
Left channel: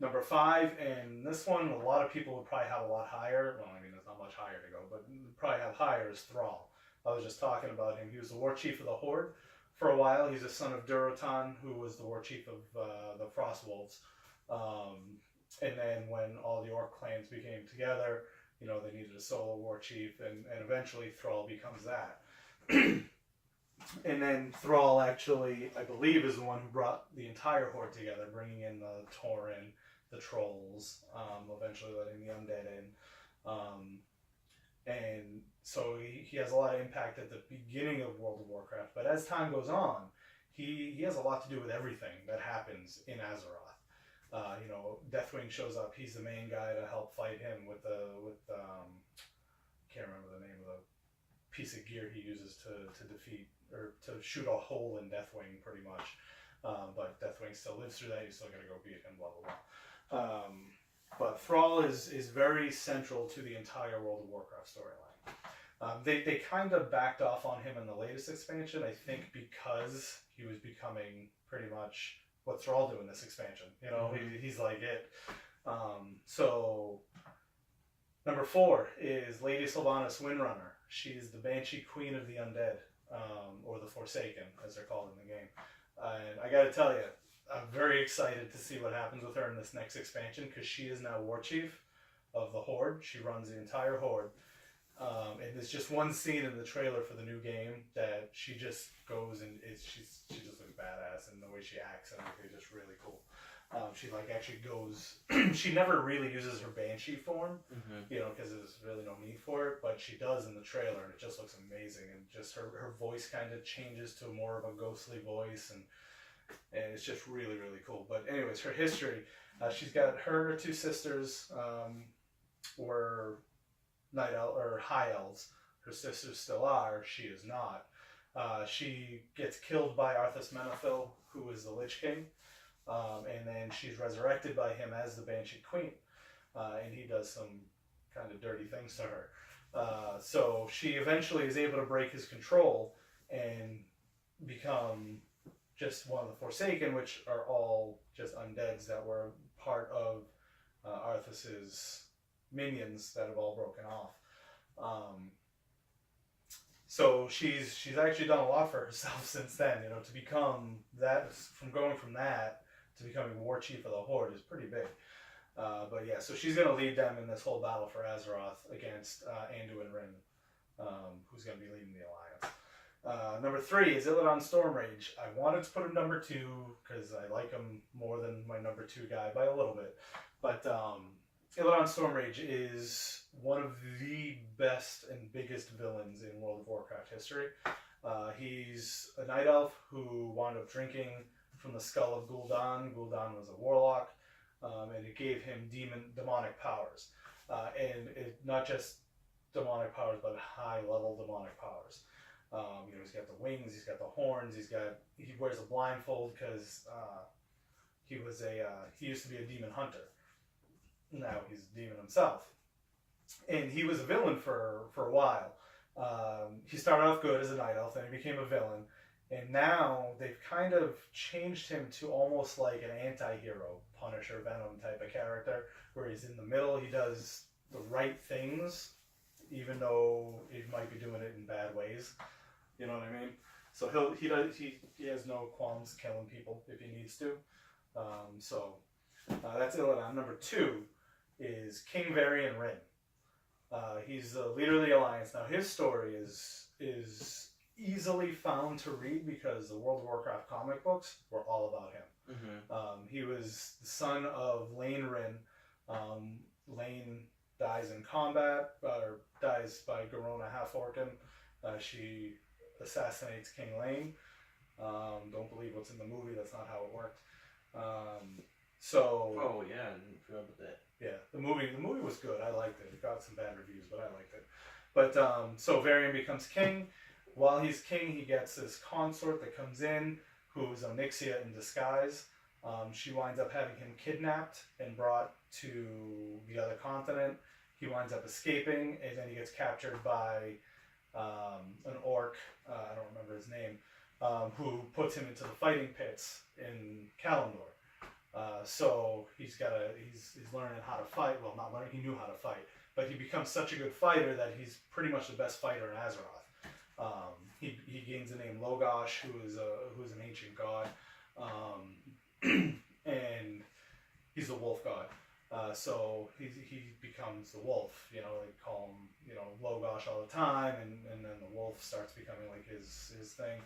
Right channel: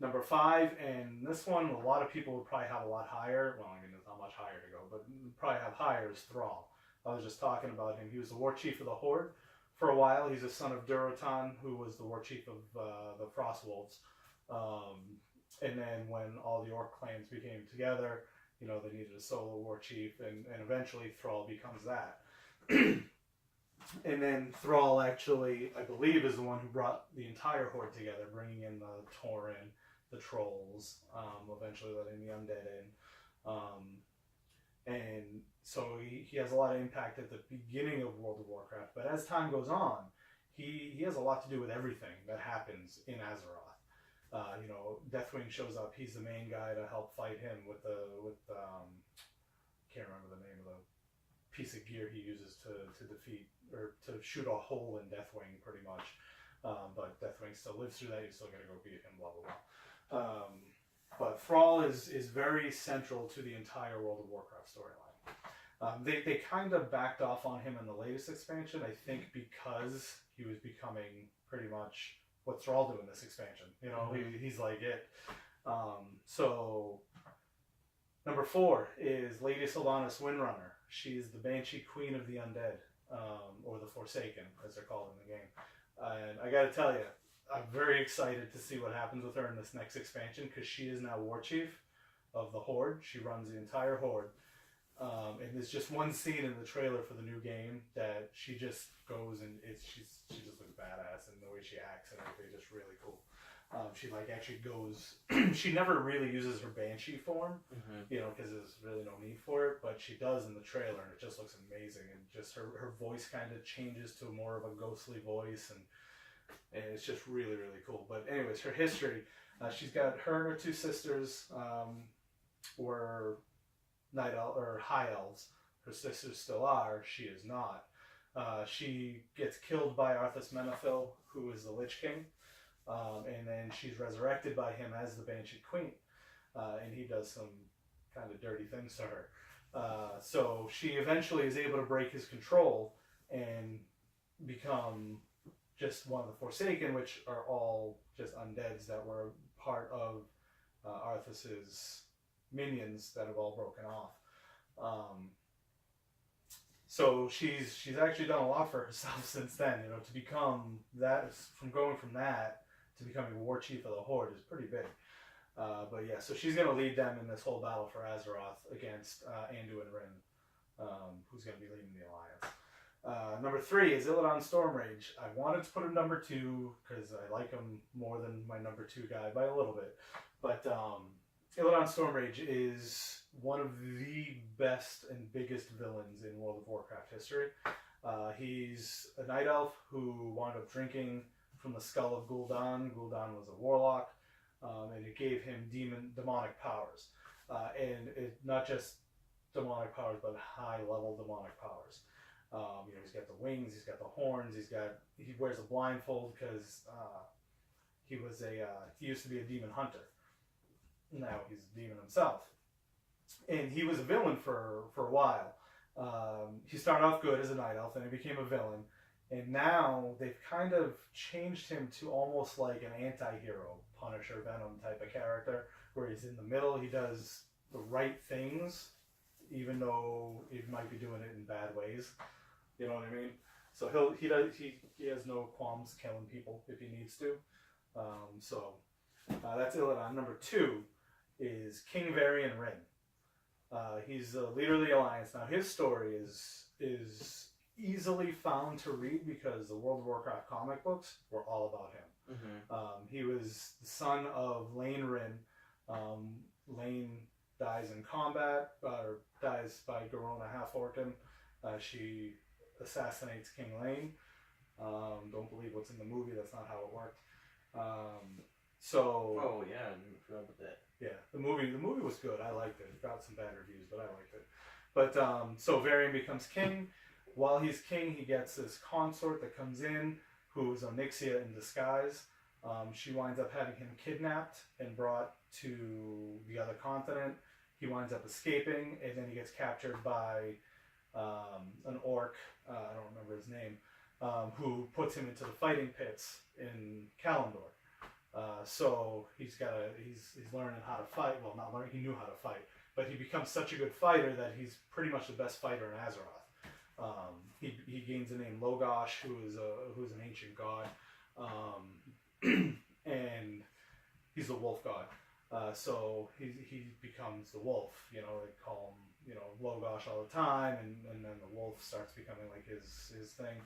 Number 5, and this one, a lot of people would probably have a lot higher. Well, I mean, there's not much higher to go, but probably have higher is Thrall. I was just talking about him. He was the war chief of the Horde for a while. He's a son of Durotan, who was the war chief of the Frostwolves. And then when all the Orc clans became together, you know, they needed a solo war chief, and eventually Thrall becomes that. And then Thrall actually, I believe, is the one who brought the entire Horde together, bringing in the Tauren, the Trolls, eventually letting the Undead in. And so he has a lot of impact at the beginning of World of Warcraft, but as time goes on, he has a lot to do with everything that happens in Azeroth. You know, Deathwing shows up. He's the main guy to help fight him with can't remember the name of the piece of gear he uses to defeat or to shoot a hole in Deathwing, pretty much. But Deathwing still lives through that. You still got to go beat him. Blah blah blah. But Thrall is very central to the entire World of Warcraft storyline. They kind of backed off on him in the latest expansion, I think, because he was becoming pretty much what Thrall do in this expansion. You know, he's like it. So number 4 is Lady Sylvanas Windrunner. She's the Banshee Queen of the Undead, or the Forsaken, as they're called in the game. And I gotta tell you, I'm very excited to see what happens with her in this next expansion, because she is now War Chief of the Horde. She runs the entire Horde. And there's just one scene in the trailer for the new game that she just goes and she just looks badass, and the way she acts and everything is just really cool. She like actually goes. She never really uses her Banshee form, you know, because there's really no need for it. But she does in the trailer, and it just looks amazing. And just her voice kind of changes to more of a ghostly voice, and it's just really, really cool. But anyways, her history, she's got her and her 2 sisters were night elf or high elves. Her sisters still are. She is not. She gets killed by Arthas Menethil, who is the Lich King, and then she's resurrected by him as the Banshee Queen, and he does some kind of dirty things to her. So she eventually is able to break his control and become just one of the Forsaken, which are all just undeads that were part of Arthas's minions that have all broken off. So she's actually done a lot for herself since then. You know, to become that, from going from that to becoming War Chief of the Horde is pretty big. But yeah, so she's going to lead them in this whole battle for Azeroth against Anduin Wrynn, who's going to be leading the Alliance. Number 3 is Illidan Stormrage. I wanted to put him number 2 because I like him more than my number 2 guy by a little bit. But Illidan Stormrage is one of the best and biggest villains in World of Warcraft history. He's a night elf who wound up drinking from the skull of Gul'dan. Gul'dan was a warlock, and it gave him demonic powers. And it, not just demonic powers, but high-level demonic powers. You know, he's got the wings, he's got the horns, he wears a blindfold because he used to be a demon hunter. Now he's a demon himself. And he was a villain for a while. He started off good as a night elf, then he became a villain. And now they've kind of changed him to almost like an anti-hero, Punisher, Venom type of character, where he's in the middle, he does the right things, even though he might be doing it in bad ways. You know what I mean? So he has no qualms killing people if he needs to. So that's Illidan. Number 2 is King Varian Wrynn. He's the leader of the Alliance. Now his story is easily found to read because the World of Warcraft comic books were all about him. He was the son of Lane Wrynn. Lane dies in combat, or dies by Garona Half-Orcan. She assassinates King Lane. Don't believe what's in the movie, that's not how it worked. Oh yeah, I didn't forget about that. Yeah, the movie was good. I liked it. It got some bad reviews, but I liked it. But so Varian becomes king. While he's king, he gets this consort that comes in, who is Onyxia in disguise. She winds up having him kidnapped and brought to the other continent. He winds up escaping, and then he gets captured by an orc, I don't remember his name, who puts him into the fighting pits in Kalimdor. So he's learning how to fight. Well, not learning, he knew how to fight, but he becomes such a good fighter that he's pretty much the best fighter in Azeroth. He gains the name Logosh, who's an ancient god, and he's the wolf god. So he becomes the wolf. You know, they call him, Logosh all the time, and then the wolf starts becoming like his thing.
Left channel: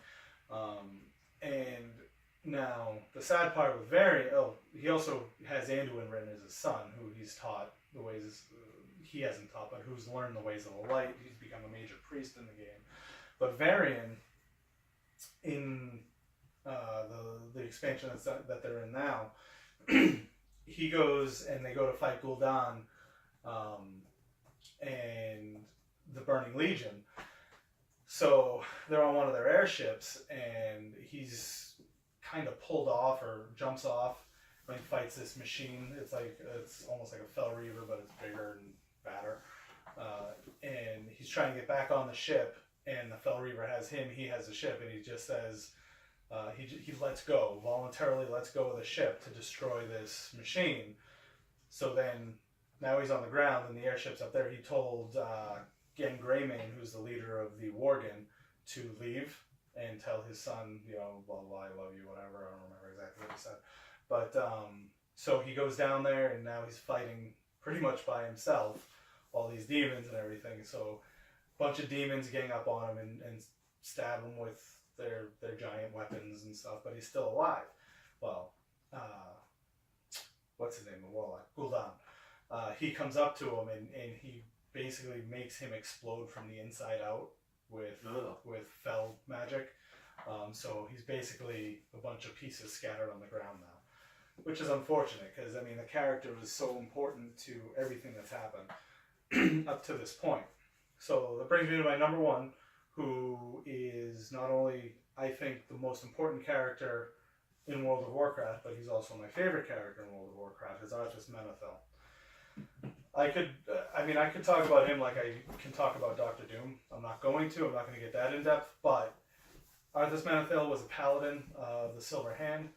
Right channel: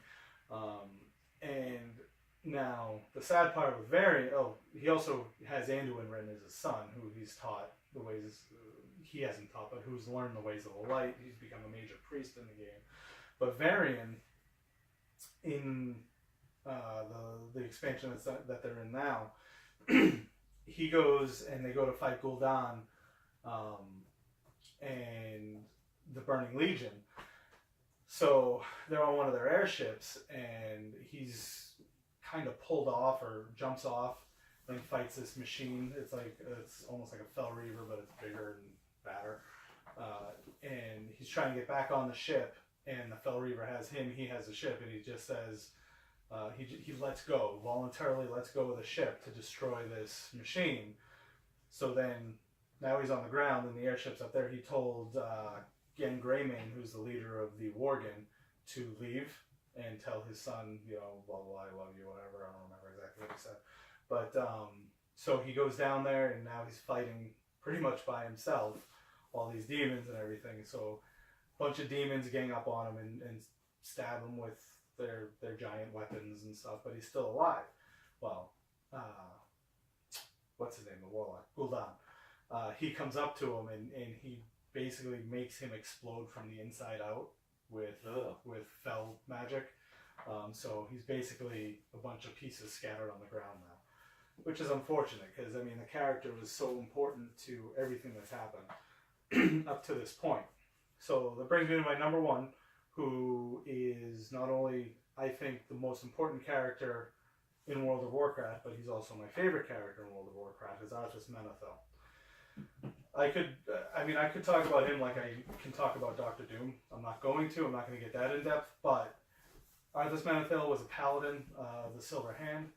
And now the sad part with Varian, he also has Anduin written as his son, who he's taught the ways he hasn't taught, but who's learned the ways of the light. He's become a major priest in the game. But Varian, in the expansion that they're in now, he goes and they go to fight Gul'dan and the Burning Legion. So they're on one of their airships, and he's kind of pulled off or jumps off and fights this machine. It's almost like a Fel Reaver, but it's bigger and badder. And he's trying to get back on the ship, and the Fel Reaver has him. He has the ship, and he just says he voluntarily lets go of the ship to destroy this machine. So then now he's on the ground, and the airship's up there. He told Gen Greymane, who's the leader of the Worgen, to leave and tell his son, blah, blah, I love you, whatever. I don't remember exactly what he said. But so he goes down there, and now he's fighting pretty much by himself, all these demons and everything. So a bunch of demons gang up on him and stab him with their giant weapons and stuff, but he's still alive. Well, what's his name? The warlock, Gul'dan. He comes up to him, and he basically makes him explode from the inside out with Fel magic. So he's basically a bunch of pieces scattered on the ground now, which is unfortunate because, the character is so important to everything that's happened up to this point. So that brings me to my number one, who is not only, I think, the most important character in World of Warcraft, but he's also my favorite character in World of Warcraft, is Arthas Menethil. I could talk about him like I can talk about Doctor Doom. I'm not going to get that in depth, but Arthas Menethil was a paladin of the Silver Hand.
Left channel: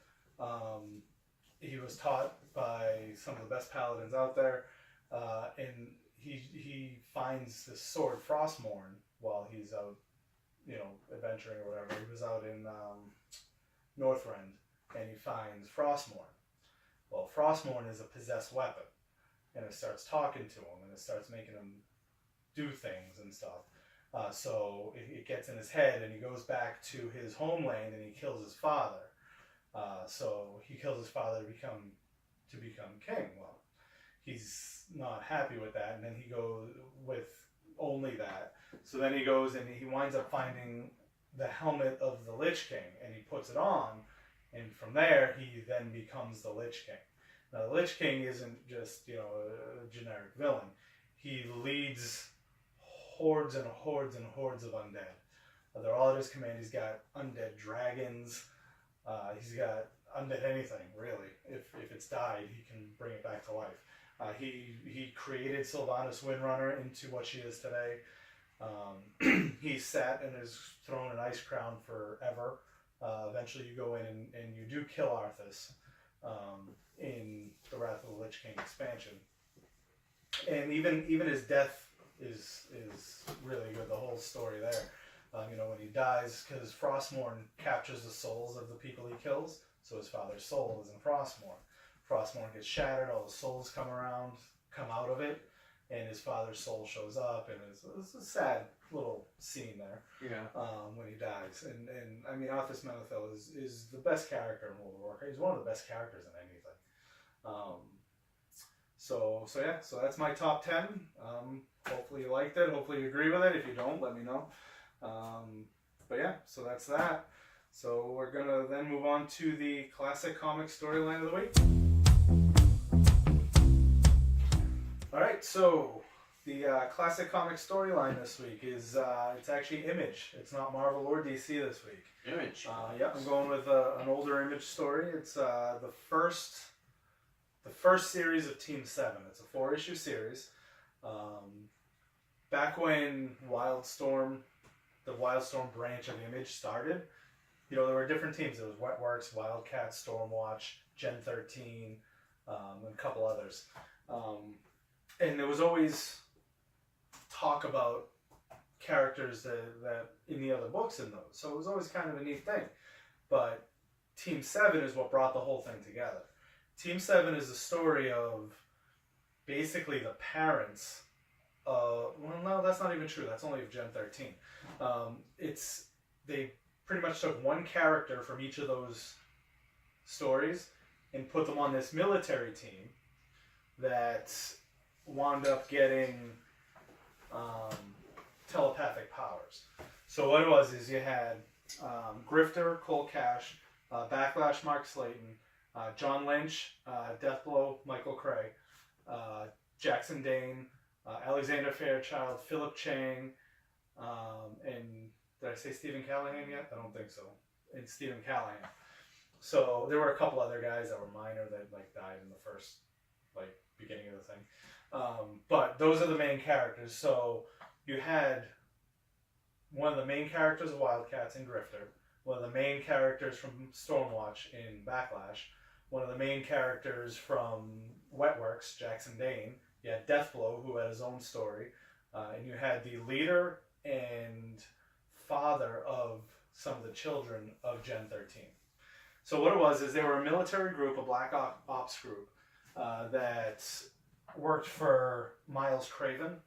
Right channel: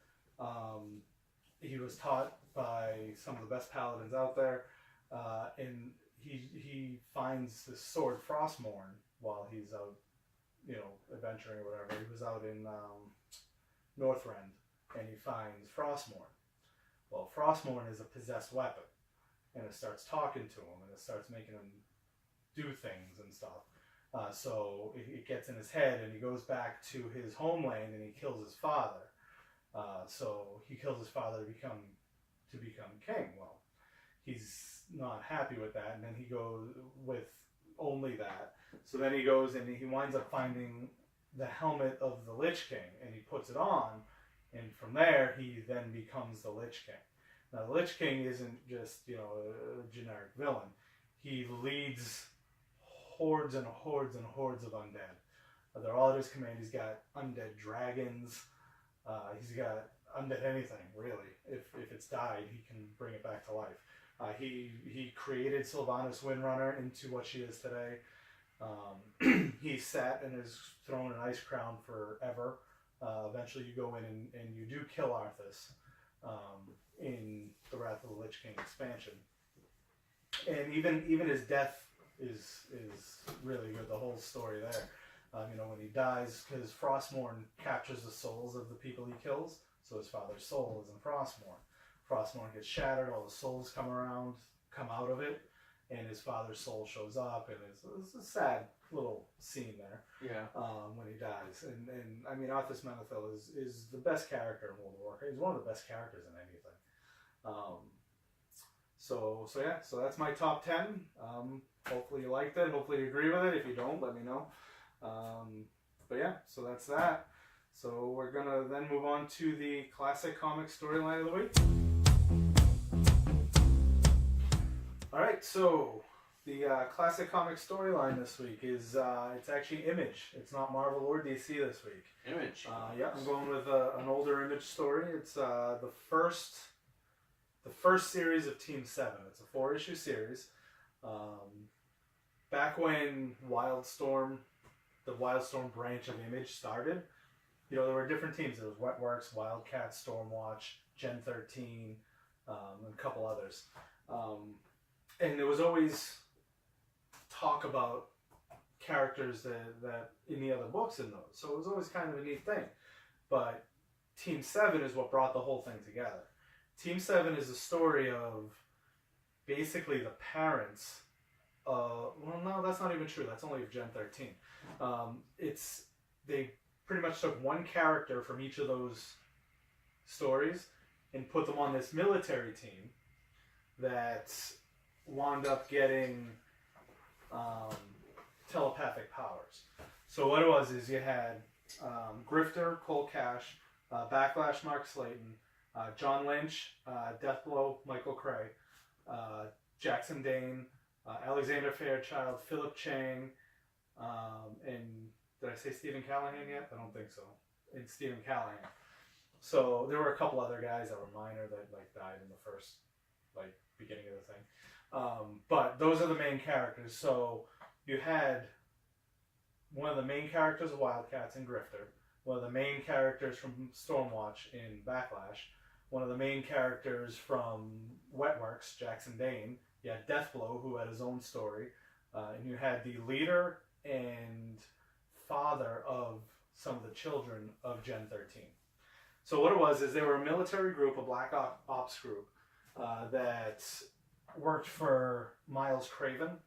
He was taught by some of the best paladins out there, and he finds this sword Frostmourne while he's out, adventuring or whatever. He was out in Northrend, and he finds Frostmourne. Well, Frostmourne is a possessed weapon, and it starts talking to him, and it starts making him do things and stuff. So it gets in his head, and he goes back to his homeland, and he kills his father. So he kills his father to become king. Well, he's not happy with that, and then he goes with only that. So then he goes and he winds up finding the helmet of the Lich King, and he puts it on, and from there he then becomes the Lich King. Now, the Lich King isn't just, a generic villain. He leads hordes and hordes and hordes of undead. They're all at his command. He's got undead dragons. He's got undead anything, really. If it's died, he can bring it back to life. He created Sylvanas Windrunner into what she is today. He sat in his throne and ice crown forever. Eventually you go in and you do kill Arthas in the Wrath of the Lich King expansion. And even his death is really good, the whole story there. When he dies, because Frostmourne captures the souls of the people he kills, so his father's soul is in Frostmourne. Frostmourne gets shattered, all the souls come out of it, and his father's soul shows up, and it's a sad little scene there. Yeah. When he dies, and Arthas Menethil is the best character in World of Warcraft. He's one of the best characters in anything. So that's my top 10. Hopefully you liked it. Hopefully you agree with it. If you don't, let me know. But yeah, so that's that. So we're gonna then move on to the classic comic storyline of the week. Alright, so The classic comic storyline this week is it's actually Image. It's not Marvel or DC this week. Image. Yeah, I'm going with an older Image story. It's the first series of Team 7. It's a 4-issue series. Back when the Wildstorm branch of Image started, you know, there were different teams. There was Wetworks, Wildcats, Stormwatch, Gen 13, and a couple others. And there was always talk about characters that in the other books in those. So it was always kind of a neat thing. But Team 7 is what brought the whole thing together. Team 7 is the story of basically the parents. Well, no, that's not even true. That's only of Gen 13. They pretty much took one character from each of those stories and put them on this military team that wound up getting telepathic powers. So what it was is you had Grifter, Cole Cash, Backlash, Mark Slayton, John Lynch, Deathblow, Michael Cray, Jackson Dane, Alexander Fairchild, Philip Chang, and did I say Stephen Callahan yet? I don't think so. And Stephen Callahan. So there were a couple other guys that were minor that like died in the first beginning of the thing. But those are the main characters. So you had one of the main characters of Wildcats in Grifter, one of the main characters from Stormwatch in Backlash, one of the main characters from Wetworks, Jackson Dane. You had Deathblow, who had his own story, and you had the leader and father of some of the children of Gen 13. So what it was is they were a military group, a black ops group, that worked for Miles Craven.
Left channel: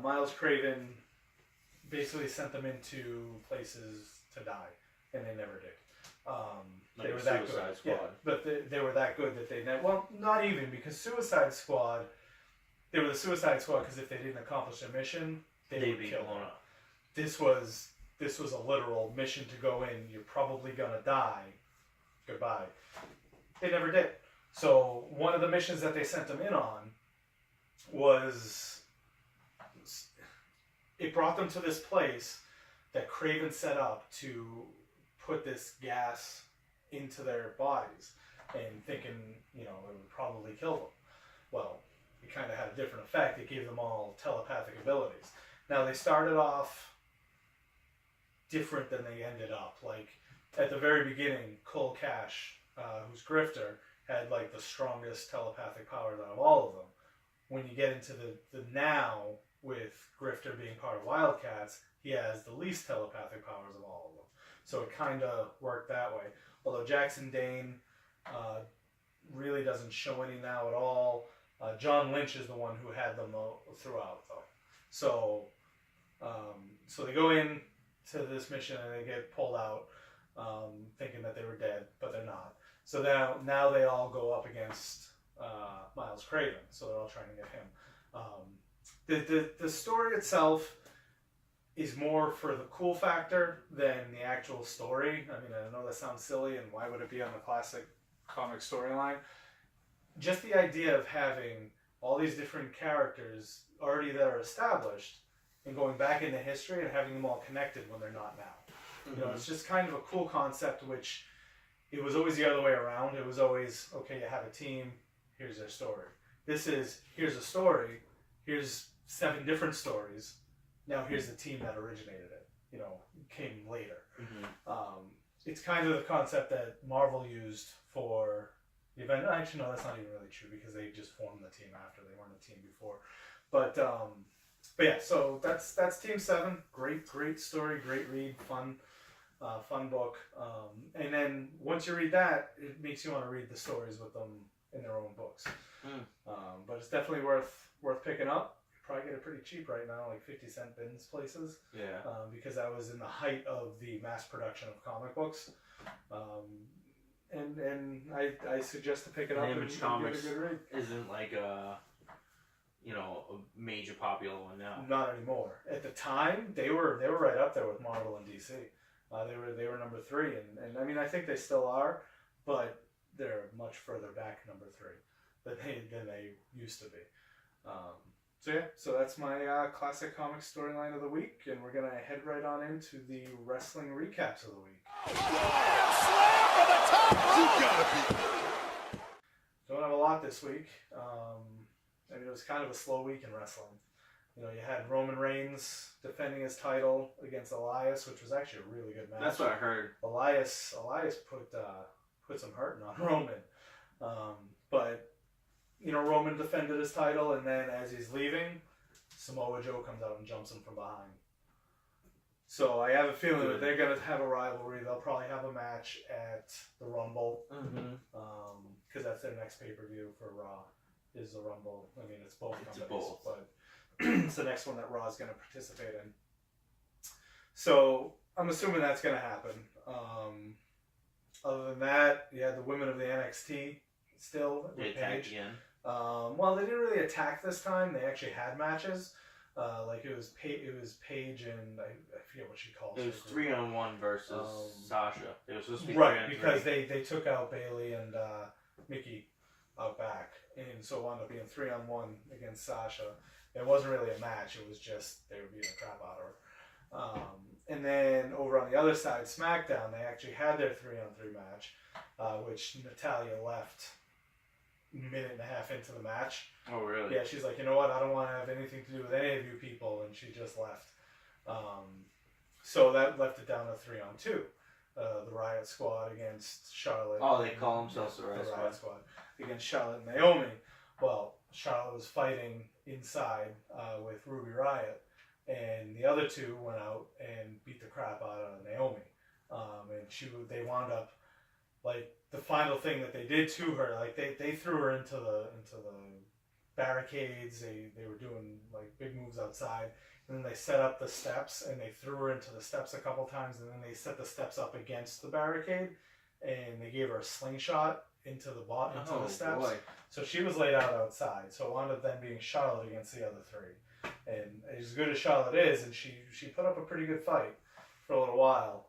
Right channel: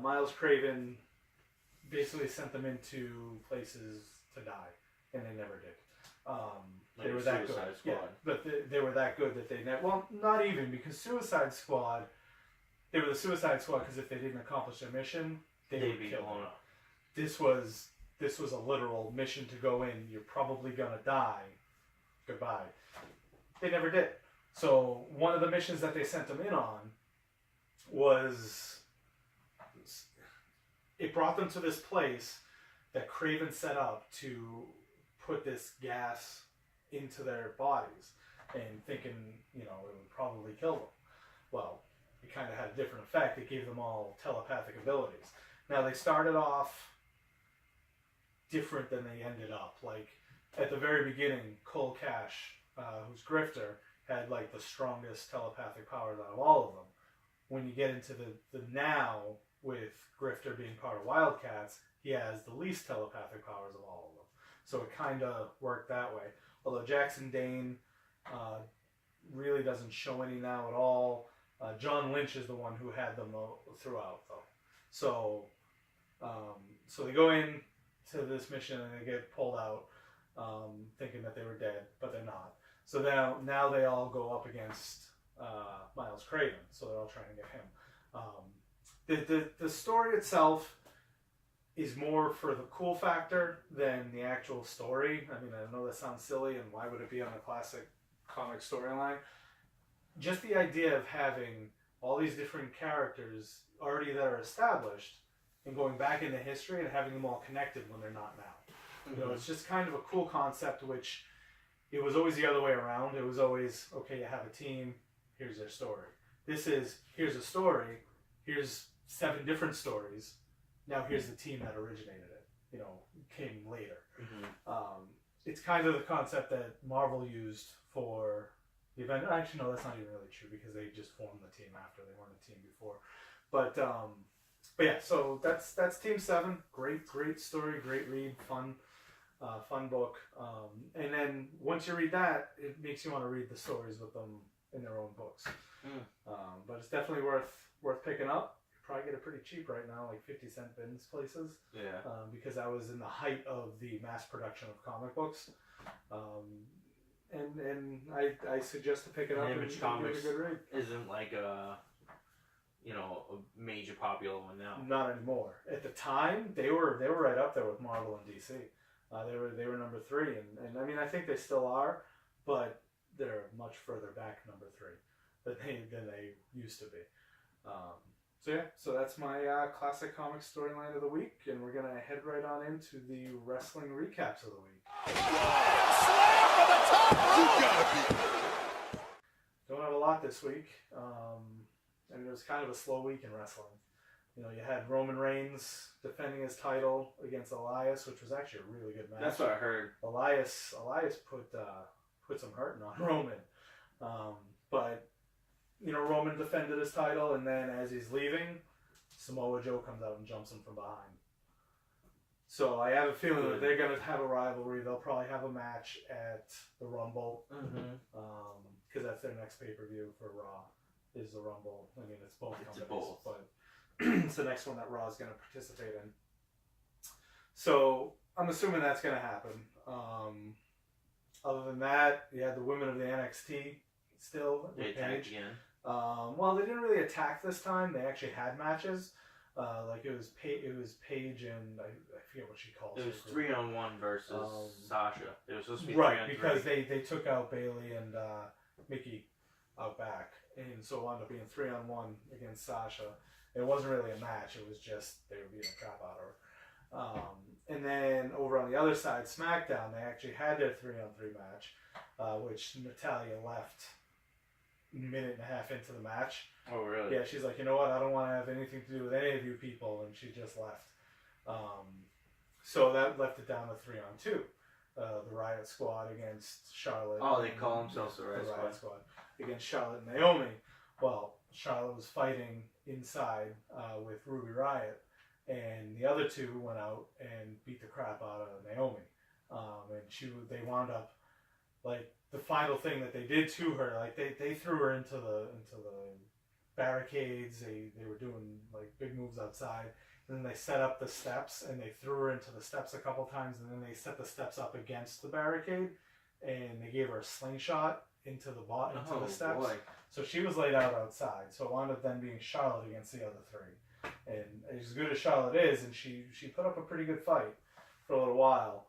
Miles Craven basically sent them into places to die, and they never did. They were that good. Suicide Squad. Yeah, but they were that good that they never. Well, not even, because Suicide Squad. They were the Suicide Squad because if they didn't accomplish their mission, they'd be killed. blown up. This was a literal mission to go in. You're probably gonna die. Goodbye. They never did. So one of the missions that they sent them in on was, it brought them to this place that Craven set up to put this gas into their bodies, and thinking, you know, it would probably kill them. Well, it kind of had a different effect. It gave them all telepathic abilities. Now, they started off different than they ended up. Like, at the very beginning, Cole Cash, who's Grifter, had like the strongest telepathic powers out of all of them. When you get into the now, with Grifter being part of Wildcats, he has the least telepathic powers of all of them. So it kind of worked that way. Although Jackson Dane really doesn't show any now at all. John Lynch is the one who had them throughout, though. So they go in to this mission and they get pulled out, thinking that they were dead, but they're not. So now they all go up against Miles Craven. So they're all trying to get him. The story itself is more for the cool factor than the actual story. I mean, I know that sounds silly, and why would it be on the classic comic storyline? Just the idea of having all these different characters already that are established and going back into history and having them all connected when they're not now. Mm-hmm. You know, it's just kind of a cool concept, which it was always the other way around. It was always, okay, you have a team, here's their story. This is, here's a story, here's 7 different stories, now here's the team that originated it, you know, came later. Mm-hmm. It's kind of the concept that Marvel used for the event. Actually, no, that's not even really true, because they just formed the team after. They weren't a team before. But yeah, so that's Team 7. Great story, great read, fun book. And then once you read that, it makes you want to read the stories with them in their own books. But it's definitely worth picking up. You probably get it pretty cheap right now, like 50-cent bins places. Yeah. Because that was in the height of the mass production of comic books. And I suggest to pick it up. Image Comics isn't like a major popular one now. Not anymore. At the time, they were right up there with Marvel and DC. They were number 3, and I mean, I think they still are, but they're much further back number 3 than they used to be. So that's my classic comic storyline of the week, and we're gonna head right on into the wrestling recaps of the week. Don't have a lot this week. I mean, it was kind of a slow week in wrestling. You know, you had Roman Reigns defending his title against Elias, which was actually a really good match. That's what I heard. Elias put some hurting on Roman, but you know, Roman defended his title, and then as he's leaving, Samoa Joe comes out and jumps him from behind. So I have a feeling that they're going to have a rivalry. They'll probably have a match at the Rumble, because that's their next pay-per-view for Raw, is the Rumble. I mean, it's both companies, but it's the next one that Raw is going to participate in. So I'm assuming that's going to happen. Other than that, you had the women of the NXT still. They attacked again. Well, they didn't really attack this time. They actually had matches. Like it was Paige and I forget what she calls. It was 3-on-1 versus Sasha. It was supposed to be right, because they took out Bayley and Mickey out back, and so it wound up being 3-on-1 against Sasha. It wasn't really a match. It was just they were beating the crap out of her. And then over on the other side, SmackDown, they actually had their 3-on-3 match, which Natalya left a minute and a half into the match. Oh, really? Yeah, she's like, you know what? I don't want to have anything to do with any of you people, and she just left. So that left it down to 3-on-2. The Riot Squad against Charlotte. Oh, they call themselves the Riot Squad against Charlotte and Naomi. Well, Charlotte was fighting inside with Ruby Riot, and the other two went out and beat the crap out of Naomi. And they wound up, like, the final thing that they did to her, like they threw her into the barricades. They were doing like big moves outside, and then they set up the steps and they threw her into the steps a couple times, and then they set the steps up against the barricade, and they gave her a slingshot into the steps. Boy. So she was laid out outside. So it wound up then being Charlotte against the other three, and as good as Charlotte is, and she put up a pretty good fight for a little while,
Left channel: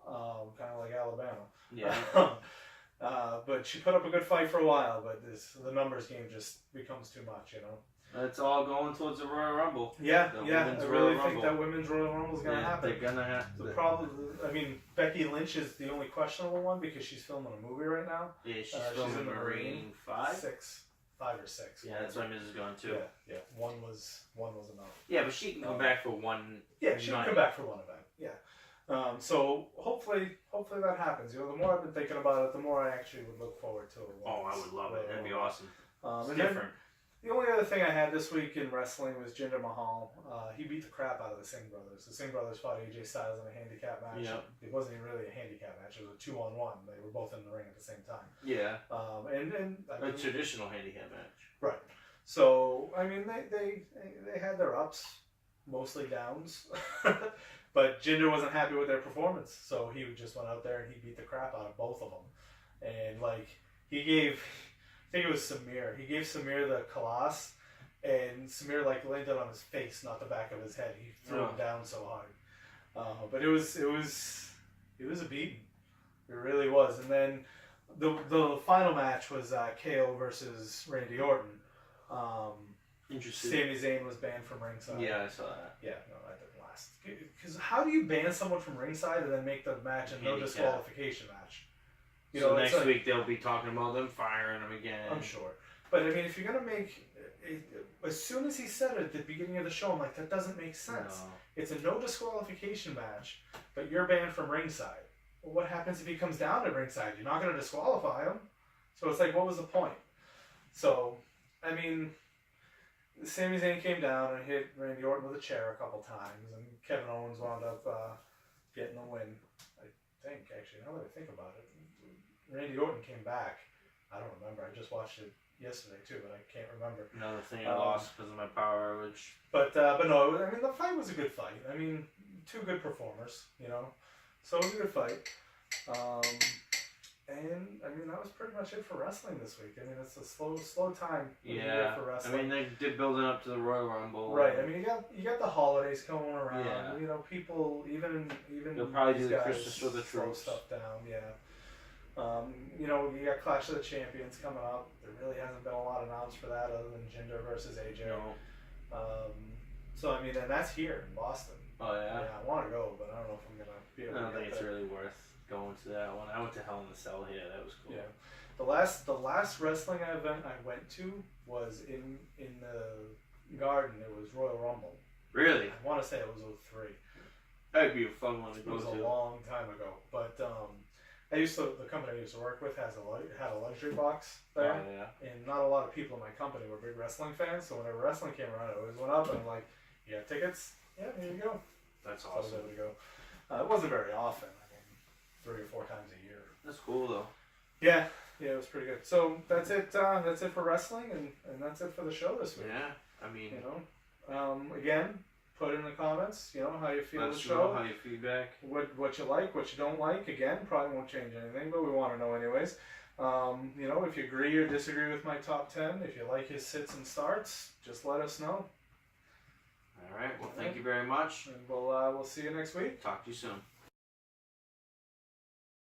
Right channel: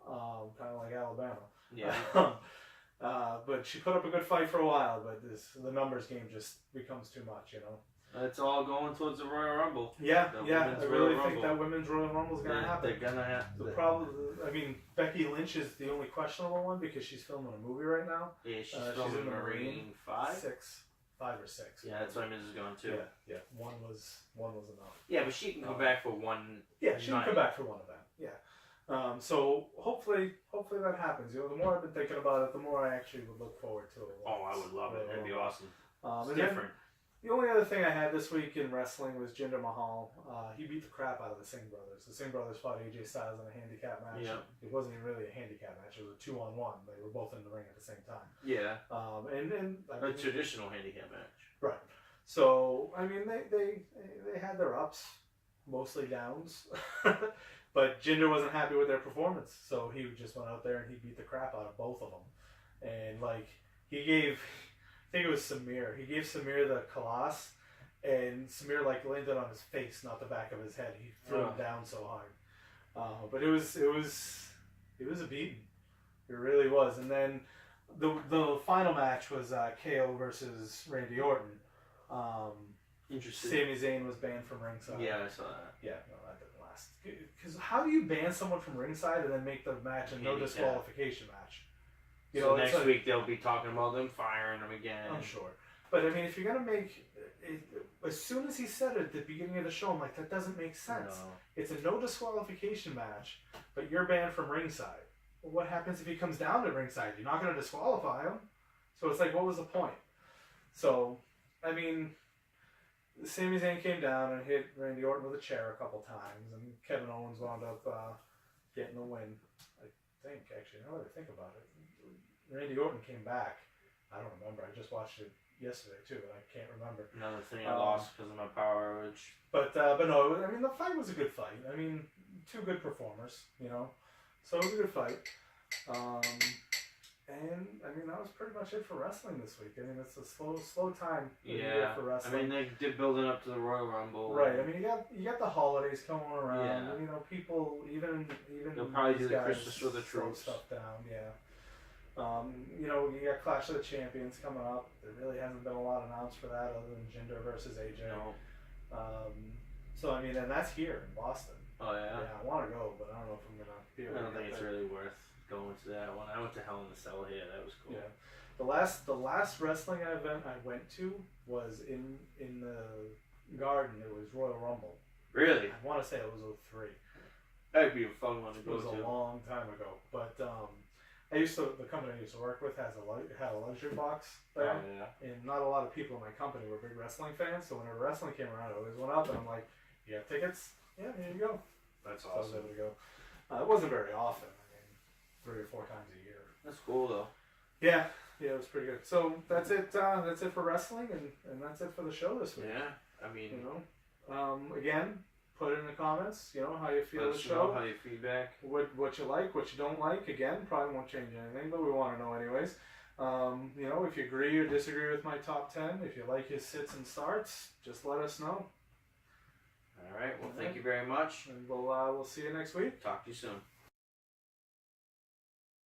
kind of like Alabama. Yeah. But she put up a good fight for a while, but the numbers game just becomes too much, you know. It's all going towards the Royal Rumble. Yeah. I really think that Women's Royal Rumble is going to happen. They're going to have the problem. I mean, Becky Lynch is the only questionable one because she's filming a movie right now. Yeah, she's filming Marine 5? 5 or 6. Yeah, that's why Mrs. is going too. Yeah. One was enough. Yeah, but she can come back for one. Yeah, she can come back for one event. Yeah. So hopefully that happens. You know, the more I've been thinking about it, the more I actually would look forward to it. Oh, I would love it. That'd be awesome. It's different. The only other thing I had this week in wrestling was Jinder Mahal. He beat the crap out of the Singh brothers. The Singh brothers fought AJ Styles in a handicap match. Yeah. It wasn't even really a handicap match. It was a 2-on-1. They were both in the ring at the same time. Yeah. And a traditional handicap match. Right. So I mean, they had their ups, mostly downs. But Jinder wasn't happy with their performance, so he just went out there and he beat the crap out of both of them. And like he gave, I think it was Samir. He gave Samir the Kalash, and Samir like landed on his face, not the back of his head. He threw him down so hard. But it was a beating. It really was. And then the final match was KO versus Randy Orton. Interesting. Sami Zayn was banned from ringside. Yeah, I saw that. Yeah, no, that didn't last. Because how do you ban someone from ringside and then make the match a no disqualification match? So next week they'll be talking about them firing him again. I'm sure. But I mean, if you're going to make... as soon as he said it at the beginning of the show, I'm like, that doesn't make sense. No. It's a no disqualification match, but you're banned from ringside. Well, what happens if he comes down to ringside? You're not going to disqualify him. So it's like, what was the point? So, I mean... Sami Zayn came down and hit Randy Orton with a chair a couple times, and Kevin Owens wound up getting the win. I think, actually, now that I think about it, Randy Orton came back. I don't remember. I just watched it yesterday too, but I can't remember. Another thing I lost because of my power outage. But no, I mean the fight was a good fight. I mean, two good performers, you know, so it was a good fight. And I mean that was pretty much it for wrestling this week. I mean it's a slow time for wrestling. I mean they did building up to the Royal Rumble. Right. I mean you got the holidays coming around. Yeah. You know people even they'll probably do the Christmas with the troops stuff down. Yeah. You know you got Clash of the Champions coming up. There really hasn't been a lot announced for that other than Jinder versus AJ. No. So I mean, and that's here in Boston. Oh yeah. Yeah, I want to go, but I don't know if I'm gonna be able. I don't to think get it's there. really worth going to that one. I went to Hell in a Cell here. That was cool. Yeah, the last wrestling event I went to was in the Garden. It was Royal Rumble. Really? I want to say it was 03. That'd be a fun one to It go was to. a long time ago, but the company I used to work with had a luxury box there, Oh yeah. and not a lot of people in my company were big wrestling fans. So whenever wrestling came around, I always went up and I'm like, "You got tickets? Yeah, here you go." That's So I was awesome. able to go. It wasn't very often. I mean, 3 or 4 times a year. That's cool though. Yeah, it was pretty good. So that's it. That's it for wrestling, and that's it for the show this week. Yeah. I mean, You know, again, put in the comments. You know how you feel let the us show. know how you feedback. What you like, what you don't like. Again, probably won't change anything, but we want to know anyways. You know, if you agree or disagree with my top 10, if you like his sits and starts, just let us know, All right. Well, thank you very much. and we'll see you next week. Talk to you soon.